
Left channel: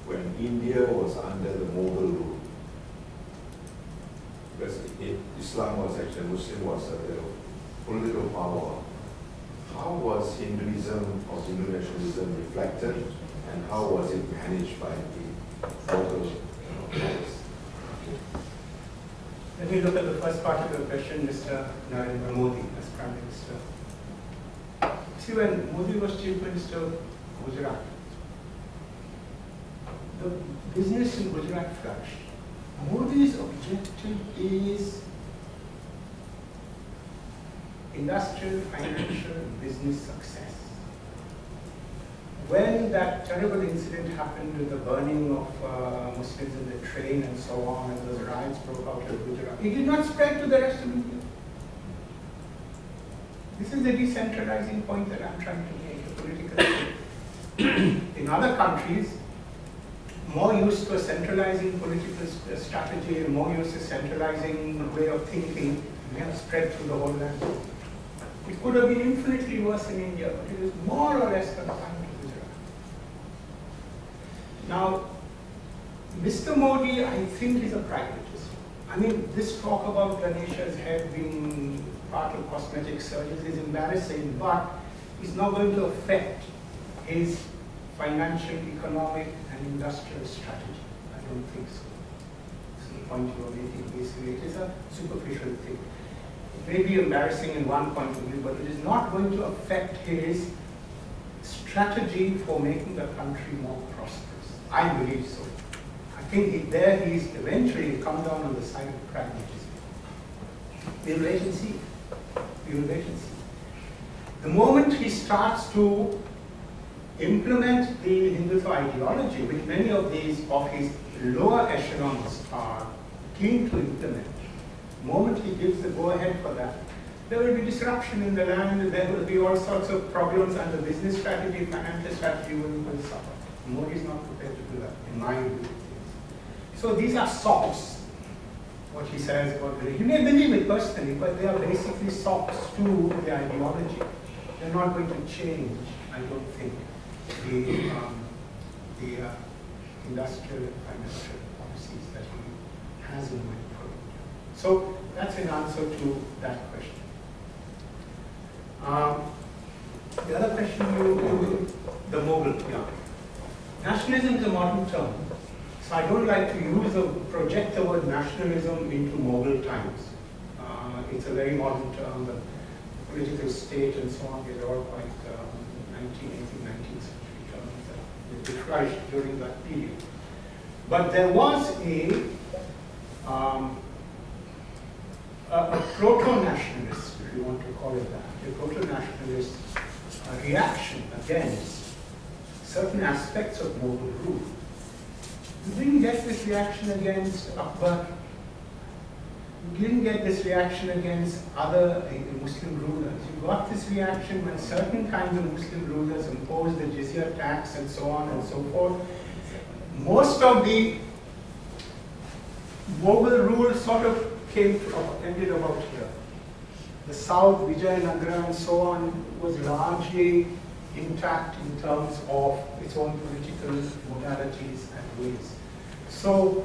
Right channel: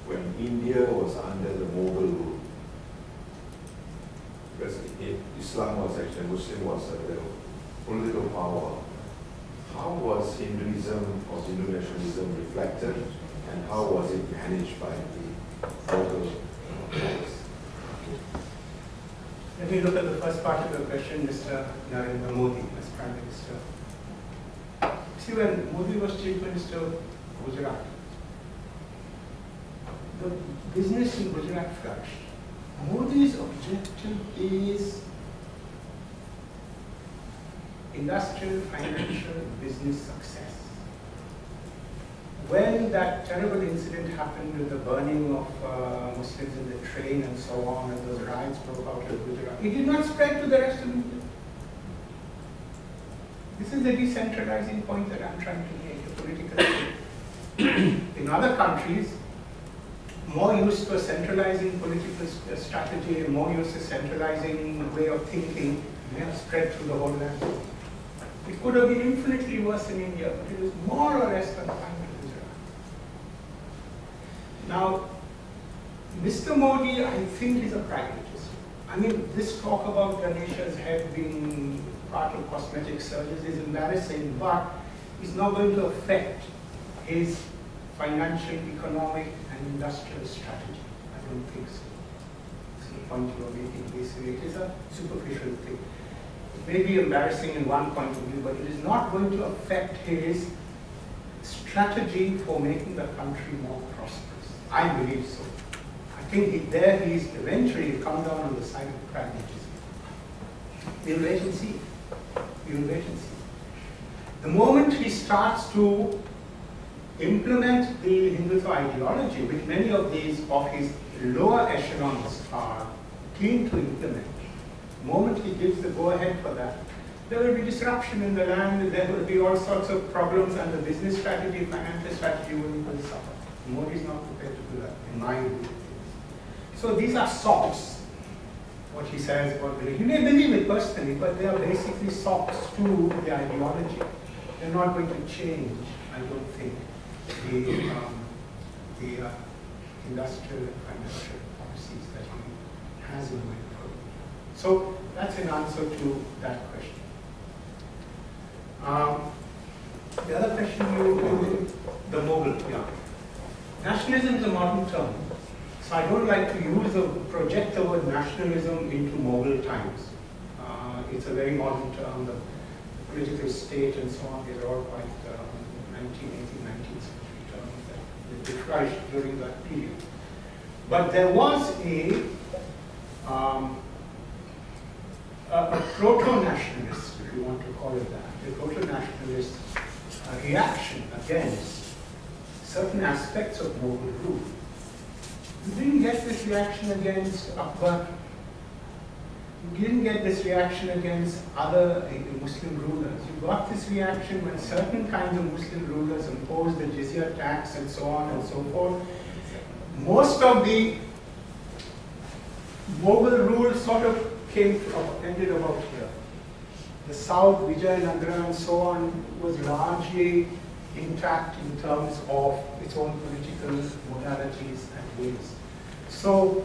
when India was under the Mughal rule? Because Islam was actually, Muslim was the political power. How was Hinduism or Hindu nationalism reflected, and how was it managed by the local powers? Let me look at the first part of your question, Mr. Narendra Modi as Prime Minister. See, when Modi was Chief Minister of Gujarat, the business in Gujarat flourished. Modi's objective is industrial, financial, business success. When that terrible incident happened with the burning of Muslims in the train and so on, and those riots broke out in Gujarat, it did not spread to the rest of India. This is the decentralizing point that I'm trying to make, a political thing. In other countries, more used to a centralizing political strategy and more used to centralizing way of thinking, may have spread through the whole land. It could have been infinitely worse in India, but it was more or less confined to Gujarat. Now, Mr. Modi, I think, is a pragmatist. I mean, this talk about Ganesha's head being part of cosmetic surgeries is embarrassing, but it's not going to affect his financial, economic, and industrial strategy. I don't think so. That's the point you are making. Basically, it is a superficial thing. It may be embarrassing in one point of view, but it is not going to affect his strategy for making the country more prosperous. I believe so. I think he's eventually come down on the side of pragmatism. We'll wait and see. We'll wait and see. The moment he starts to implement the Hindutva ideology, which many of his lower echelons are keen to implement, the moment he gives the go-ahead for that, there will be disruption in the land, there will be all sorts of problems, and the business strategy, financial strategy will suffer. Modi is not prepared to do that, in my view. So these are sops, what he says about religion. You may believe it personally, but they are basically sops to the ideology. They're not going to change, I don't think, the industrial and financial policies that he has in mind for India. So that's an answer to that question. The other question the Mughal, yeah. Nationalism is a modern term. So I don't like to project the word nationalism into Mughal times. It's a very modern term, the political state and so on, these are all quite 19th century terms that flourished during that period. But there was a proto-nationalist, if you want to call it that, a proto-nationalist reaction against certain aspects of Mughal rule. You didn't get this reaction against Akbar. You didn't get this reaction against other Muslim rulers. You got this reaction when certain kinds of Muslim rulers imposed the jizya tax and so on and so forth. Most of the Mughal rule sort of ended about here. The south, Vijayanagara and so on, was largely intact in terms of its own political modalities and ways. So,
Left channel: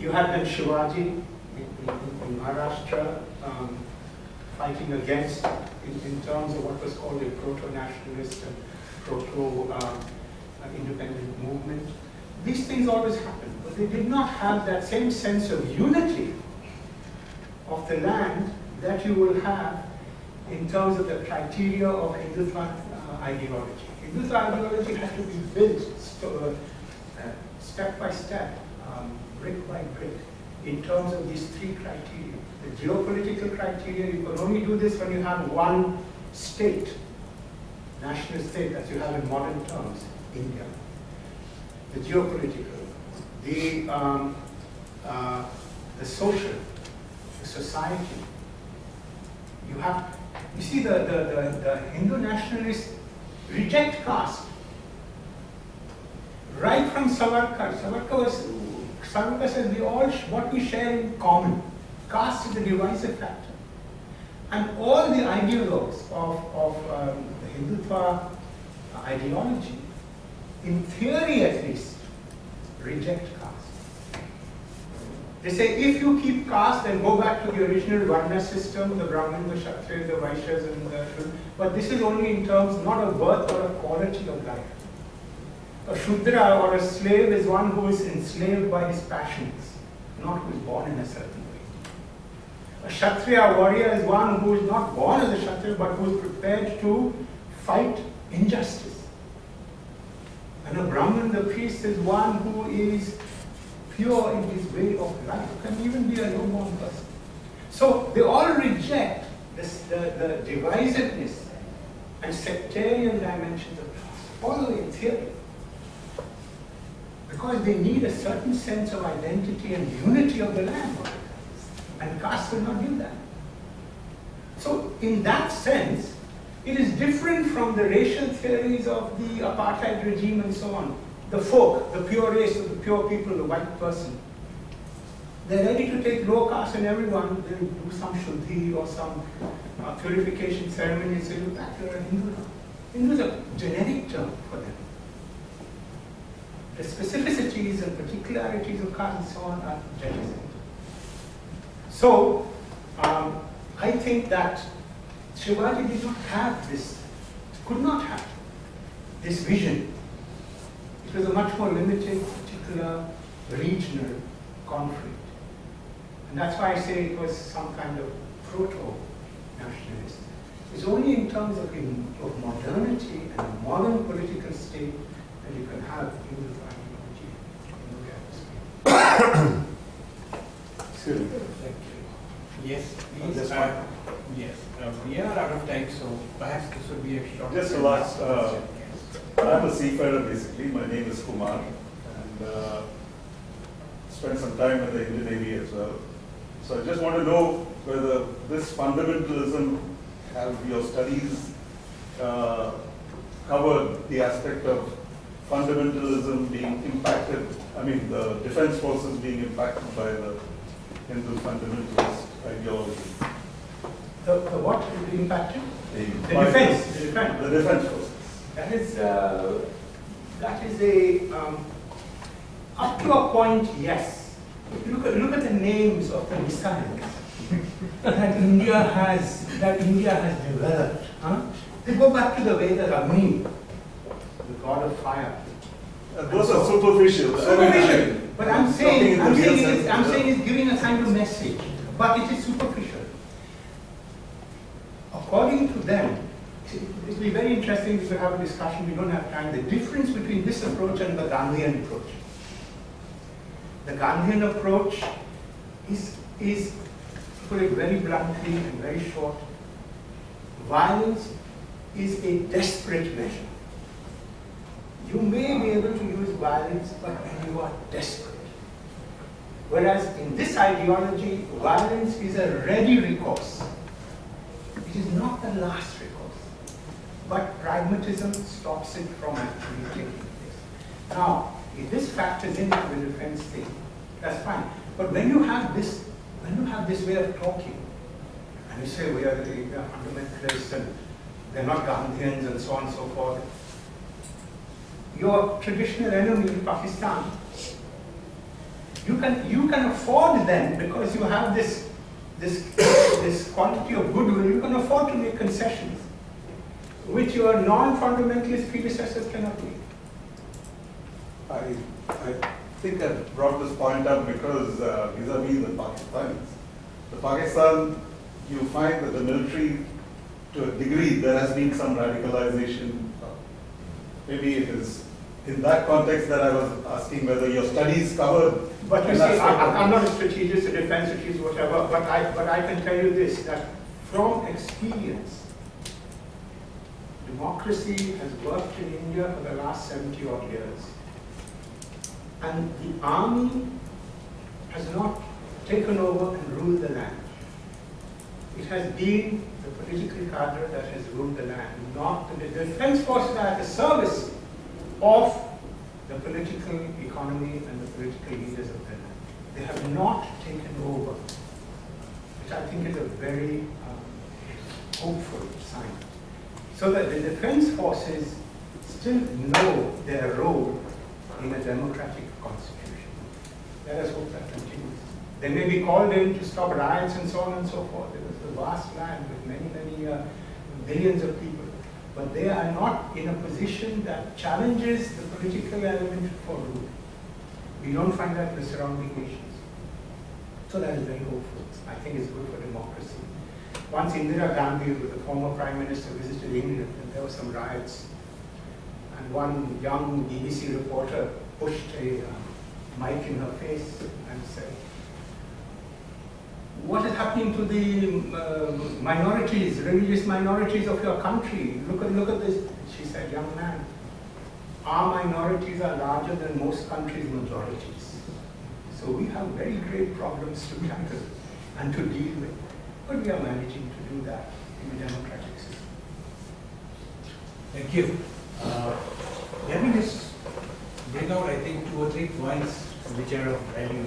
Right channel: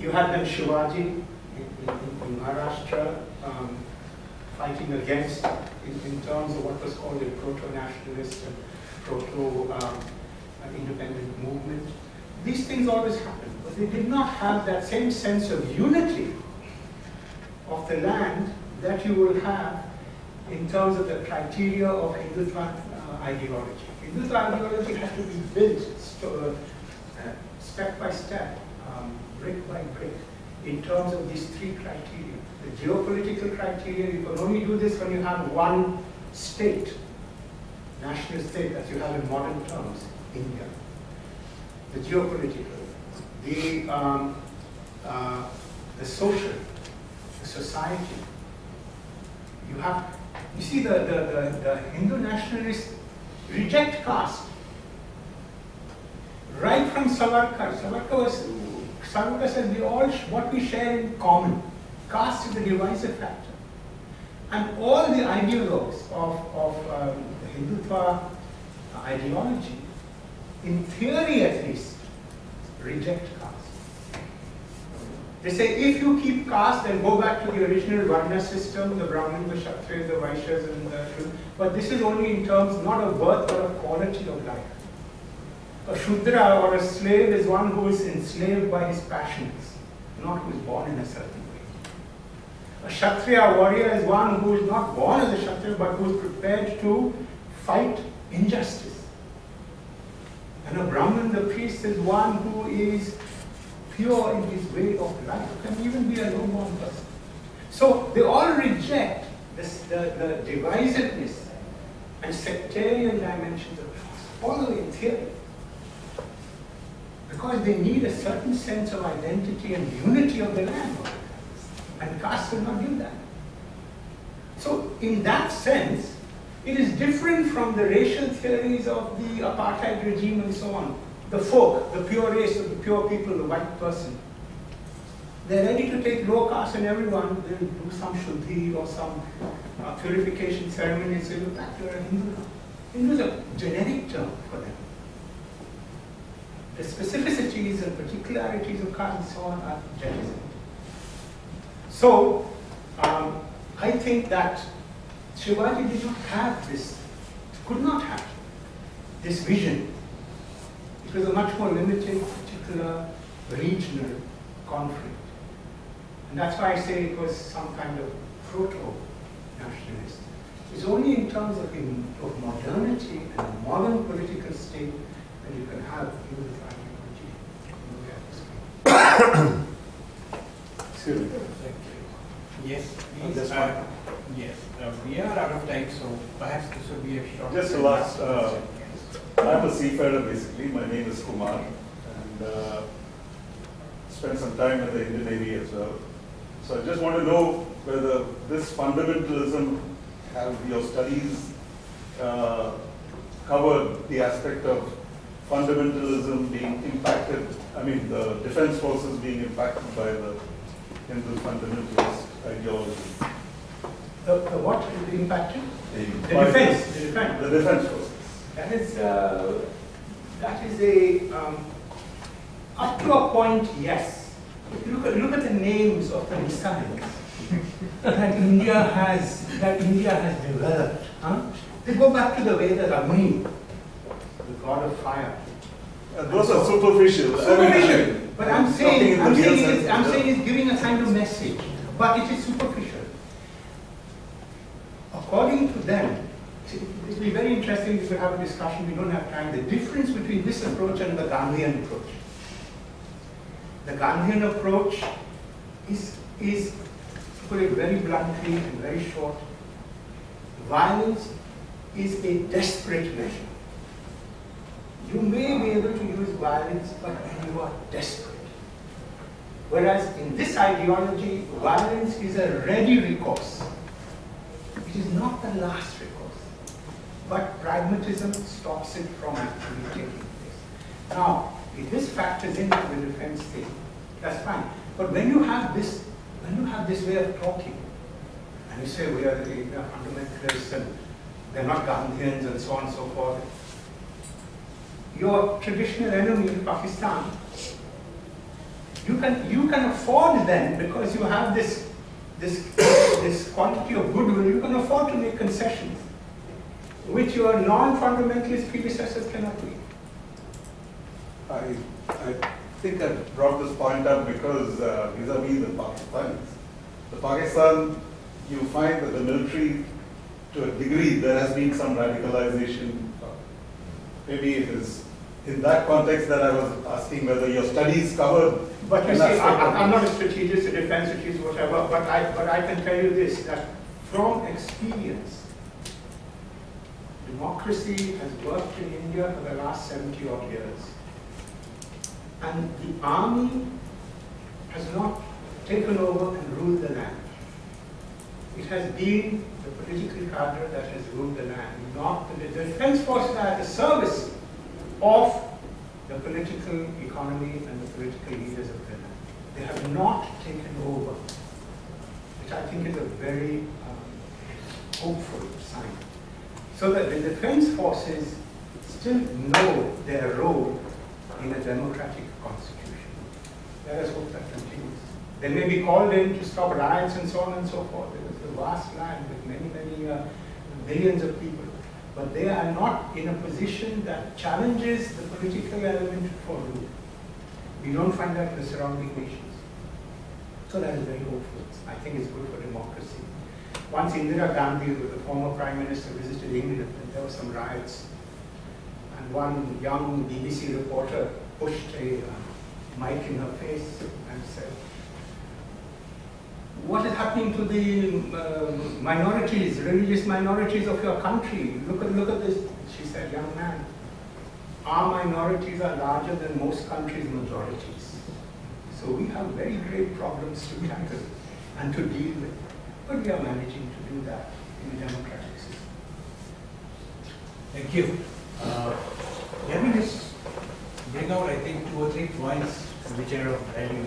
you had then Shivaji in Maharashtra fighting against, in terms of what was called a proto-nationalist and proto-independent movement. These things always happened, but they did not have that same sense of unity of the land that you will have in terms of the criteria of Hindutva ideology. Hindutva ideology had to be built step by step, brick by brick, in terms of these three criteria. The geopolitical criteria, you can only do this when you have one state, national state, as you have in modern terms, India. The geopolitical, the social, the society. You see, the Hindu nationalists reject caste. Right from Savarkar, Savarkar says what we share in common. Caste is the divisive factor. And all the ideologues of the Hindutva ideology, in theory at least, reject caste. They say if you keep caste, then go back to the original Varna system, the Brahmin, the Kshatriyas, the Vaishyas, and the Shudra. But this is only in terms not of birth, but of quality of life. A Shudra or a slave is one who is enslaved by his passions, not who is born in a certain way. A Kshatriya warrior is one who is not born as a Kshatriya, but who is prepared to fight injustice. And a Brahmin, the priest, is one who is pure in his way of life, can even be a low-born person. So they all reject the divisiveness and sectarian dimensions of caste, all the way in theory. Because they need a certain sense of identity and unity of the land. And caste will not give that. So in that sense, it is different from the racial theories of the apartheid regime and so on. The folk, the pure race of the pure people, the white person. They're ready to take low caste and everyone, they'll do some shuddhi or some purification ceremony and say, look, you're a Hindu now. Hindu is a generic term for them. The specificities and particularities of caste and so on are jettisoned. So, I think that Shivaji did not have this, could not have this vision. It was a much more limited, particular, regional conflict. And that's why I say it was some kind of proto-nationalist. It's only in terms of modernity and a modern political state that you can have unified ideology. Excuse me. Thank you. Yes, please. Yes, we are out of time, so perhaps this would be a short. Just a last, I'm a seafarer basically. My name is Kumar, and spent some time in the Indian Navy as well. So I just want to know whether this fundamentalism, have your studies covered the aspect of fundamentalism being impacted, I mean the defense forces being impacted by the Hindu fundamentalist ideology. The what is impacted? The defense. The defense forces. That is a up to a point, yes. If you look at the names of the missiles that India has developed. They go back to the Vedas. Agni, the god of fire, Those are superficial. Superficial. But I'm saying it's it's giving a kind of message, but it is superficial. According to them, it will be very interesting if we have a discussion. We don't have time. The difference between this approach and the Gandhian approach. The Gandhian approach is, to put it very bluntly and very short, violence is a desperate measure. You may be able to use violence, but when you are desperate. Whereas in this ideology, violence is a ready recourse. It is not the last recourse. But pragmatism stops it from actually taking place. Now, if this factors into the defense thing, that's fine. But when you have this way of talking, and you say we are fundamentalists and they're not Gandhians and so on and so forth, your traditional enemy, Pakistan, you can afford then, because you have this quantity of goodwill, you can afford to make concessions, which your non-fundamentalist predecessors cannot make. I think I brought this point up because vis-a-vis the Pakistanis. The Pakistan, you find that the military, to a degree, there has been some radicalization. Maybe it is in that context that I was asking whether your studies cover. But you see, I'm not a strategist, a defense strategist, whatever, but I can tell you this, that from experience, democracy has worked in India for the last 70 odd years. And the army has not taken over and ruled the land. It has been the political cadre that has ruled the land, not the defense forces are at the service of the political economy and the political leaders of the land. They have not taken over, which I think is a very hopeful sign. So that the defense forces still know their role in a democratic constitution. Let us hope that continues. They may be called in to stop riots and so on and so forth. It is a vast land with many, many billions of people. But they are not in a position that challenges the political element for rule. We don't find that in the surrounding nations. So that is very hopeful. I think it's good for democracy. Once Indira Gandhi, the former Prime Minister, visited England, and there were some riots. And one young BBC reporter pushed a mic in her face and said, "What is happening to the minorities, religious minorities of your country? Look at this." She said, "Young man, our minorities are larger than most countries' majorities. So we have very great problems to tackle and to deal with. But we are managing to do that in a democratic system." Thank you. Let me just bring out, I think, 2 or 3 points which are of value.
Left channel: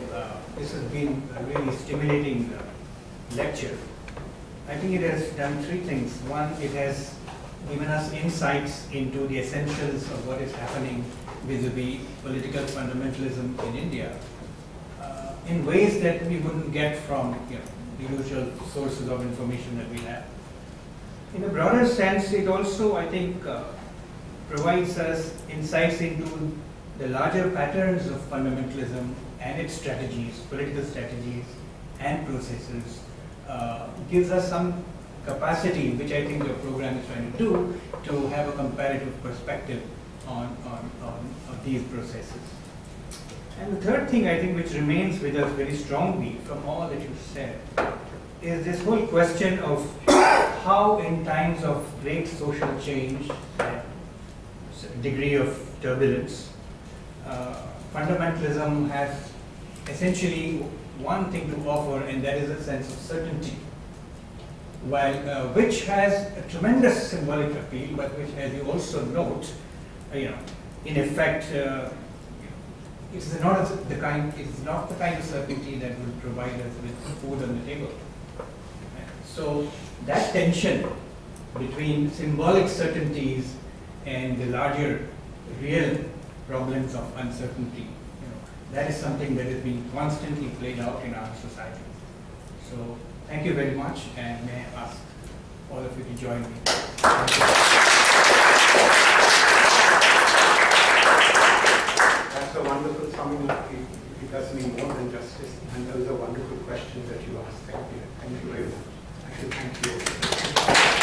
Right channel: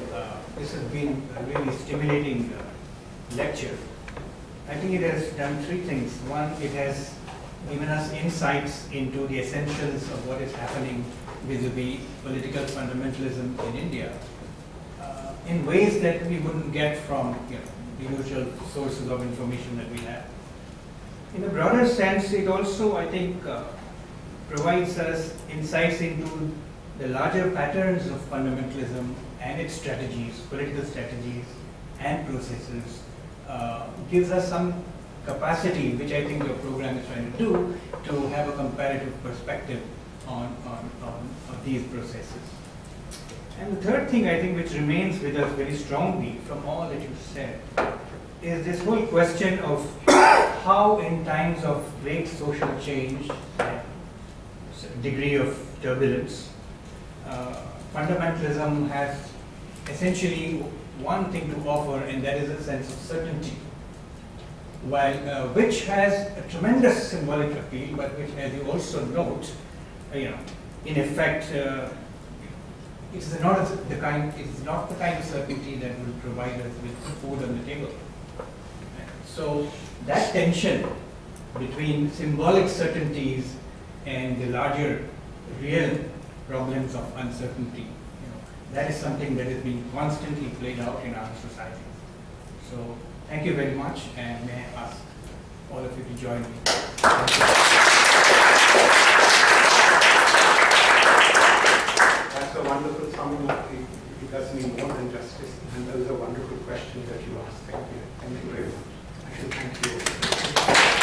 This has been a really stimulating lecture. I think it has done 3 things. One, it has given us insights into the essentials of what is happening vis-a-vis political fundamentalism in India in ways that we wouldn't get from the usual sources of information that we have. In a broader sense, it also, I think, provides us insights into the larger patterns of fundamentalism and its strategies, political strategies and processes, gives us some capacity, which I think your program is trying to do, to have a comparative perspective on these processes. And the third thing, I think, which remains with us very strongly from all that you said, is this whole question of how in times of great social change, degree of turbulence, fundamentalism has essentially one thing to offer, and that is a sense of certainty, while which has a tremendous symbolic appeal, but which, as you also note, in effect, it is not the kind of certainty that will provide us with food on the table. So that tension between symbolic certainties and the larger real problems of uncertainty, that is something that is being constantly played out in our society. So thank you very much, and may I ask all of you to join me. Thank you. coming up, it does me more than justice. And those are wonderful questions that you asked. Thank you. Thank you very much. I should thank you.